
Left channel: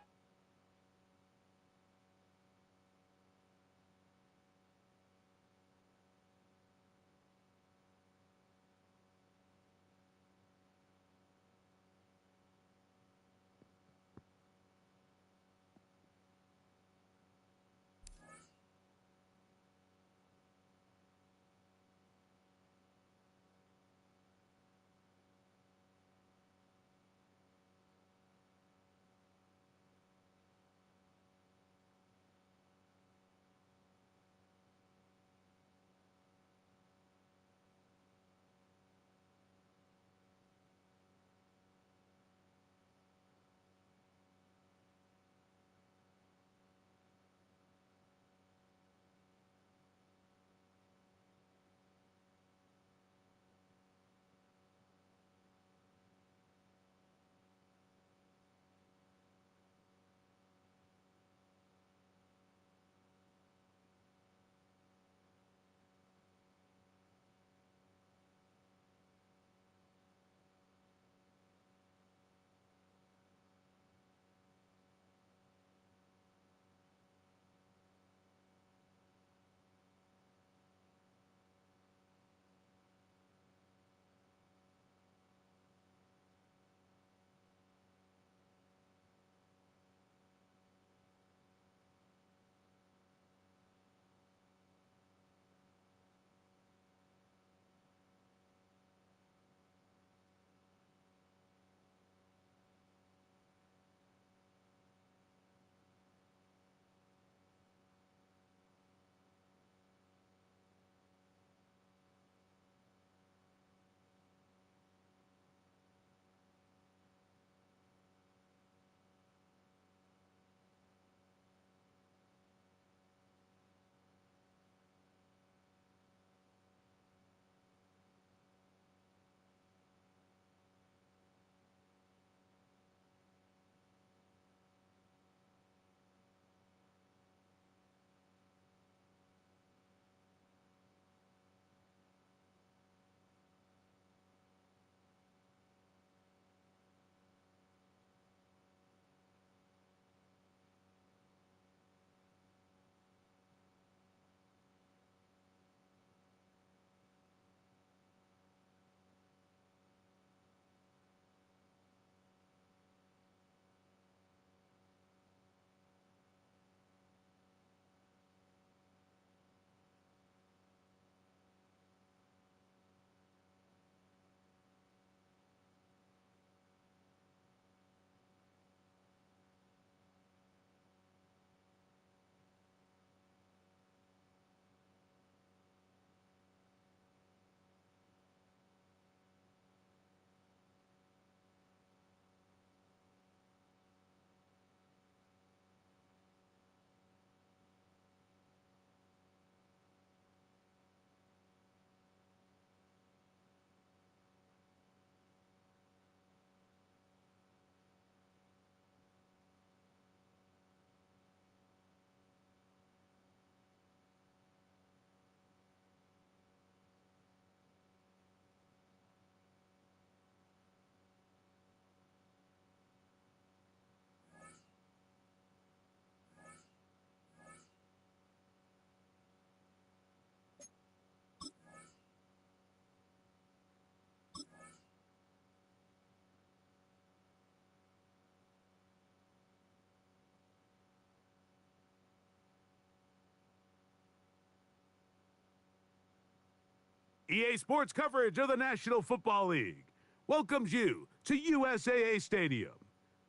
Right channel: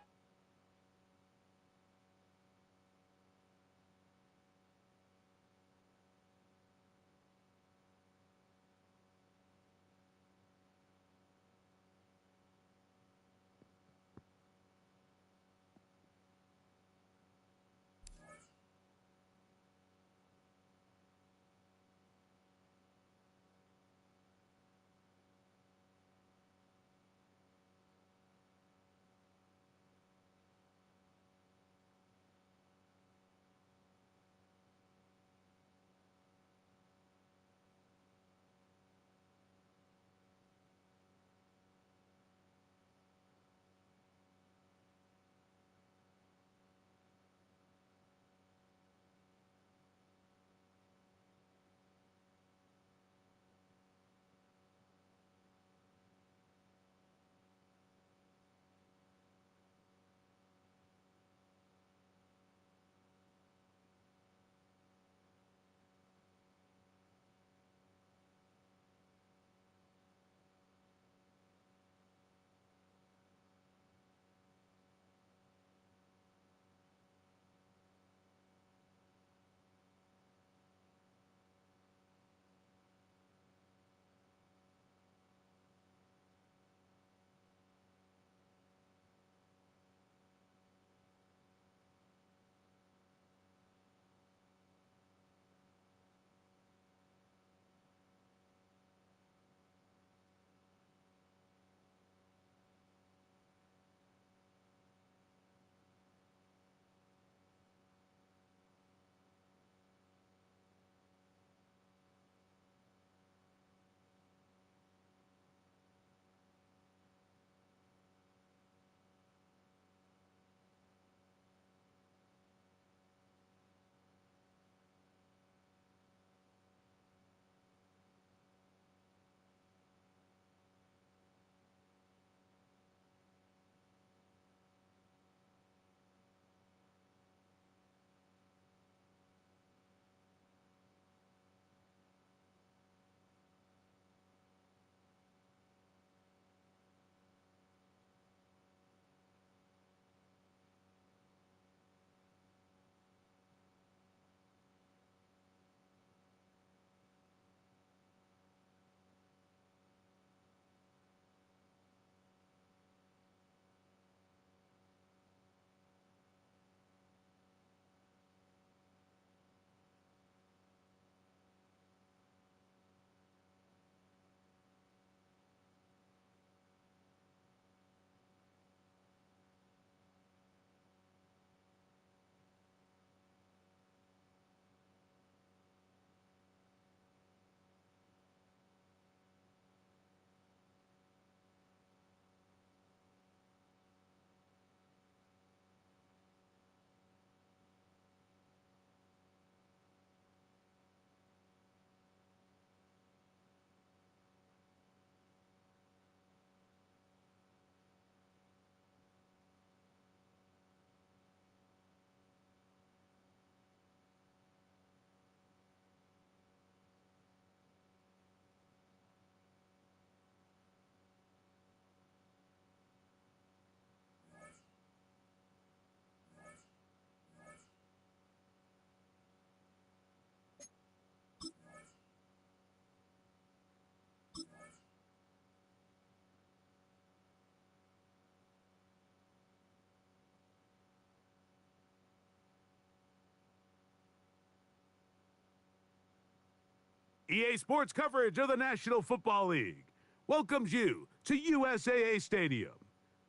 EA Sports coverage of the National Football League welcomes you to USAA Stadium.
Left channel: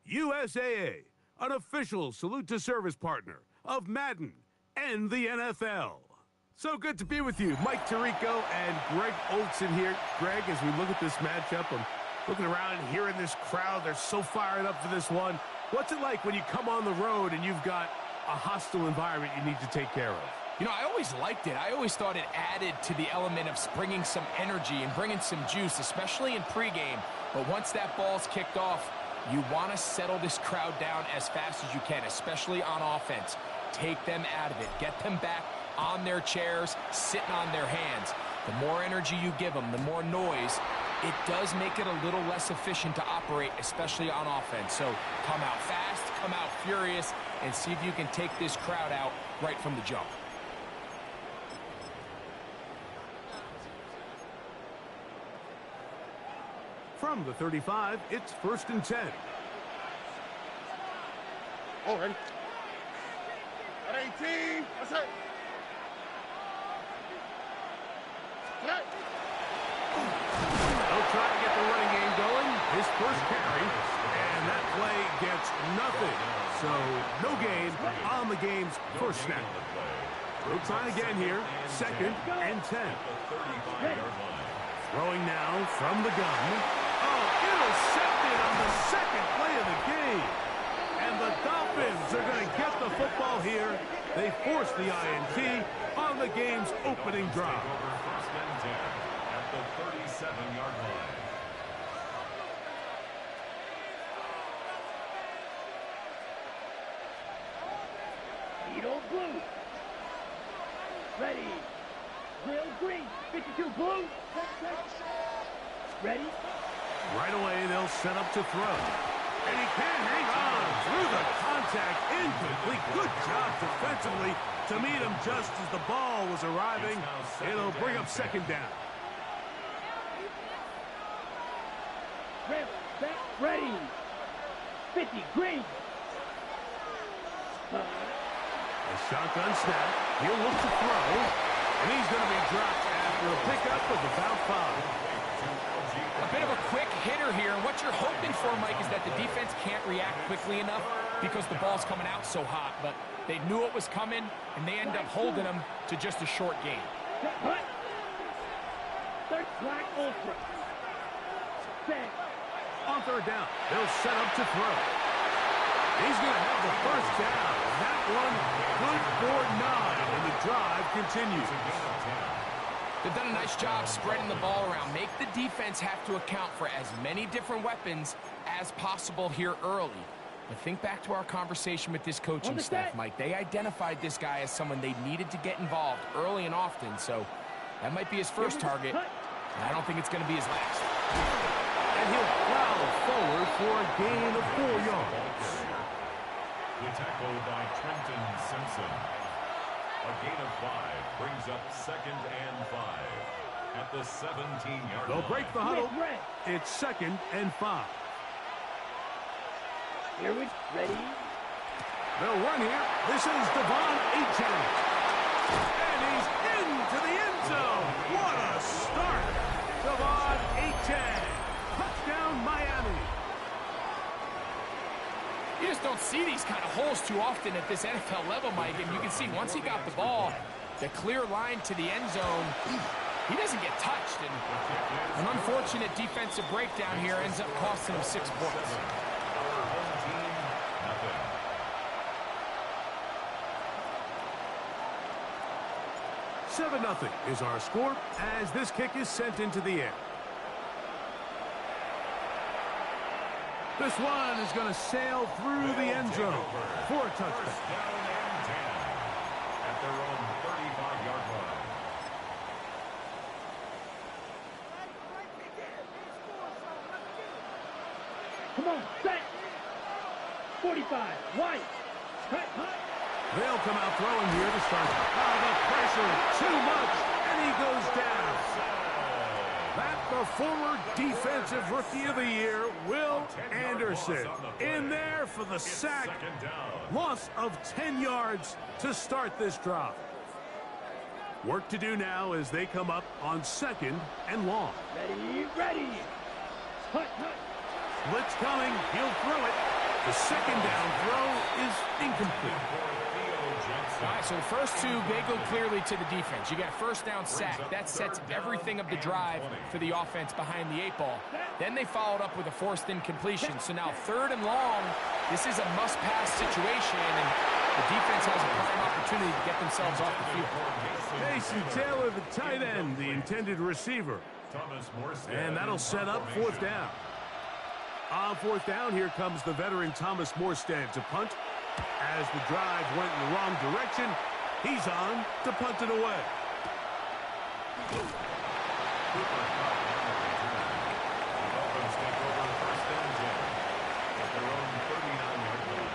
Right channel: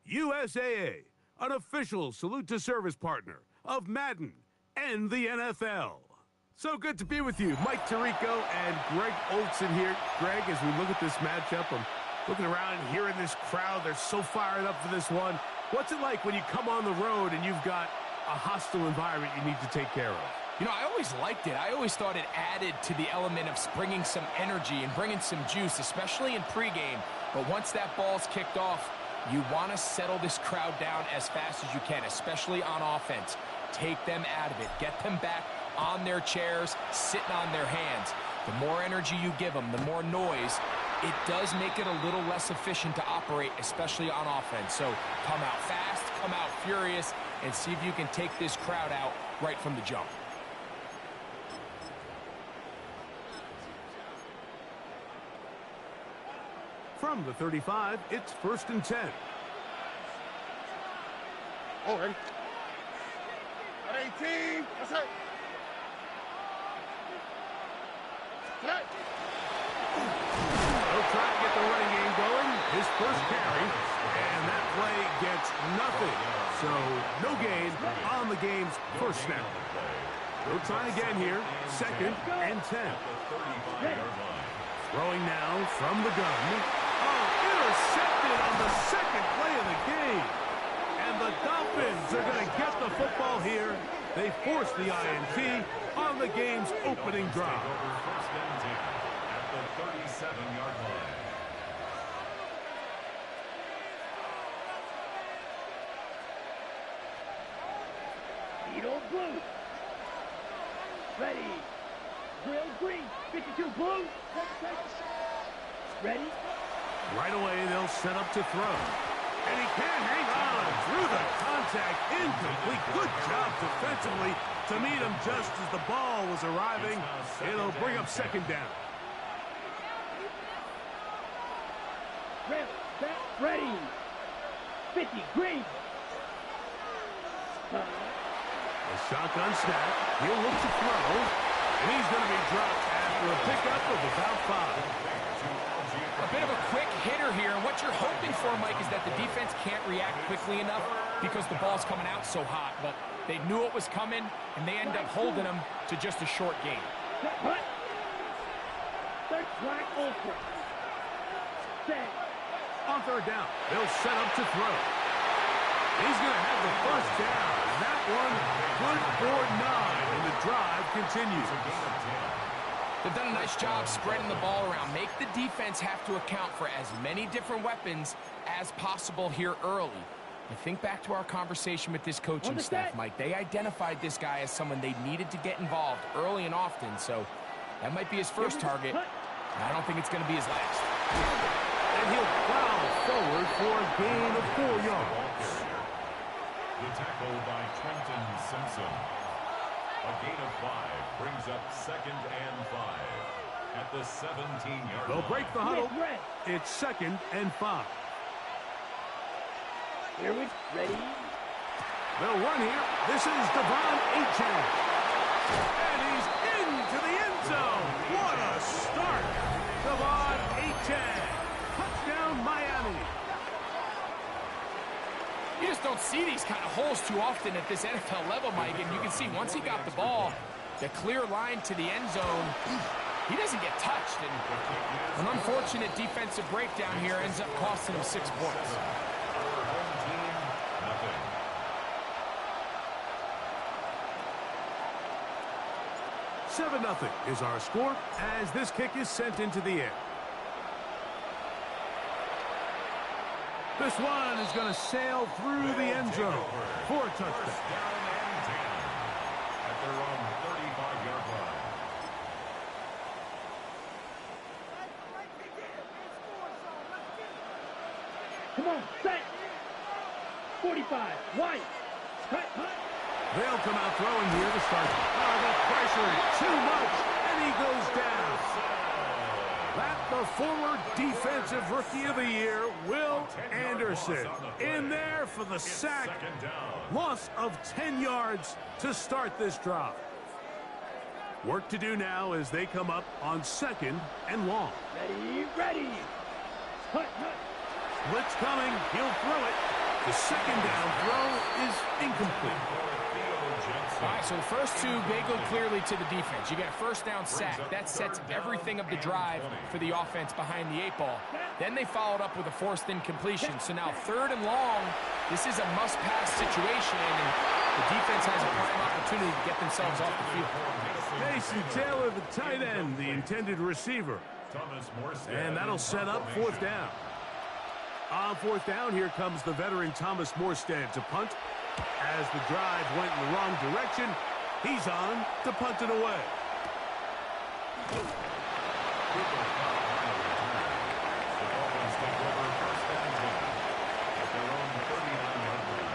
USAA, an official salute-to-service partner of Madden and the NFL. So good to be with you. Mike Tirico and Greg Olson here. Greg, as we look at this matchup, I'm looking around and hearing this crowd. They're so fired up for this one. What's it like when you come on the road and you've got a hostile environment you need to take care of? You know, I always liked it. I always thought it added to the element of bringing some energy and bringing some juice, especially in pregame. But once that ball's kicked off, you want to settle this crowd down as fast as you can, especially on offense. Take them out of it. Get them back on their chairs, sitting on their hands. The more energy you give them, the more noise, it does make it a little less efficient to operate, especially on offense. So come out fast, come out furious, and see if you can take this crowd out right from the jump. From the 35, it's 1st and 10. Oh, ready? At 18. That's it. They'll try to get the running game going. His first carry, and that play gets nothing. So no gain on the game's first snap. They'll try again here. 2nd and 10. Throwing now from the gun. Oh, intercepted on the second play of the game. And the Dolphins are going to get the football here. They force the INT on the game's opening drive. 1st and 10 at the 37-yard line. Beetle blue. Ready. Grill green. 52 blue. Ready. Right away, they'll set up to throw. And he can't hang on through the contact. Incomplete. Good job defensively to meet him just as the ball was arriving. It'll bring up 2nd down. Ready. 50 green. A shotgun snap. He'll look to throw. And he's going to be dropped after a pickup of about 5. A bit of a quick hitter here, and what you're hoping for, Mike, is that the defense can't react quickly enough because the ball's coming out so hot. But they knew it was coming, and they end up holding them to just a short gain. Black ultra. On 3rd down, they'll set up to throw. He's going to have the first down, and that one good for 9, and the drive continues. They've done a nice job spreading the ball around. Make the defense have to account for as many different weapons as possible here early. But think back to our conversation with this coaching staff, Mike. They identified this guy as someone they needed to get involved early and often, so that might be his first target. I don't think it's going to be his last. And he'll plow forward for a gain of 4 yards. The tackle by Trenton Simpson. A gain of 5 brings up 2nd and 5 at the 17-yard line. They'll break the huddle. It's 2nd and 5. Here we ready. They'll run here. This is Devon Achane. And he's into the end zone. What a start. Devon Achane. Touchdown, Miami. You just don't see these kind of holes too often at this NFL level, Mike. And you can see once he got the ball, the clear line to the end zone, he doesn't get touched. And an unfortunate defensive breakdown here ends up costing him 6 points. Our home team, nothing. Seven 0 is our score as this kick is sent into the air. This one is going to sail through the end zone for a touchdown. 1st down and 10 at their own 35-yard line. Come on, set. 45, wide. Cut. They'll come out throwing here to start. The pressure, too much, and he goes down. That the former Defensive Rookie of the Year, Will Anderson, in there for the sack. Loss of 10 yards to start this drive. Work to do now as they come up on 2nd and long. Ready. Hut. Blitz coming. He'll throw it. The 2nd down throw is incomplete. All right, so the first two, they go clearly to the defense. You get a first down sack. That sets everything of the drive for the offense behind the 8 ball. Then they followed up with a forced incompletion. So now 3rd and long, this is a must-pass situation, and the defense has a prime opportunity to get themselves off the field. Mason Taylor, the tight end, the intended receiver. And that'll set up 4th down. On 4th down, here comes the veteran Thomas Morstead to punt. As the drive went in the wrong direction, he's on to punt it away. The Dolphins take over 1st and 10 at their own 39-yard line.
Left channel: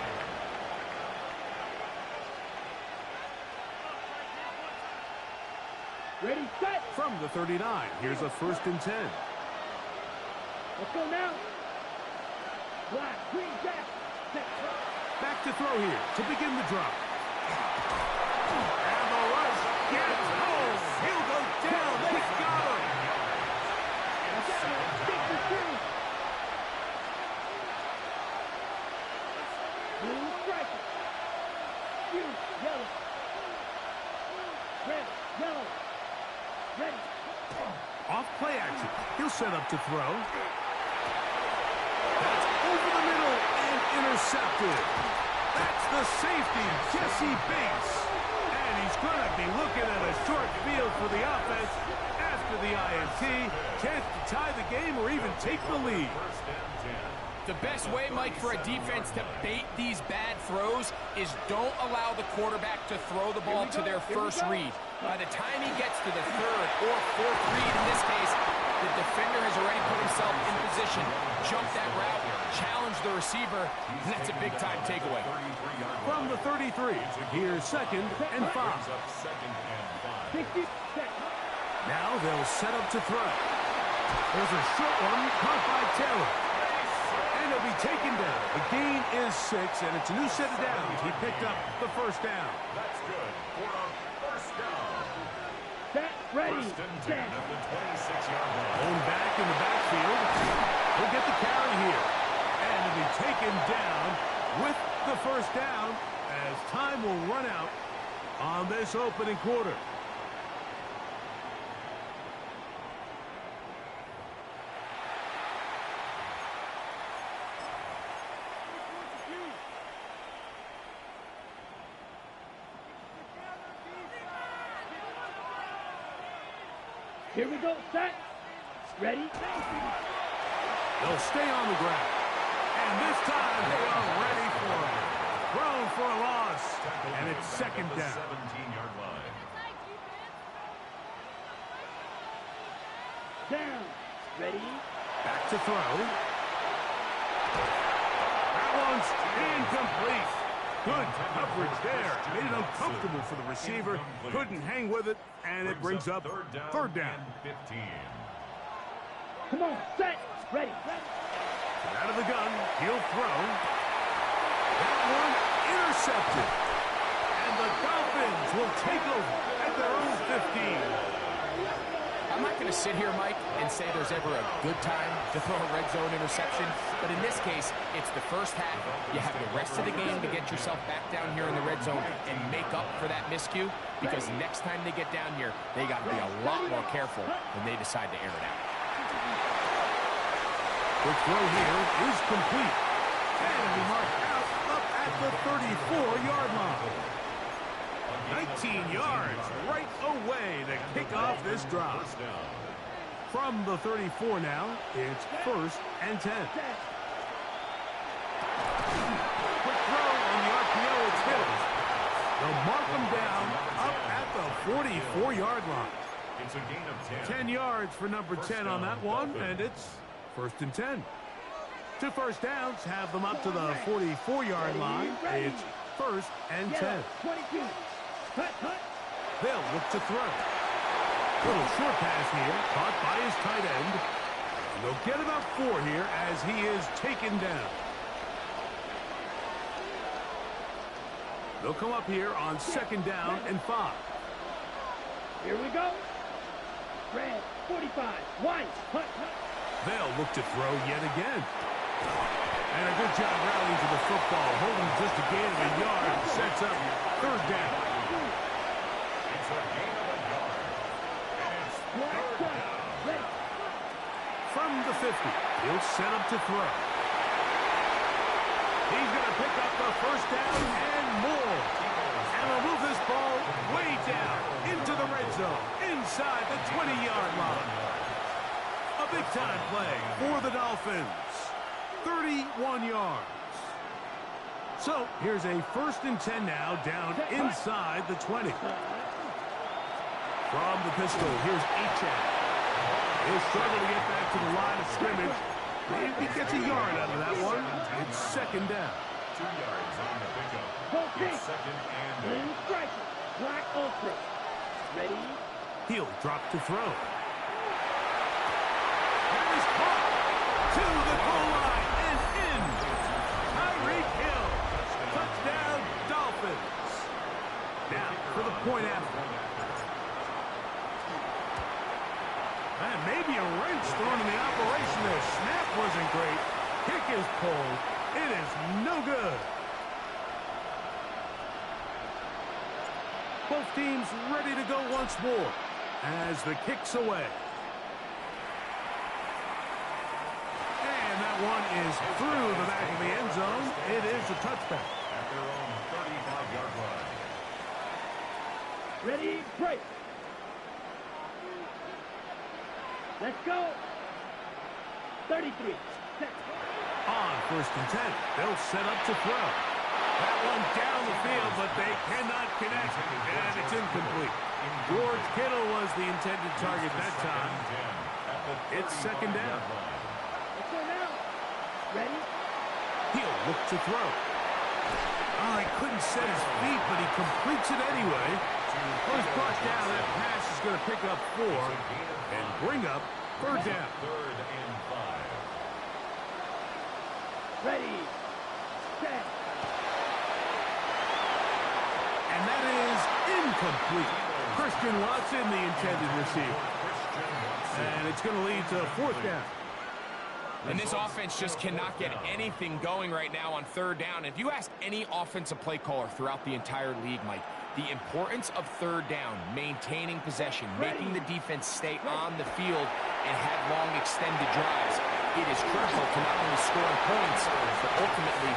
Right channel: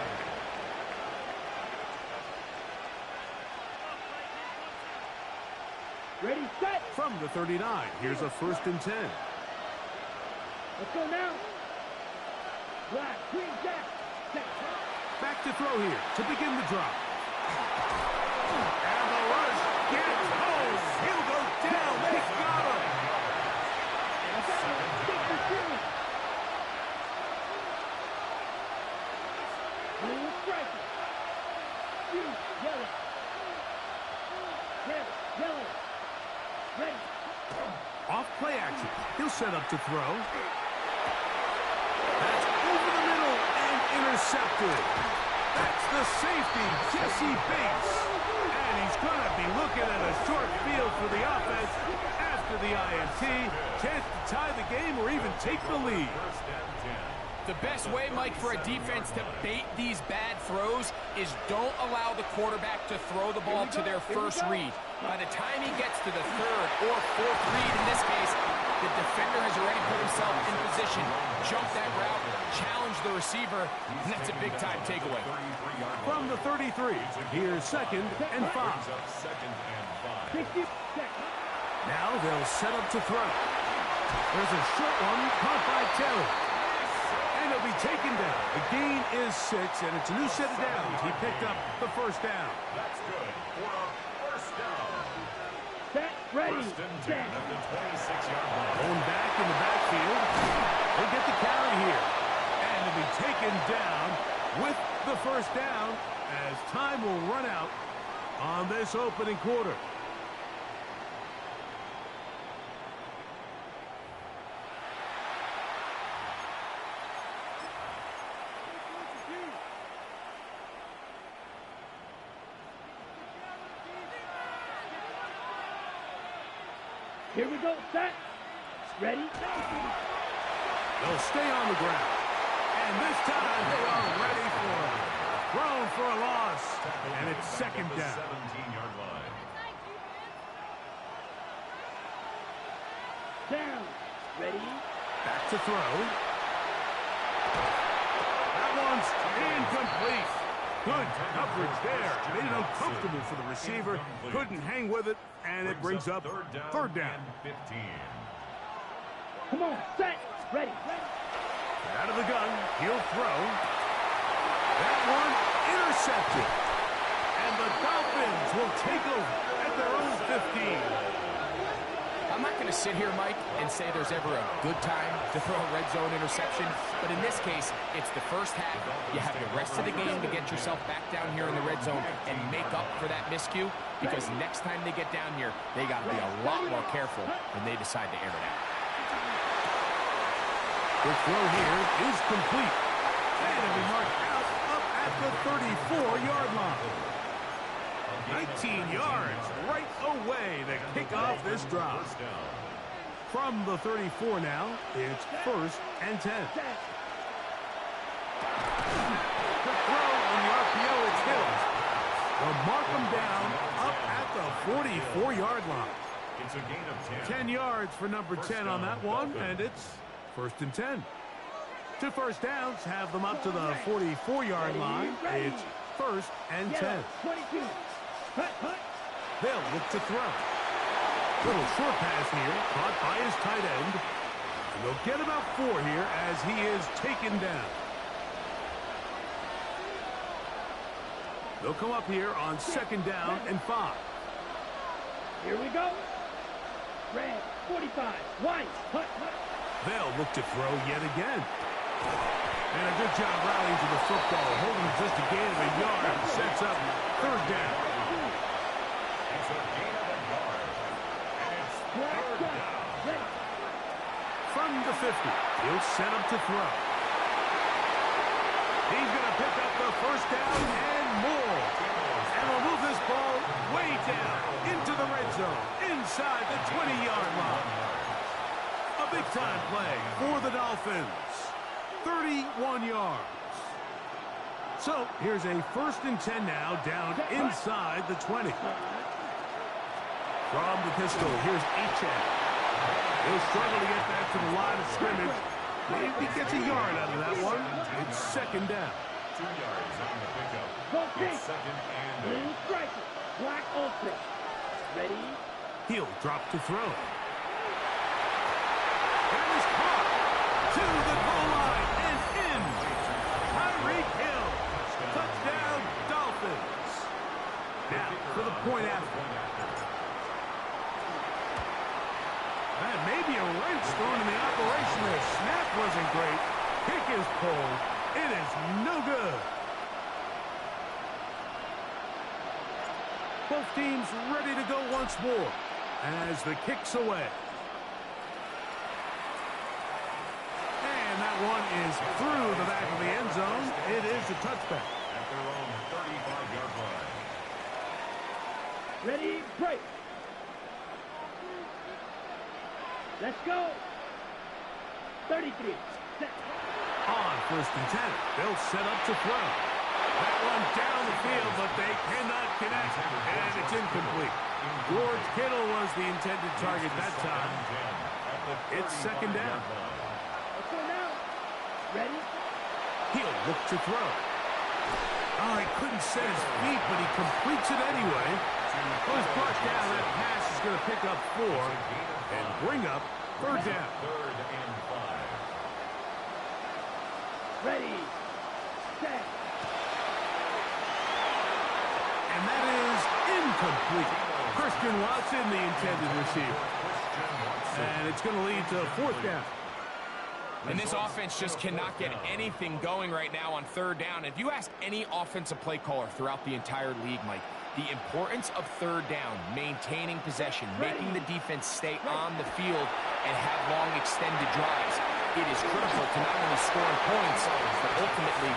Ready, set. From the 39, here's a 1st and 10. Let's go now. Black, green, jack. Set. Back to throw here to begin the drive. And the rush gets home. He'll go down. They got him. Blue striker. Blue, yellow. Red, yellow. Ready. Off play action. He'll set up to throw. That's over the middle and intercepted. That's the safety, Jesse Bates. And he's going to be looking at a short field for the offense after the INT. Chance to tie the game or even take the lead. The best way, Mike, for a defense to bait these bad throws is don't allow the quarterback to throw the ball to their first read. By the time he gets to the 3rd or 4th read, in this case, the defender has already put himself in position, jump that route, challenge the receiver, and that's a big-time takeaway. From the 33, here's 2nd and 5. Now they'll set up to throw. There's a short one caught by Taylor. And he'll be taken down. The gain is 6, and it's a new set of downs. He picked up the 1st down. That's good for a 1st down. Set, ready, 1st and 10 at the 26-yard line. Going back in the backfield. He'll get the carry here. And he'll be taken down with the 1st down as time will run out on this opening quarter. Here we go, set. Ready. They'll stay on the ground. And this time they are ready for him. Thrown for a loss. And it's 2nd down. 17-yard line. Down. Ready. Back to throw. That one's incomplete. Good coverage there. Made it uncomfortable for the receiver. Couldn't hang with it, and it brings up 3rd down. 15. Come on, set, ready. Out of the gun, he'll throw. That one intercepted. And the Dolphins will take over at their own 15. I'm not going to sit here, Mike, and say there's ever a good time to throw a red zone interception, but in this case, it's the first half. You have the rest of the game to get yourself back down here in the red zone and make up for that miscue, because next time they get down here, they got to be a lot more careful when they decide to air it out. Quick throw here is complete. And it'll be marked out up at the 34-yard line. 19 yards right away to kick off this drive. From the 34 now, it's 1st and 10. Quick throw on the RPO, it's Hill. They'll mark them down up at the 44-yard line. It's a gain of 10 yards for number 10 on that one, and it's 1st and 10. 2 first downs have them up to the 44-yard line. It's 1st and 10. 22. They'll look to throw. Little short pass here, caught by his tight end. And they'll get about 4 here as he is taken down. They'll come up here on 2nd down and 5. Here we go. Red, 45. White, hut, hut. They'll look to throw yet again. And a good job rallying to the football, holding just a gain of a yard, and sets up third down. It's a gain of a yard. And it's third down. From the 50, he'll set up to throw. He's going to pick up the first down and more. And will move this ball way down into the red zone, inside the 20-yard line. A big-time play for the Dolphins. 31 yards. So here's a 1st and 10 now, down inside the 20. From the pistol, here's Achane. He'll struggle to get back to the line of scrimmage. If he gets a yard out of that one, it's 2nd down. 2 yards on the pickup. It's 2nd and 8. Blue striker, black ultra. Ready? He'll drop to throw. And he's caught to the goal line and in. Tyreek Hill. Touchdown, Dolphins. Now for the point after. And maybe a wrench thrown in the operation there. Snap wasn't great. Kick is pulled. It is no good. Both teams ready to go once more as the kick's away. And that one is through the back of the end zone. It is a touchback. At their own 35-yard line. Ready, break. Let's go. 33. Set. On 1st and 10, they'll set up to throw. That one down the field, but they cannot connect, and it's incomplete. George Kittle was the intended target that time. It's 2nd down. Let's go now. Ready? He'll look to throw. Oh, he couldn't set his feet, but he completes it anyway. Well, he's brought down. That pass is going to pick up 4 and bring up 3rd down. 3rd and 5. Ready. Set. And that is incomplete. Christian Watson, the intended receiver. And it's going to lead to 4th down. And this offense just cannot get anything going right now on 3rd down. If you ask any offensive play caller throughout the entire league, Mike, the importance of 3rd down, maintaining possession, making the defense stay on the field and have long extended drives, it is critical to not only scoring points, but ultimately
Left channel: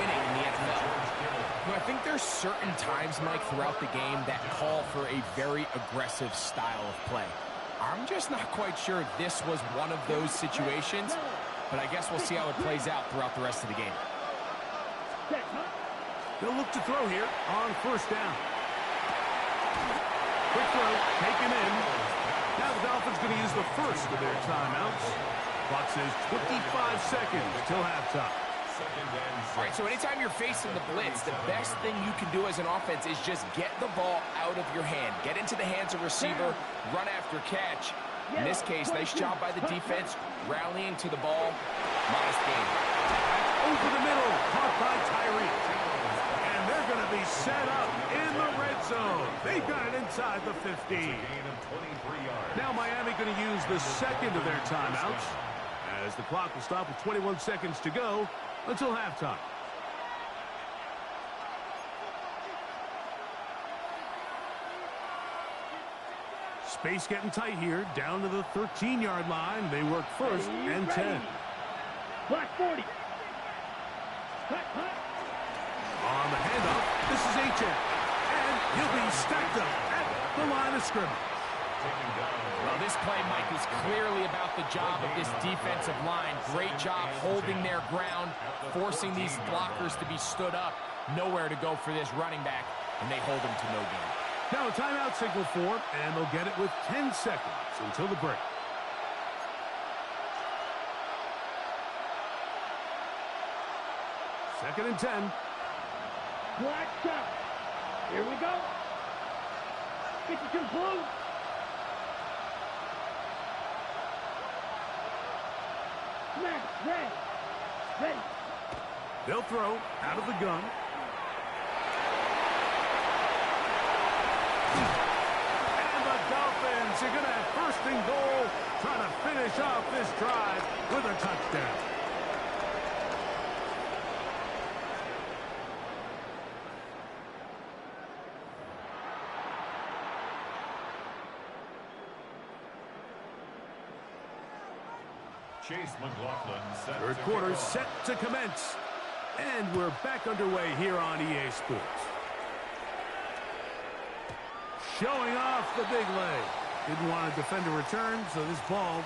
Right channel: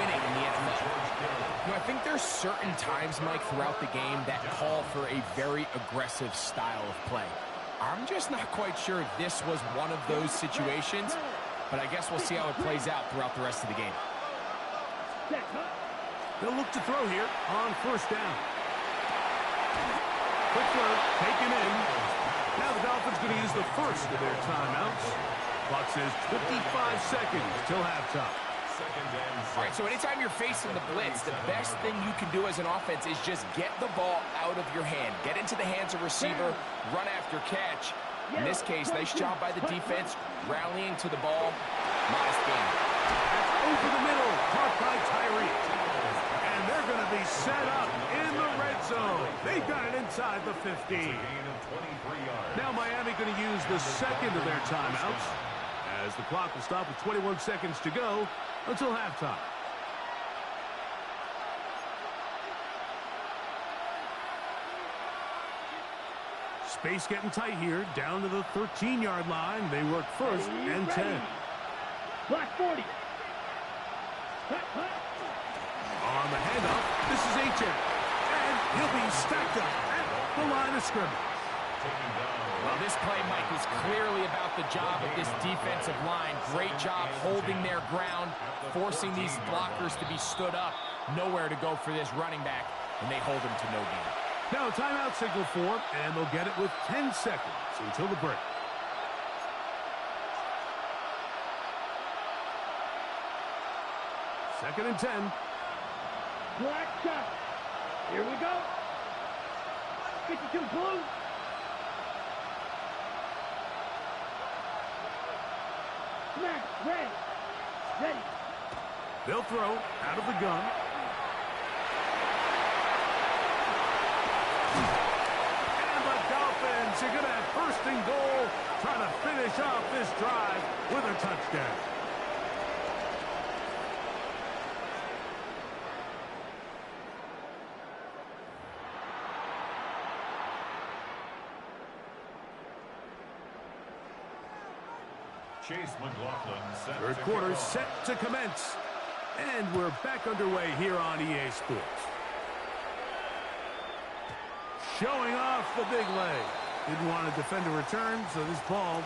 winning in the NFL. You know, I think there's certain times, Mike, throughout the game that call for a very aggressive style of play. I'm just not quite sure if this was one of those situations, but I guess we'll see how it plays out throughout the rest of the game. They'll look to throw here on 1st down. Quick throw, taken in. Now the Dolphins going to use the first of their timeouts. Clock says 25 seconds till halftime. All right, so anytime you're facing the blitz, the best thing you can do as an offense is just get the ball out of your hand. Get into the hands of receiver, run after catch. In this case, nice job by the defense, rallying to the ball. Modest gain. That's over the middle, caught by Tyreek. And they're going to be set up in the red zone. They've got it inside the 15. Now Miami going to use the second of their timeouts, as the clock will stop with 21 seconds to go until halftime. Space getting tight here, down to the 13-yard line. They work 1st and 10. Black 40. Hut, hut. On the handoff, this is Achane. And he'll be stacked up at the line of scrimmage. Well, this play, Mike, is clearly about the job of this defensive line. Great job holding their ground, forcing these blockers to be stood up. Nowhere to go for this running back, and they hold him to no gain. Now timeout signal for, and they'll get it with 10 seconds until the break. Second and 10. Black shot. Here we go. 52 blue. Smash, red. Ready. They'll throw out of the gun. And the Giants are going to have first and goal, trying to finish off this drive with a touchdown. Chase McLaughlin set Third quarter set to commence. And we're back underway here on EA Sports. Showing off the big leg. Didn't want to defend a return, so this ball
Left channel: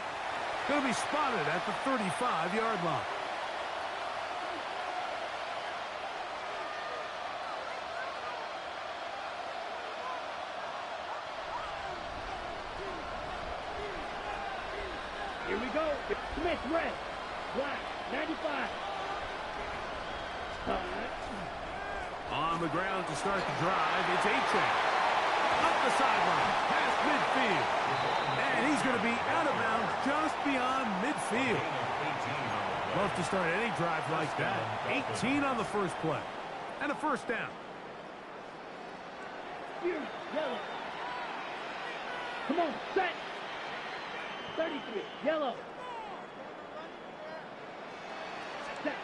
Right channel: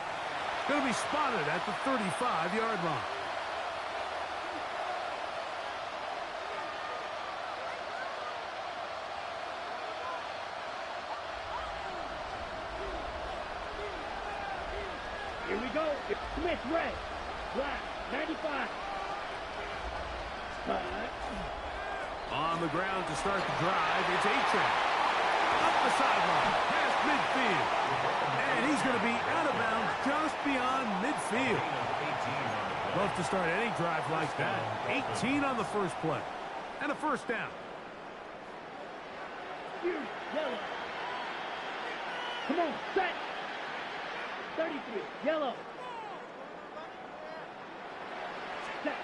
going to be spotted at the 35-yard line. Here we go. Smith red. Black. 95. On the ground to start the drive, it's A-Track. Up the sideline, past midfield. And he's going to be out of bounds just beyond midfield. Love to start any drive like that. 18 on the first play. And a first down. Fury. Yellow. Come on. Set. 33. Yellow. Set.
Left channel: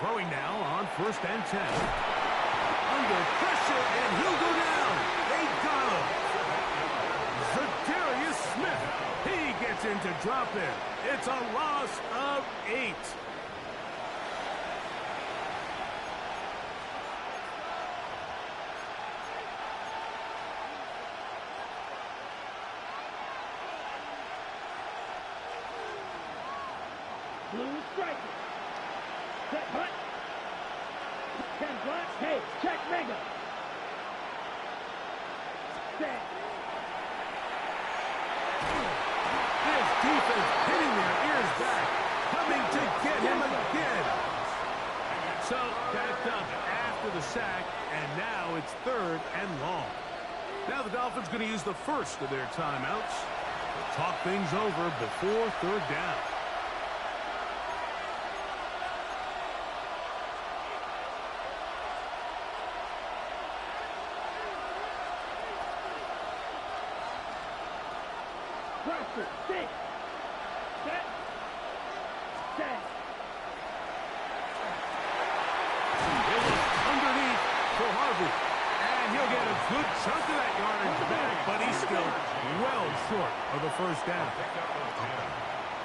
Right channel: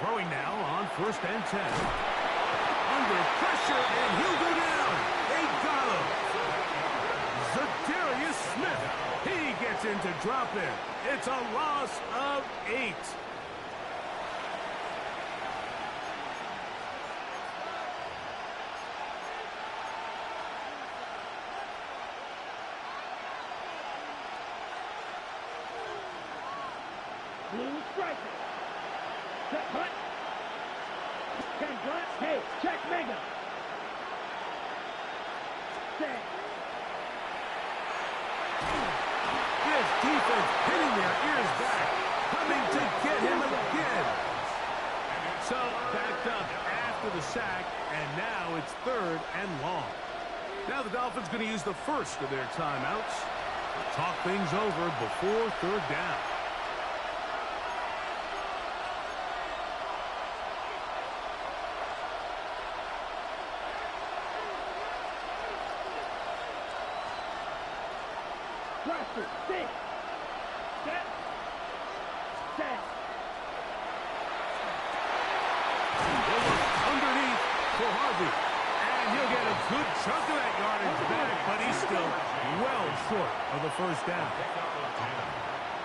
Throwing now on first and 10. Under pressure, and he'll go down. They got him. Zadarius Smith. He gets into drop in. It's a loss of 8. Blue striker. Set hunt. 10 black. Hey, check mega. Set. This defense hitting their ears back, coming to get him again. So backed up after the sack, and now it's 3rd and long. Now the Dolphins going to use the first of their timeouts to talk things over before 3rd down. Pressure. 6. Set. Set. He'll look underneath for Harvey. And he'll get a good chunk of that yardage back, but he's still well short of the first down. Pick up of 10,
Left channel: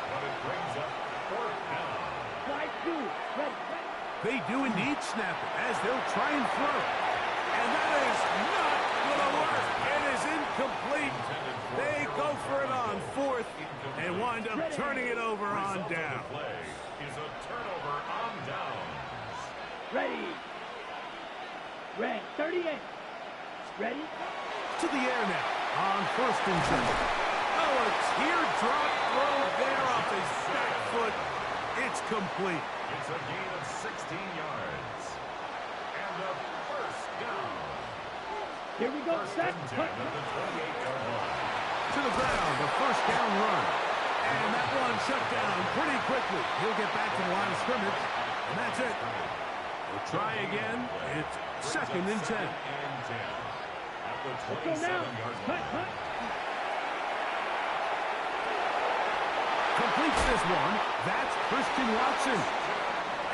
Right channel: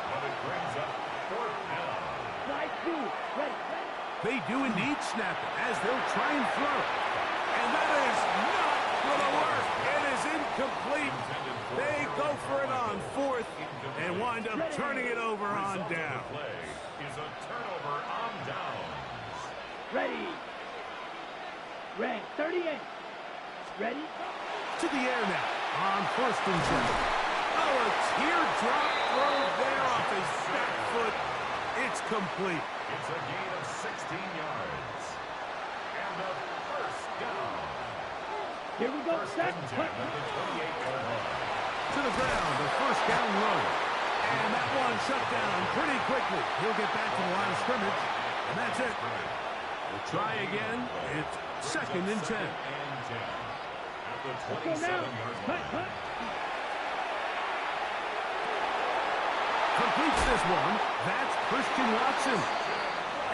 but it brings up 4th down. Slide 2. Ready. Ready. They do indeed snap it as they'll try and throw. And that is not going to work. It is incomplete. They go for it on 4th and wind up turning it over on down. Play is a turnover on downs. Ready. Red. 38. Ready. To the air now on 1st and 10. Oh, a teardrop throw there off his back foot. It's complete. It's a gain of 16 yards. And a first down. Here we go. First Set. and 10 at the 28-yard line. To the ground, a first down run. And that one shut down pretty quickly. He'll get back to the line of scrimmage, and that's it. We'll try again. It's 2nd and 10. At the Let's go now. 27-yard Cut, line. cut. Completes this one. That's Christian Watson.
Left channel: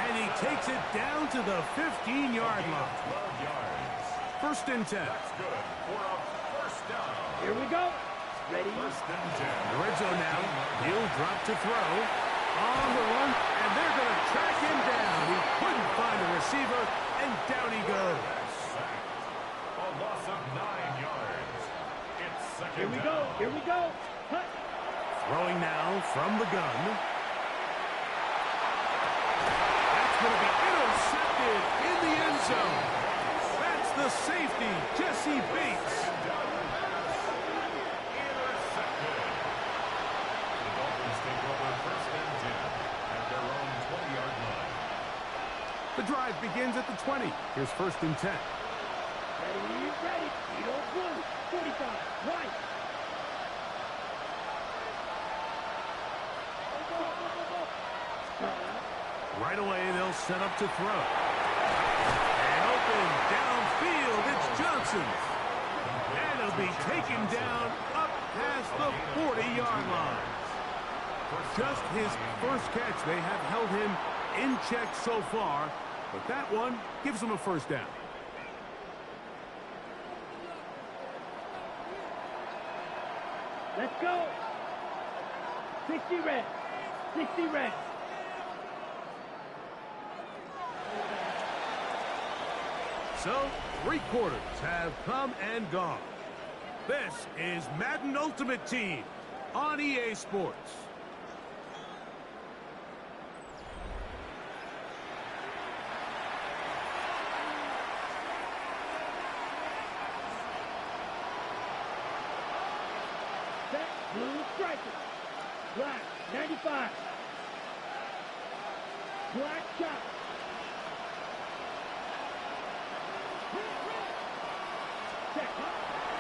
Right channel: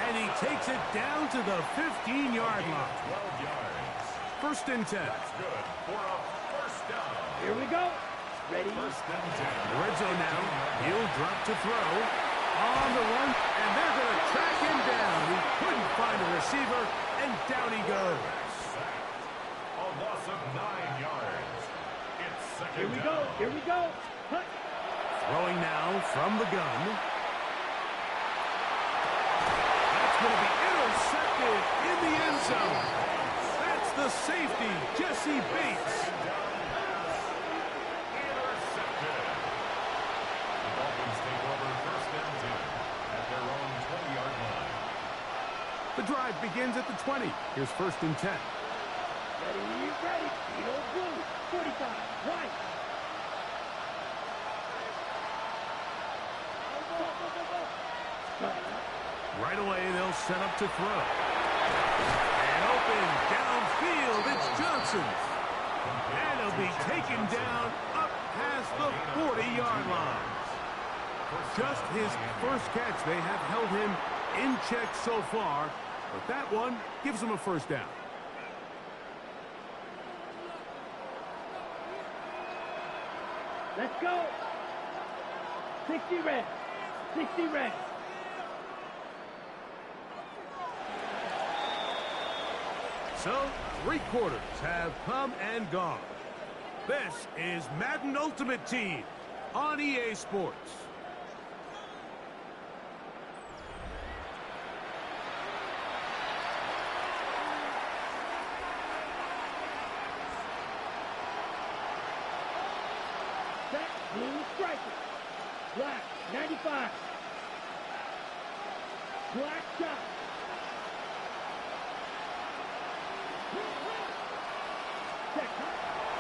And he takes it down to the 15-yard line. 12 yards. 1st and 10. That's good for a first down. Here we go. Ready. First and 10. The red zone now. He'll drop to throw. On the run, and they're going to track him down. He couldn't find a receiver, and down he goes. Sacked. A loss of 9 yards. It's second Here we down. go. Here we go. Cut. Throwing now from the gun. That's going to be intercepted in the end zone. That's the safety, Jesse Bates. Intercepted. The Dolphins take over first and 10 at their own 20-yard line. The drive begins at the 20. Here's 1st and 10. Ready. Ready. Eagle blue. 45. Right. Right away, they'll set up to throw. And open downfield, it's Johnson. And he'll be taken down up past the 40-yard line. Just his first catch. They have held him in check so far, but that one gives him a first down. Let's go. 60 red. 60 red. So, 3 quarters have come and gone. This is Madden Ultimate Team on EA Sports. Set, blue striker. Black, 95. Black shot.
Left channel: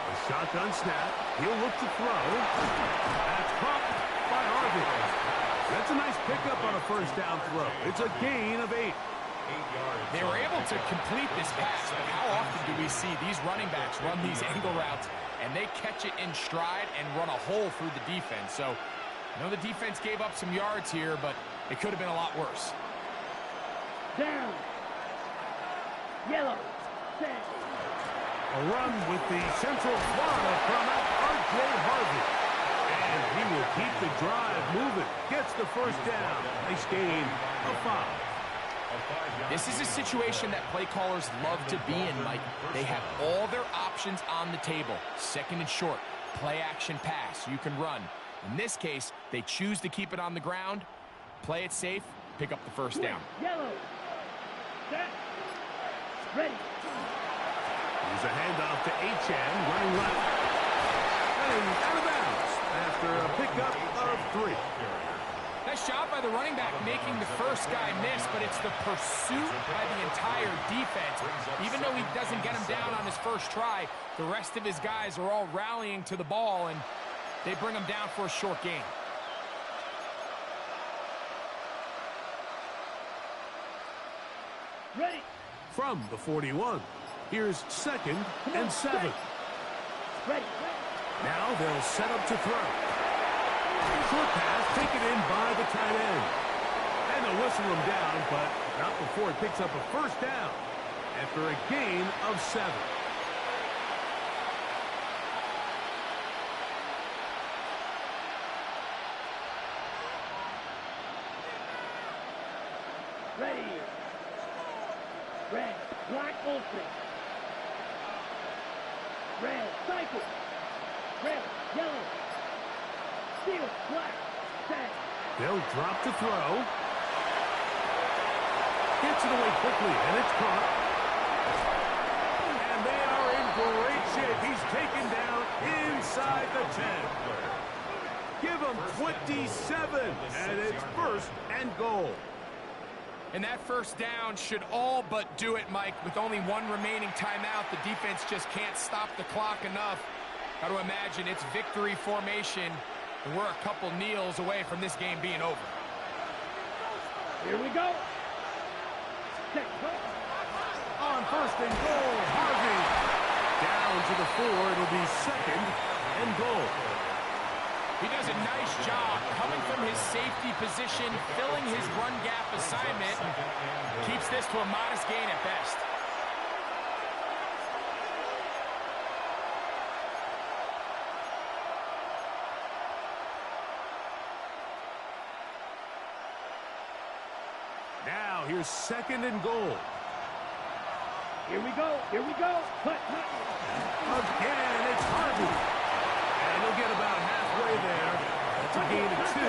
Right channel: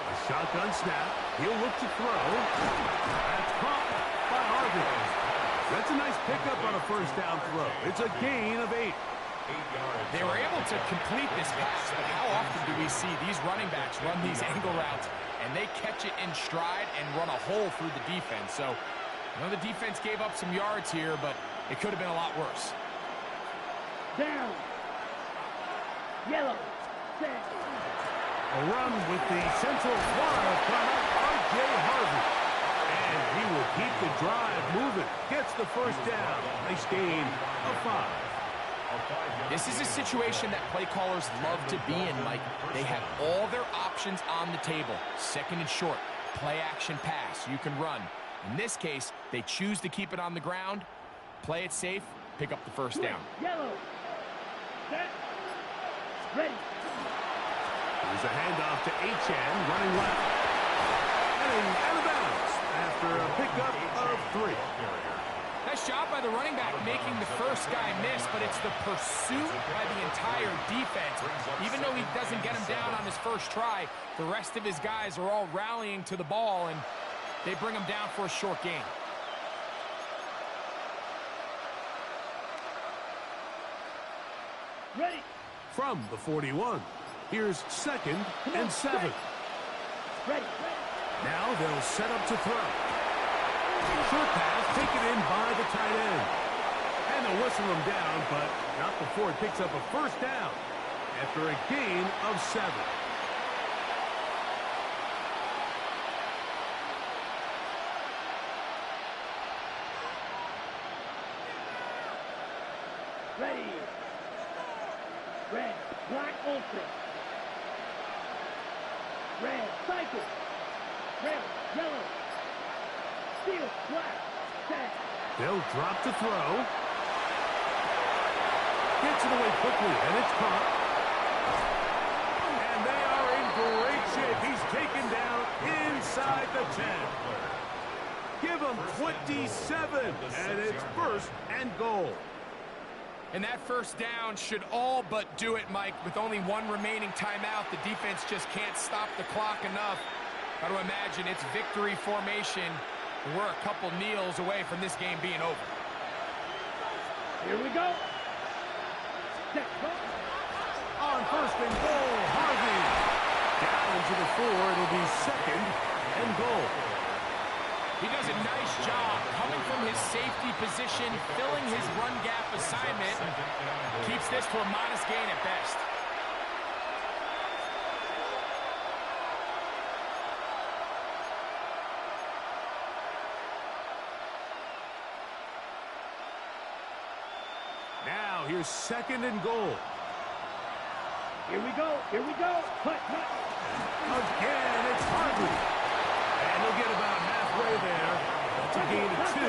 A shotgun snap. He'll look to throw. That's caught by Harvey. That's a nice pickup on a first down throw. It's a gain of 8. They were able to complete this pass, but how often do we see these running backs run these angle routes and they catch it in stride and run a hole through the defense? So, I know the defense gave up some yards here, but it could have been a lot worse. Down. Yellow. Set. A run with the Central Florida product, R.J. Harvey. And he will keep the drive moving. Gets the first down. Nice gain of 5. This is a situation that play callers love to be in, Mike. They have all their options on the table. Second and short, play action pass, you can run. In this case, they choose to keep it on the ground, play it safe, pick up the first down. Yellow. Set. Ready. There's a handoff to Achan, running left. Running out of bounds after a pickup of 3. Nice job by the running back making the first guy miss, but it's the pursuit by the entire defense. Even though he doesn't get him down on his first try, the rest of his guys are all rallying to the ball, and they bring him down for a short gain. Ready. From the 41, here's 2nd and 7. Ready. Now they'll set up to throw. Short pass taken in by the tight end. And they'll whistle him down, but not before he picks up a first down after a gain of 7. Ready. Red. Black Olsen. Red. Cycle. Red. Yellow. Steel. Black. Set. They'll drop to throw. Gets it away quickly, and it's caught. And they are in great shape. He's taken down inside the 10. Give him 27, and it's 1st and goal. And that first down should all but do it, Mike. With only 1 remaining timeout, the defense just can't stop the clock enough. Got to imagine it's victory formation, and we're a couple kneels away from this game being over. Here we go. Set. Go. On 1st and goal, Harvey. Down to the 4. It'll be 2nd and goal. He does a nice job coming from his safety position, filling his run gap assignment, keeps this to a modest gain at best. Now here's 2nd and goal. Here we go. Here we go. Putt. Again, it's Harvey. And he'll get about halfway there. That's a gain of 2,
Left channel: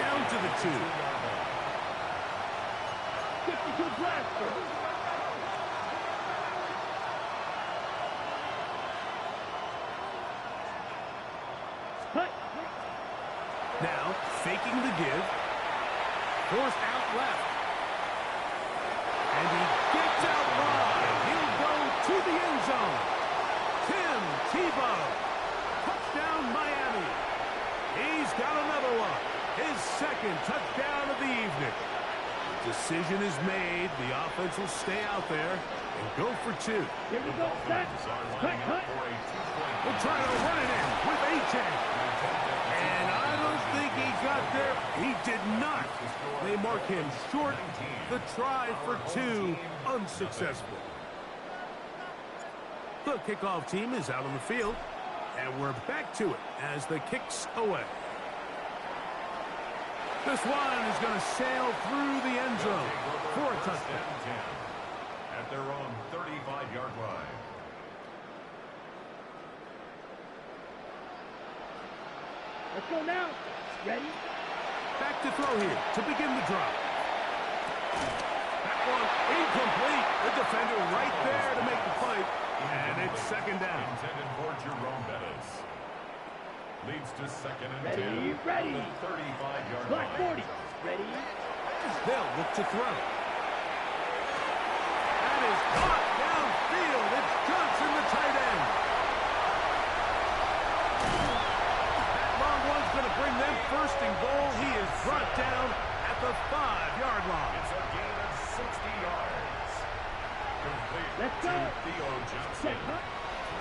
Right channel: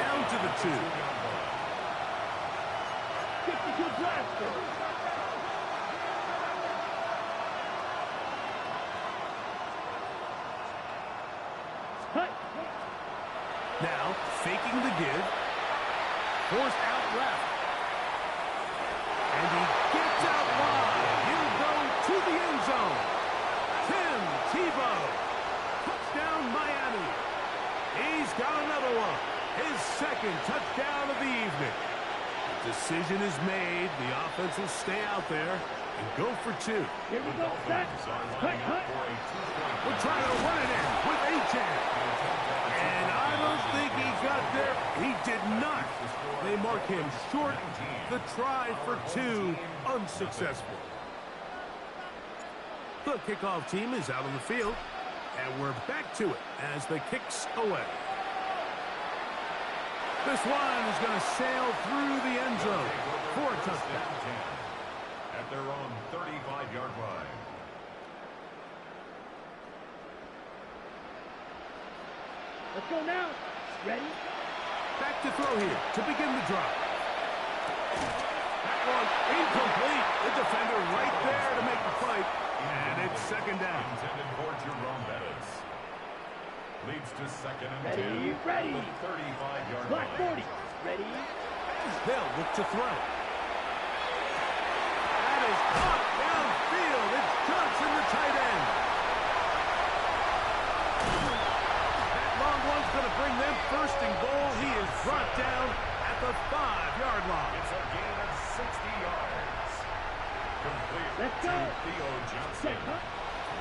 down to the 2. 52 blaster. Putt. Now, faking the give. Forced out left. And he gets out wide. He'll go to the end zone. Tim Tebow. Touchdown, Miami. He's got another one. His 2nd touchdown of the evening. The decision is made. The offense will stay out there and go for 2. Here we go. Set. Cut. We'll try to run it in with Achan. got there? He did not. They mark him short. The try for two, unsuccessful. The kickoff team is out on the field, and we're back to it as the kick's away. This one is going to sail through the end zone for a touchdown. At their own 35-yard line. Let's go now. Ready? Back to throw here to begin the drive. That one incomplete. The defender right there to make the play. And it's second down. Intended for Jerome Bettis. Leads to second and 10. Ready. The 35-yard Black line. 40. Ready? They'll look to throw. That is caught downfield. It's Johnson, the tight end. That long one's going to bring them first and goal. He is brought down at the 5-yard line. It's a gain of 60 yards. Complete Let's to go. Theo Johnson.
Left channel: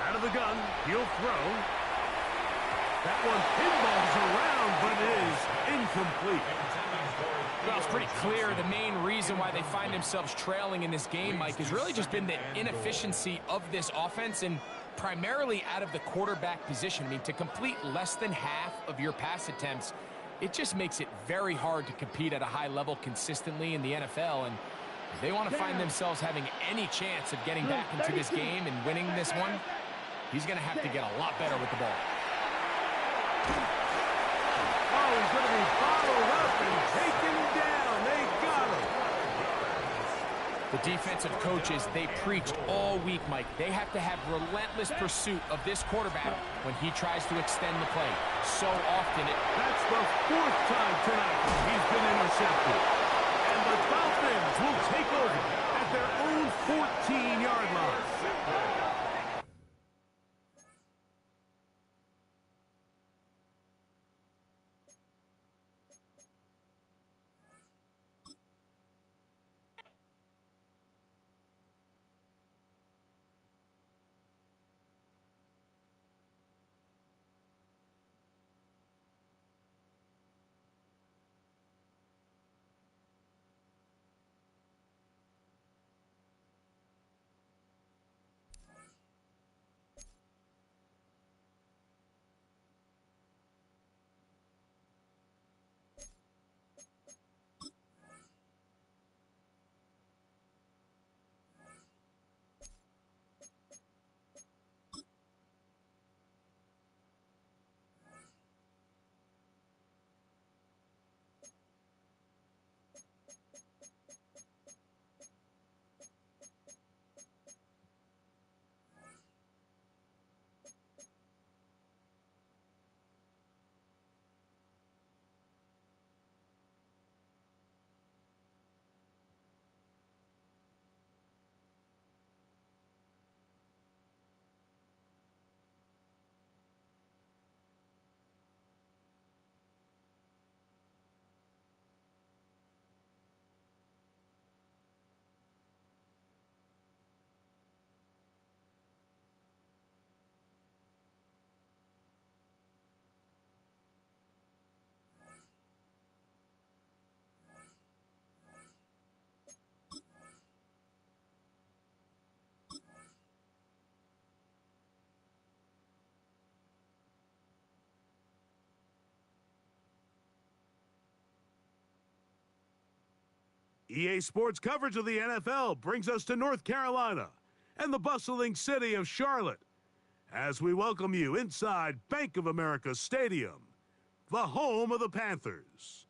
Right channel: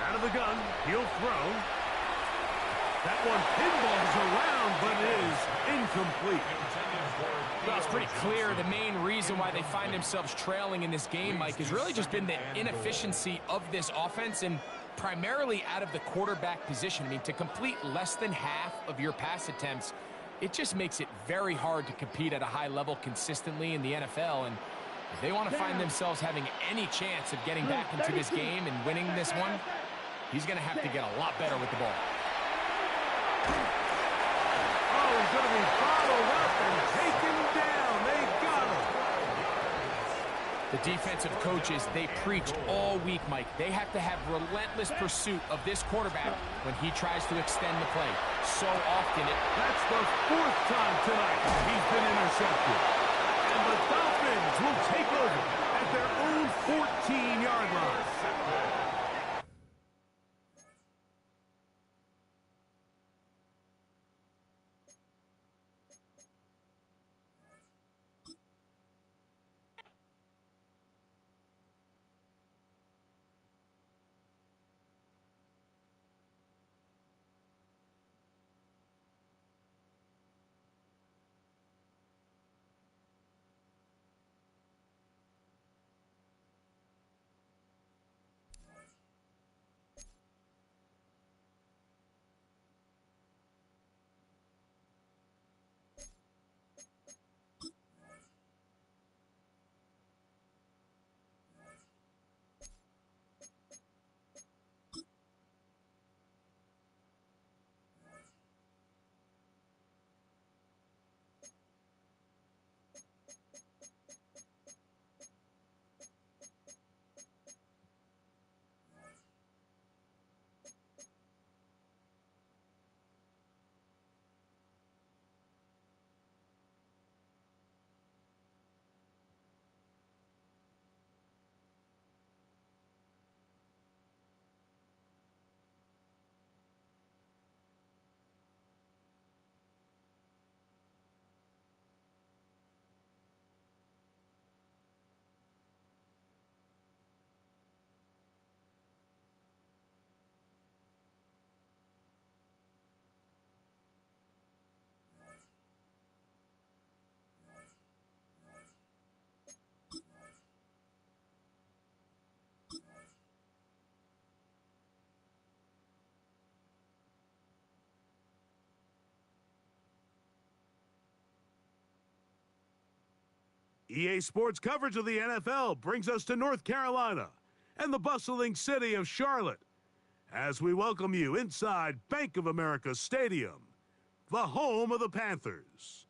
Out of the gun, he'll throw. That one pinballs around, but is incomplete. Well, it's pretty clear the main reason why they find themselves trailing in this game, Mike, has really just been the inefficiency of this offense and primarily out of the quarterback position. I mean, to complete less than half of your pass attempts, it just makes it very hard to compete at a high level consistently in the NFL. And if they want to find themselves having any chance of getting back into this game and winning this one, he's going to have to get a lot better with the ball. Oh, he's going to be bottled up and taken down. They got him. The defensive coaches, they preach all week, Mike. They have to have relentless pursuit of this quarterback when he tries to extend the play. So often That's the 4th time tonight he's been intercepted. And the Dolphins will take over at their own 14-yard line. EA Sports coverage of the NFL brings us to North Carolina and the bustling city of Charlotte as we welcome you inside Bank of America Stadium, the home of the Panthers.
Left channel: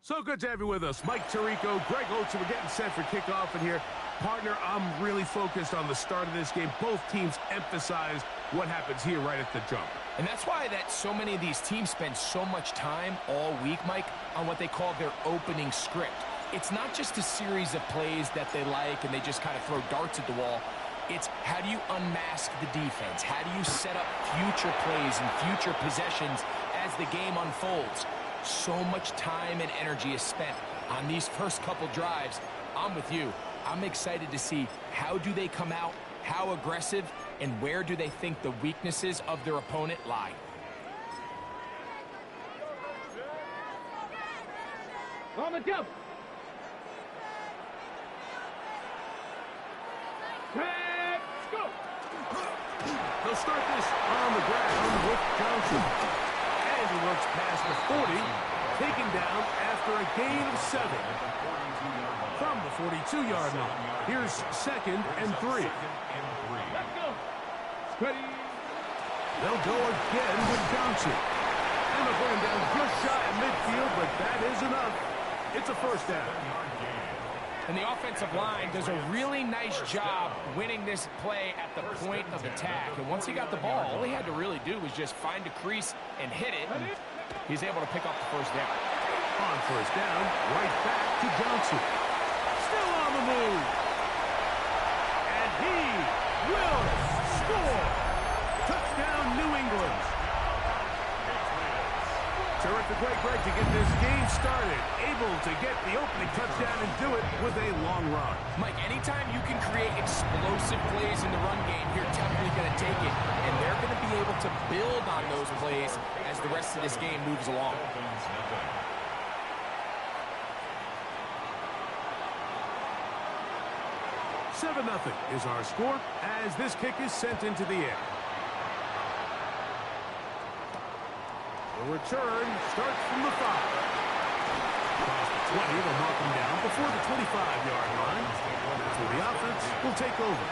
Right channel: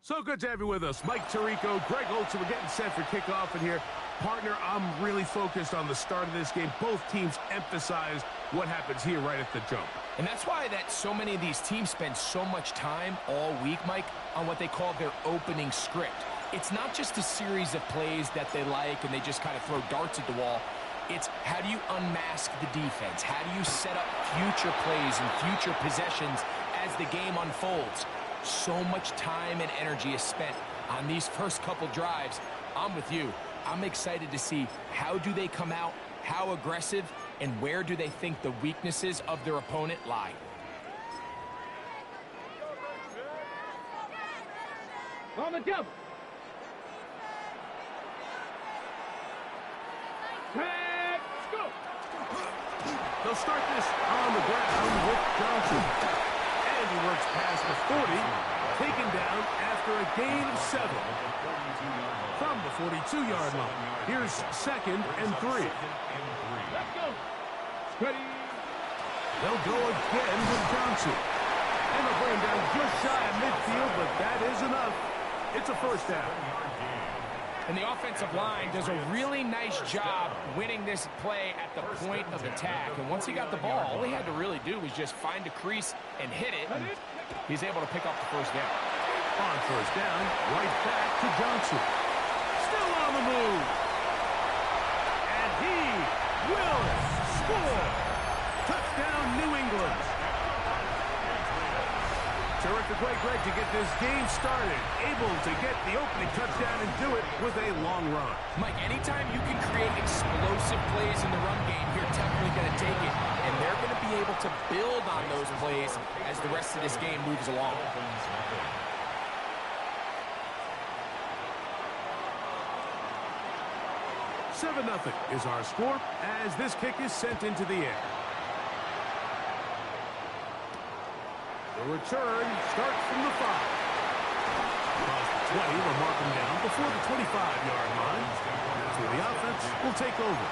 So good to have you with us. Mike Tirico, Greg Olsen. We're getting set for kickoff in here. Partner, I'm really focused on the start of this game. Both teams emphasize what happens here right at the jump. And that's why that so many of these teams spend so much time all week, Mike, on what they call their opening script. It's not just a series of plays that they like and they just kind of throw darts at the wall. It's how do you unmask the defense? How do you set up future plays and future possessions as the game unfolds? So much time and energy is spent on these first couple drives. I'm with you. I'm excited to see how do they come out, how aggressive, and where do they think the weaknesses of their opponent lie. On the double. Tag, go. They'll start this on the ground with Johnson. And he works past the 40, taken down after a gain of 7. From the 42-yard line. Here's 2nd and 3. Let's go. Ready. They'll go again with Johnson. And they'll bring him down just shy of midfield, but that is enough. It's a first down. And the offensive line does a really nice job winning this play at the point of attack. And once he got the ball, all he had to really do was just find a crease and hit it. And he's able to pick up the first down. On first down, right back to Johnson. Still on the move. And he will score. Touchdown, New England. Terrific way, Greg, to get this game started. Able to get the opening touchdown and do it with a long run. Mike, anytime you can create explosive plays in the run game, you're definitely going to take it. And they're going to be able to build on those plays as the rest of this game moves along. 7-0 is our score as this kick is sent into the air. The return starts from the 5. Across the 20, they'll mark him down before the 25-yard line. That's where the offense will take over.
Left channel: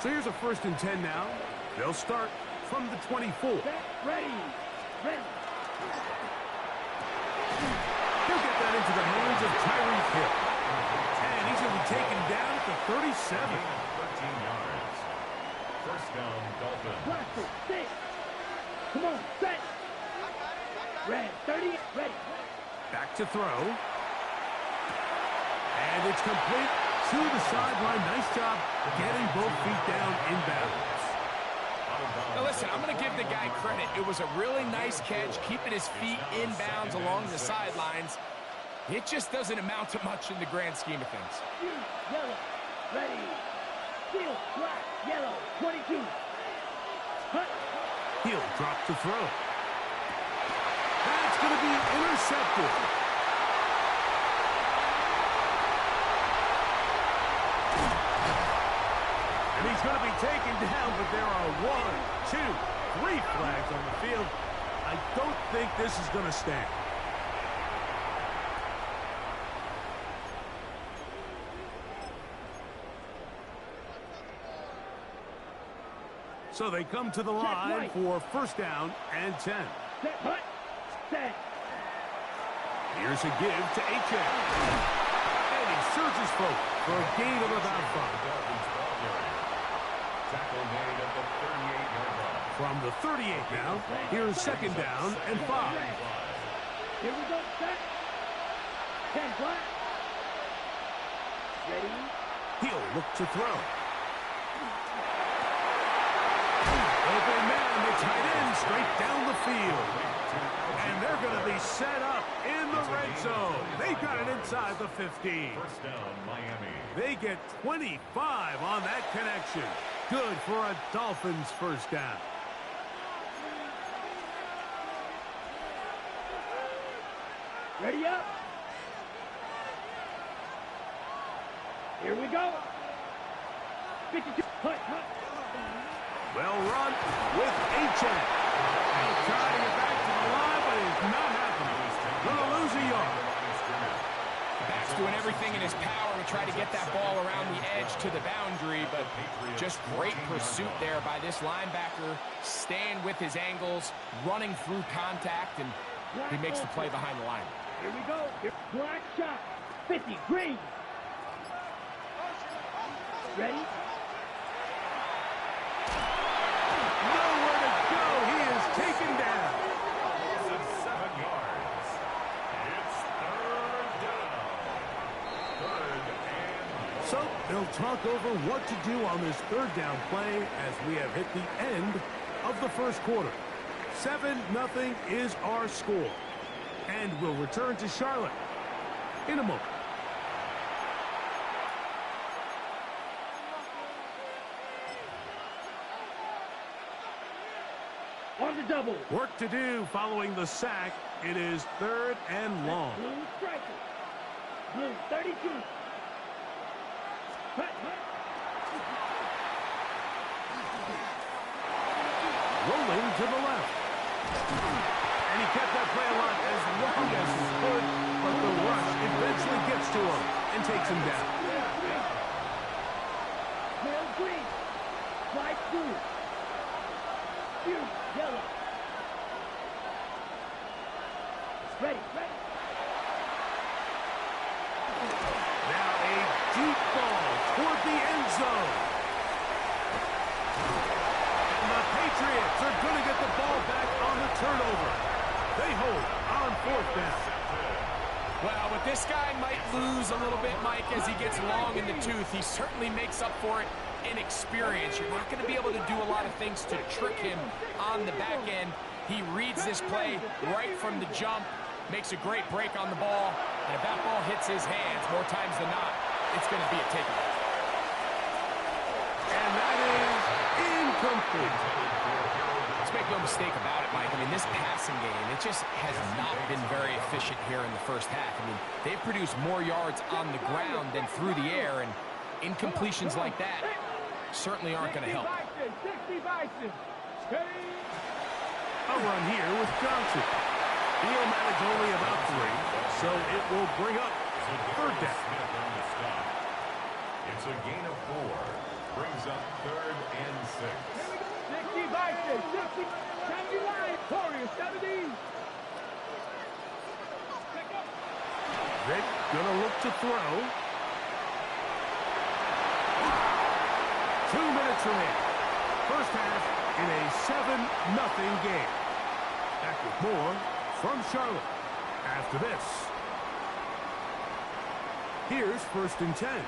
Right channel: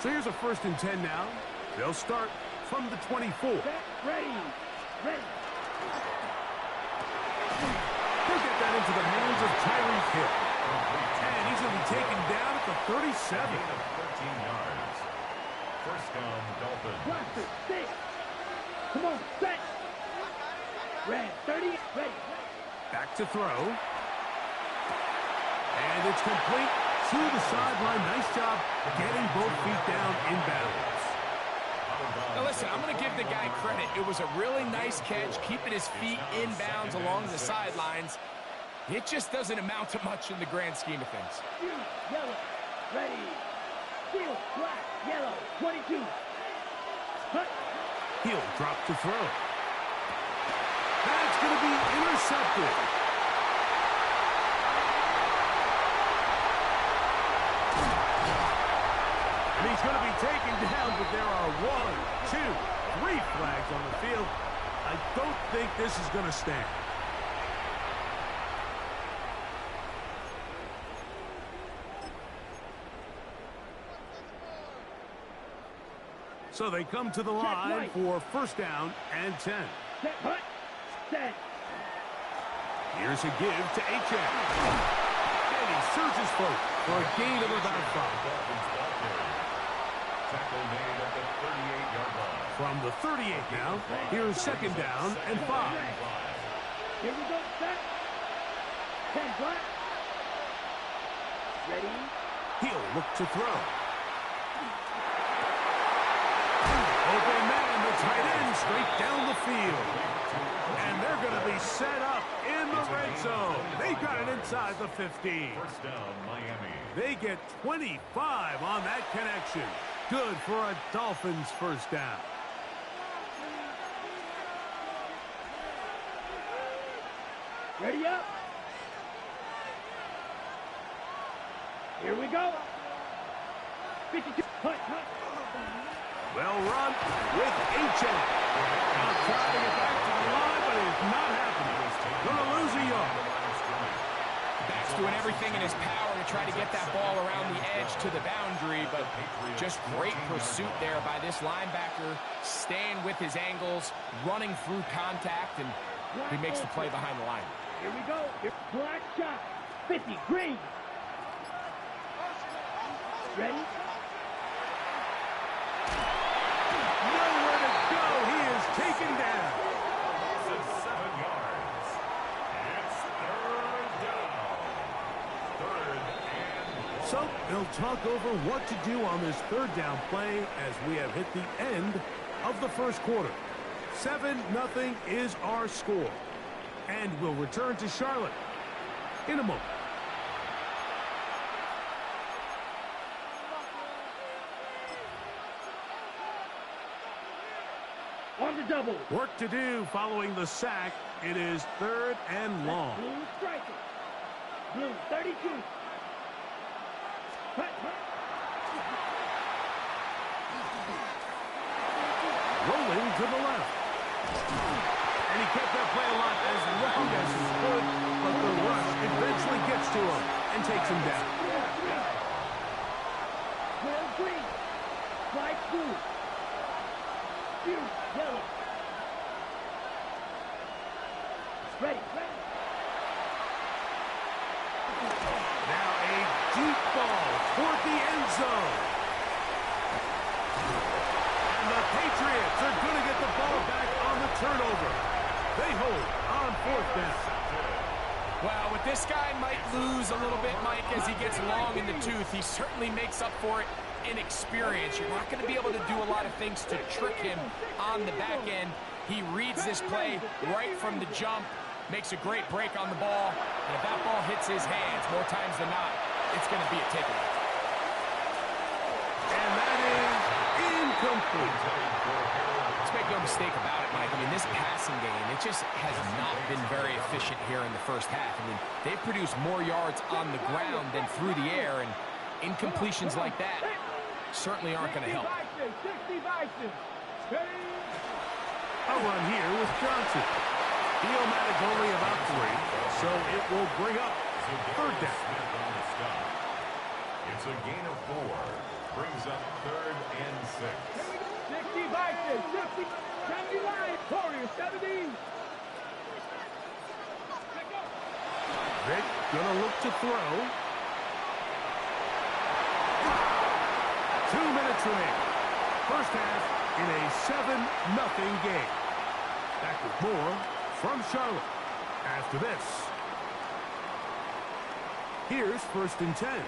So here's a 1st and 10 now. They'll start from the 24. Ready. Ready. He'll get that into the hands of Tyreek Hill. And he's going to be taken down at the 37. 13 yards. First down, Dolphins. Blaster, 6. Come on, set. Red, 30. Ready. Back to throw. And it's complete to the sideline. Nice job getting both feet down in bounds. Now listen, I'm going to give the guy credit. It was a really nice catch, keeping his feet in bounds along the sidelines. It just doesn't amount to much in the grand scheme of things. Yellow, ready. Steel, black, yellow, 22. Hut. He'll drop to throw. That's going to be intercepted. And he's going to be taken down, but there are 1, 2, 3 flags on the field. I don't think this is going to stand. So they come to the line for 1st down and 10. Set, hut, set. Here's a give to H.M. And he surges forward for a gain of about 5. Tackle made at the 38-yard line. From the 38 now, here's 2nd down and 5. Here we go, set. 10 black. Ready. He'll look to throw. Open man, the tight end, straight down the field. And they're going to be set up in the red zone. They've got it inside the 15. First down, Miami. They get 25 on that connection. Good for a Dolphins 1st down. Ready up. Here we go. 52. Hut, hut. Well run with H.M. Now trying to get back to the line, but it's not happening. Going to lose a yard. Back's doing everything in his power to try to get that ball around the edge to the boundary, but just great pursuit there by this linebacker, staying with his angles, running through contact, and he makes the play behind the line. Here we go. Black shot. 50. Green. Ready? Nowhere to go. He is taken down. 7 yards. It's 3rd down. 3rd and 1. So they'll talk over what to do on this 3rd down play as we have hit the end of the 1st quarter. 7-0 is our score. And we'll return to Charlotte in a moment. On the double. Work to do following the sack. It is 3rd and long. Blue striker. Blue 32. Rolling to the left. And he kept that play alive as long as he could, but the rush eventually gets to him and takes him down. Well, green. Light blue. Blue, yellow. Ready. Now a deep ball toward the end zone. And the Patriots are going to get the ball back on the turnover. They hold on 4th down. Well, what this guy might lose a little bit, Mike, as he gets long in the tooth, he certainly makes up for it in experience. You're not going to be able to do a lot of things to trick him on the back end. He reads this play right from the jump, makes a great break on the ball, and if that ball hits his hands more times than not, it's going to be a takeaway. And that is incomplete. Let's make no mistake about it, Mike. I mean, this passing game, it just has not been very efficient here in the first half. I mean, they've produced more yards on the ground than through the air, and incompletions like that certainly aren't going to help. 60 Bison. A run here with Johnson. He'll manage only about 3, so it will bring up 3rd down. It's a gain of 4. Brings up 3rd and 6. 60 Bison. 60. 79. Warriors 70. Vic gonna look to throw. 2 minutes remaining. First half in a 7-0 game. Back with more from Charlotte after this. Here's 1st and 10.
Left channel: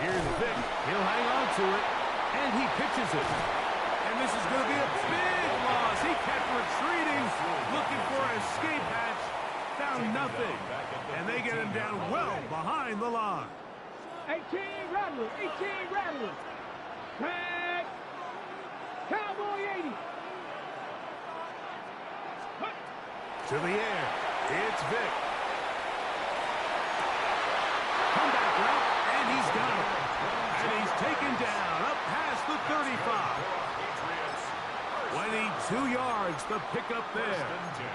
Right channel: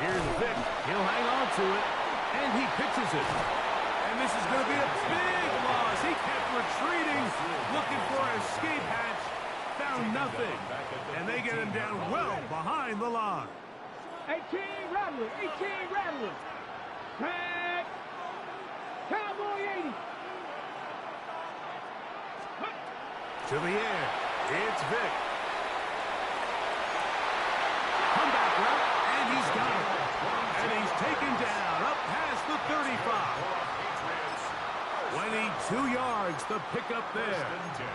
Here's Vic. He'll hang on to it, and he pitches it. And this is going to be a big loss. He kept retreating, looking for an escape hatch. Found nothing. And they get him down well behind the line. 18 Rattler. 18 Rattler. Tag. Cowboy 80. To the air. It's Vic. Comeback route, and he's got it. And he's taken down up past the 35. 22 yards, the pickup there.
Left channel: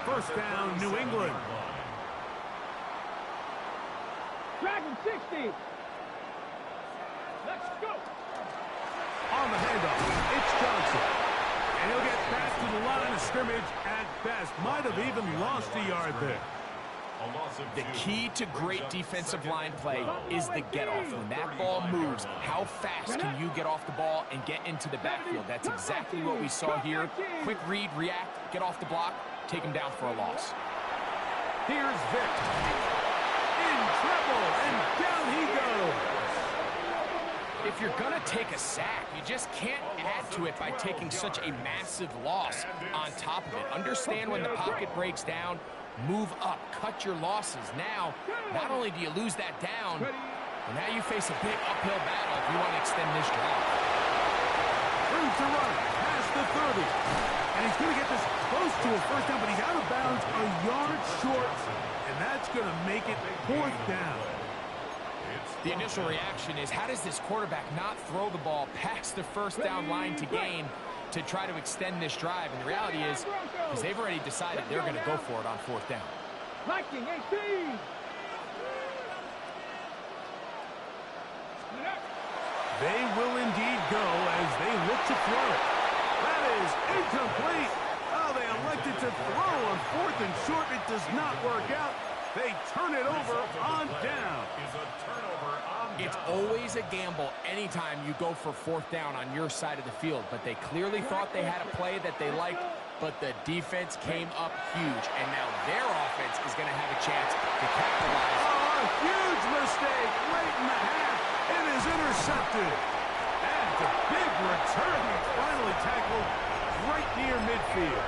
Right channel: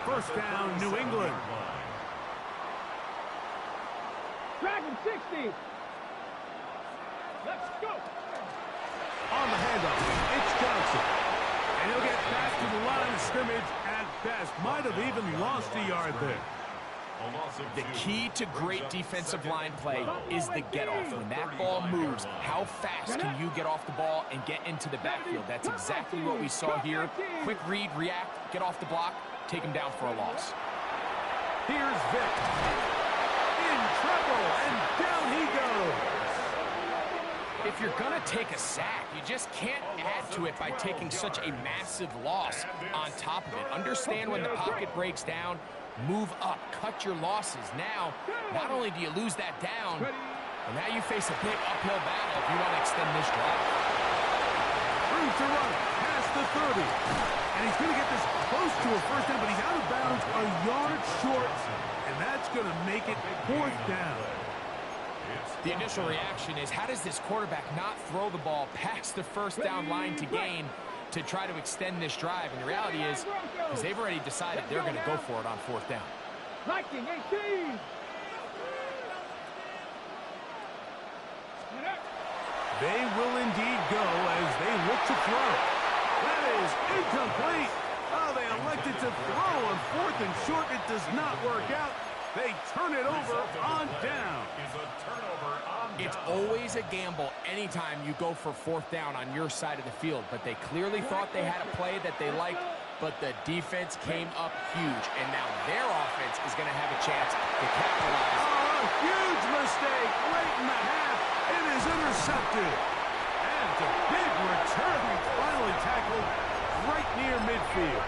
First down, New England. Dragon 60. Let's go. On the handoff, it's Johnson. And he'll get back to the line of scrimmage at best. Might have even lost a yard there. The key to great defensive line play is the get-off. When that ball moves, how fast can you get off the ball and get into the backfield? That's exactly what we saw here. Quick read, react, get off the block, take him down for a loss. Here's Vic. In trouble, and down he goes. If you're going to take a sack, you just can't add to it by taking such a massive loss on top of it. Understand when the pocket breaks down, move up, cut your losses. Now, not only do you lose that down, but now you face a big uphill battle if you want to extend this drive. Room to run, past the 30. And he's going to get this close to a first down, but he's out of bounds a yard short, and that's going to make it 4th down. The initial reaction is, how does this quarterback not throw the ball past the first down line to gain to try to extend this drive? And the reality is, because they've already decided they're going to go for it on 4th down. Viking 18. They will indeed go as they look to throw. That is incomplete. Oh, they elected to throw on 4th and short. It does not work out. They turn it over on down. It's always a gamble anytime you go for 4th down on your side of the field, but they clearly thought they had a play that they liked, but the defense came up huge, and now their offense is going to have a chance to capitalize. Oh, a huge mistake late in the half. It is intercepted. And a big return. Finally tackled right near midfield.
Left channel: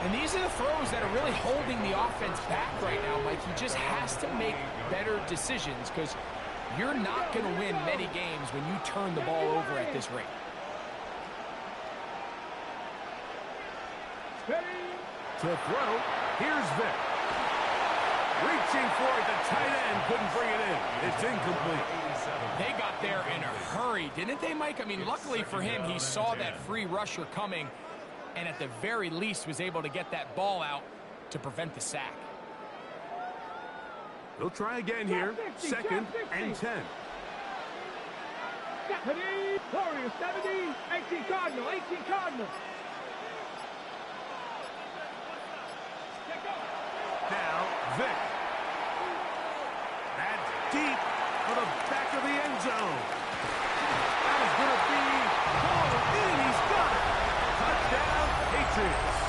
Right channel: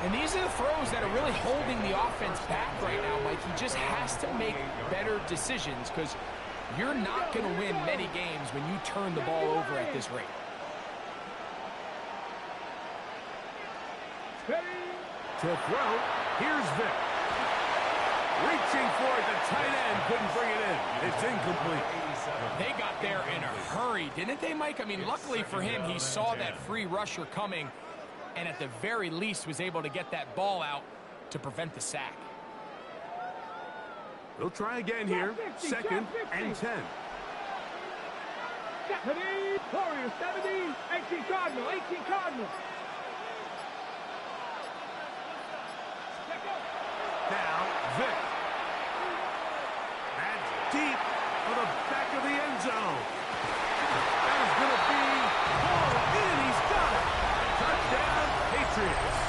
And these are the throws that are really holding the offense back right now, Mike. He just has to make better decisions because You're not going to win many games when you turn the ball over at this rate. To throw, here's Vic. Reaching for it, the tight end couldn't bring it in. It's incomplete. They got there in a hurry, didn't they, Mike? I mean, luckily for him, he saw that free rusher coming and at the very least was able to get that ball out to prevent the sack. They'll try again here. 2nd and 10. Warriors 70, 18 Cardinal, 18 Cardinal. Now, Vic. That's deep for the back of the end zone. That is going to be pulled in. He's got it. Touchdown, Patriots.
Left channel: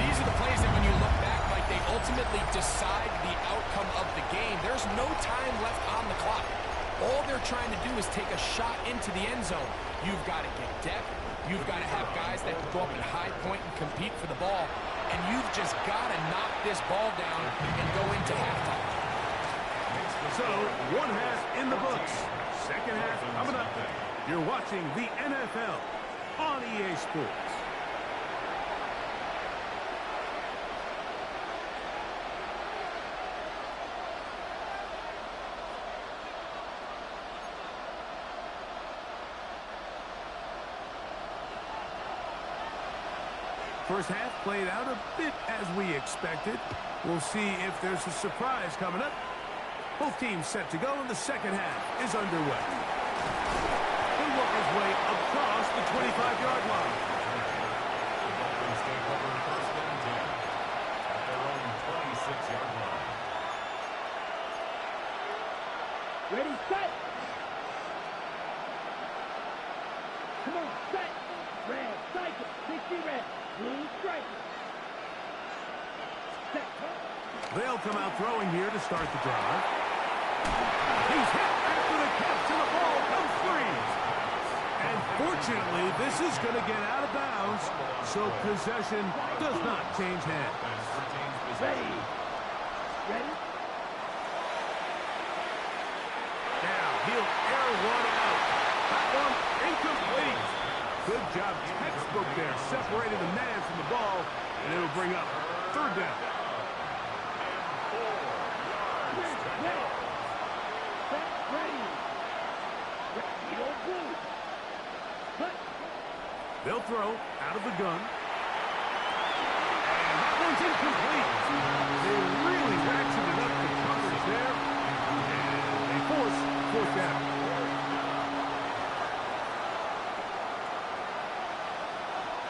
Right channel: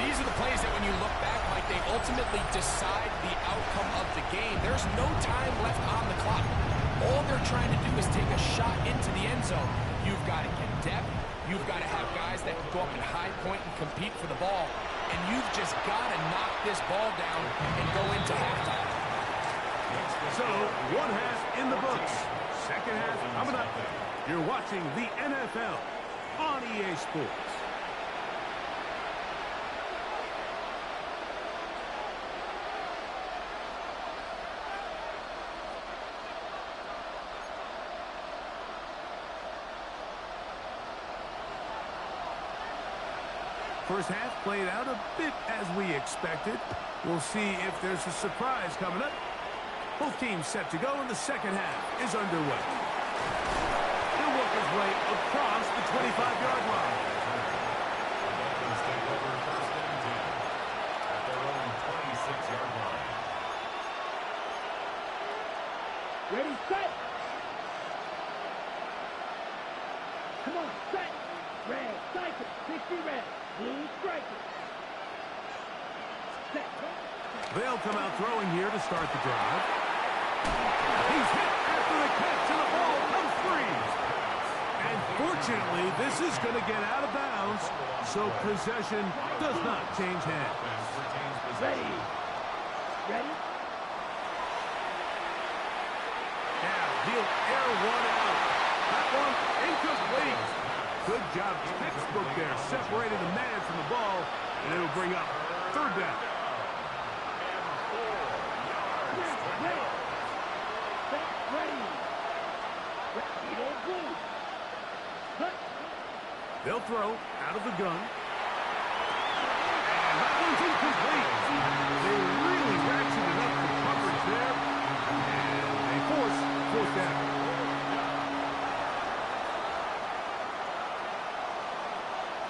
These are the plays that when you look back, Mike, they ultimately decide the outcome of the game. There's no time left on the clock. All they're trying to do is take a shot into the end zone. You've got to get depth. You've got to have guys that can go up and high point and compete for the ball. And you've just got to knock this ball down and go into halftime. So, one half in the books. Second half coming up. You're watching the NFL on EA Sports. First half played out a bit as we expected. We'll see if there's a surprise coming up. Both teams set to go, and the second half is underway. He'll work his way across the 25-yard line. The Dolphins take over 1st and 10 at their own 26-yard line. Ready, set. Come on, set. Red, cycle, 60 red. Blue striker. Set. They'll come out throwing here to start the drive. He's hit after the catch, and the ball comes free. And fortunately, this is going to get out of bounds, so possession does not change hands. Ready. Ready. Now he'll air one out. That one incomplete. Good job, textbook there, separating the man from the ball, and it'll bring up 3rd down. They'll throw out of the gun. And that one's incomplete. They really ratcheted up the coverage there. And they force 4th down.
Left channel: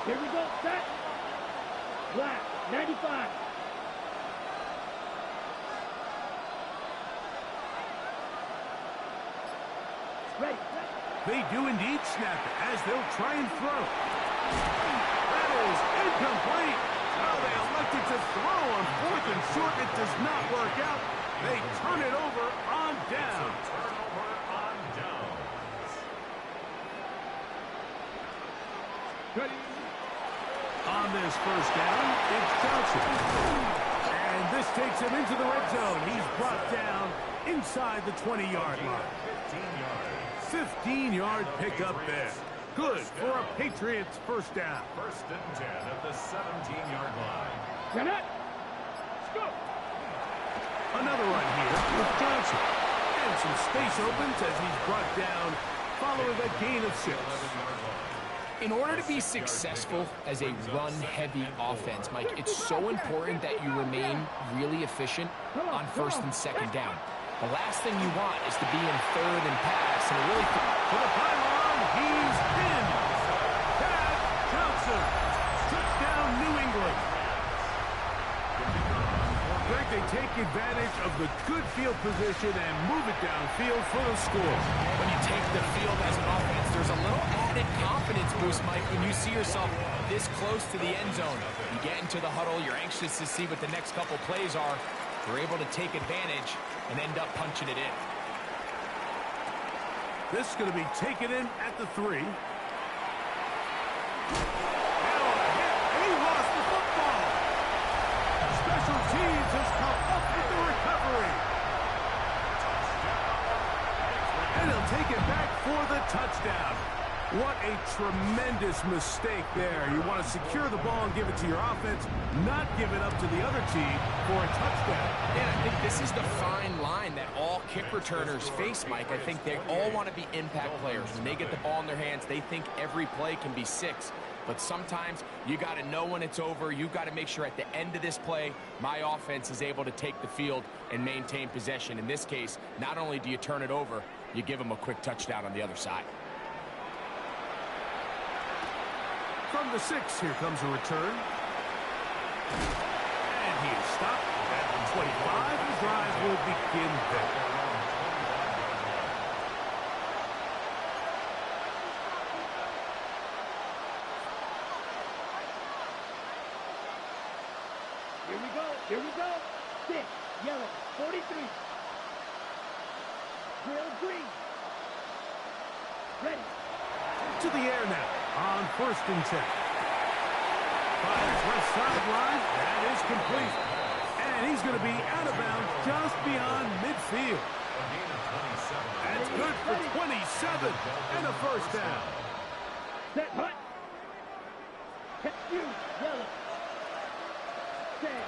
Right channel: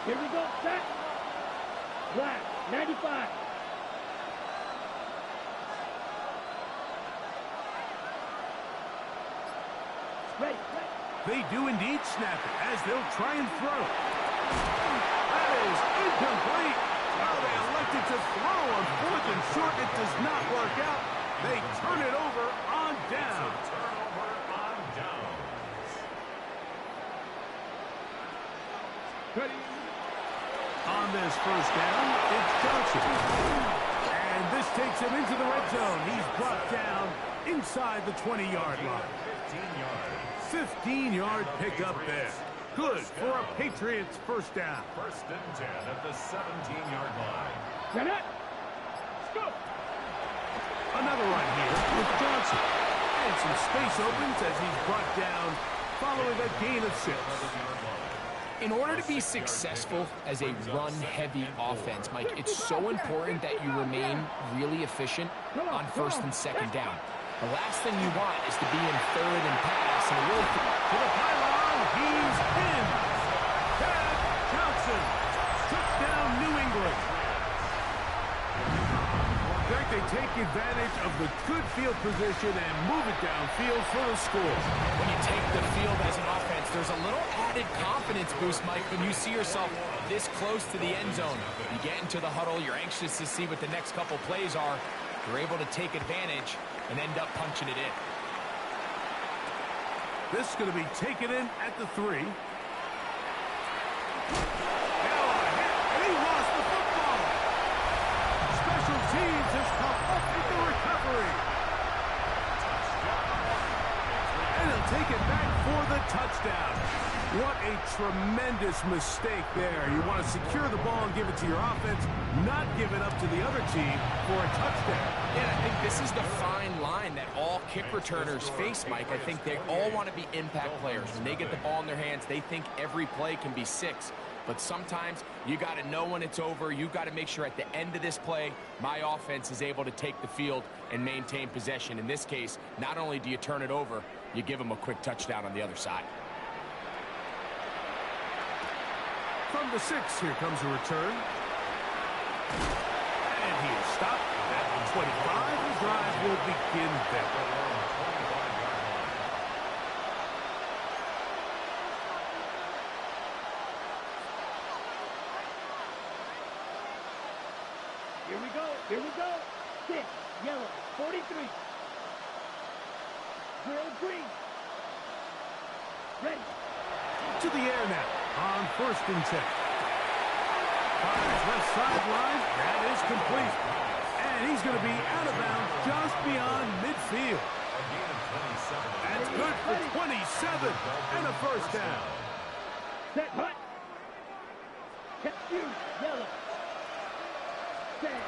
Here we go, set. Black, 95. Ready. They do indeed snap it as they'll try and throw. That is incomplete. Oh, they elected to throw on 4th and short. It does not work out. They turn it over on down. Turnover on downs. Ready. On this 1st down, it's Johnson. And this takes him into the red zone. He's brought down inside the 20-yard line. 15 yards. 15-yard pickup there. Good for a Patriots 1st down. 1st and 10 at the 17-yard line. Get it. Let's go. Another run here with Johnson. And some space opens as he's brought down following a gain of 6. 11-yard line. In order to be successful as a run-heavy offense, Mike, it's so important that you remain really efficient on 1st and 2nd down. The last thing you want is to be in 3rd and pass, and really to the pylon, he's in. Chad Johnson, touchdown New England. Greg, they take advantage of the good field position and move it downfield for the score. When you take the field as an offense, there's a little added confidence boost, Mike, when you see yourself this close to the end zone. You get into the huddle, you're anxious to see what the next couple plays are. You're able to take advantage and end up punching it in. This is going to be taken in at the 3. Now a hit, and he lost the football. Special teams has come up with the recovery. take it back for the touchdown. What a tremendous mistake there. You want to secure the ball and give it to your offense, not give it up to the other team for a touchdown. And I think this is the fine line that all kick returners face, Mike. I think they all want to be impact players. When they get the ball in their hands, they think every play can be 6. But sometimes you got to know when it's over. You got to make sure at the end of this play, my offense is able to take the field and maintain possession. In this case, not only do you turn it over, you give them a quick touchdown on the other side. From the 6, here comes a return. And he is stopped at the 25. The drive will begin there. Here we go. Here we go. 6, yellow, 43. Drill green. Ready. To the air now on 1st and 10. Fires left sideline. That is complete. And he's going to be out of bounds just beyond midfield. That's good for 27 and a first down. Set hut. You, yellow. Set.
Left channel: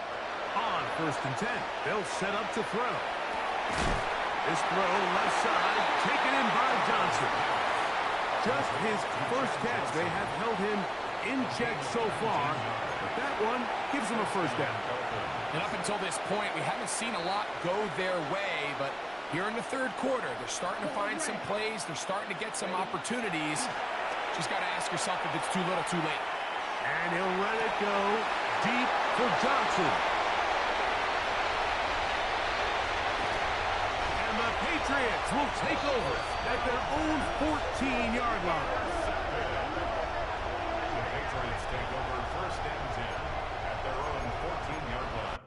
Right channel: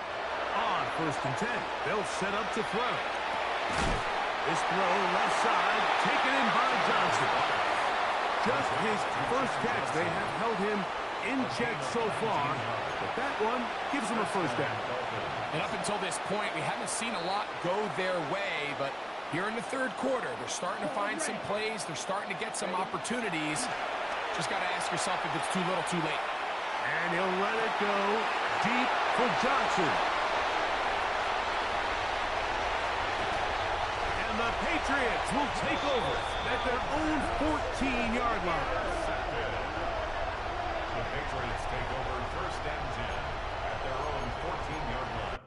On 1st and 10, they'll set up to throw. This throw left side, taken in by Johnson. Just his first catch. They have held him in check so far, but that one gives him a first down. And up until this point, we haven't seen a lot go their way, but here in the 3rd quarter, they're starting to find some plays. They're starting to get some opportunities. Just got to ask yourself if it's too little, too late. And he'll let it go deep for Johnson. And the Patriots will take over at their own 14-yard line. The Patriots take over 1st and 10 at their own 14-yard line.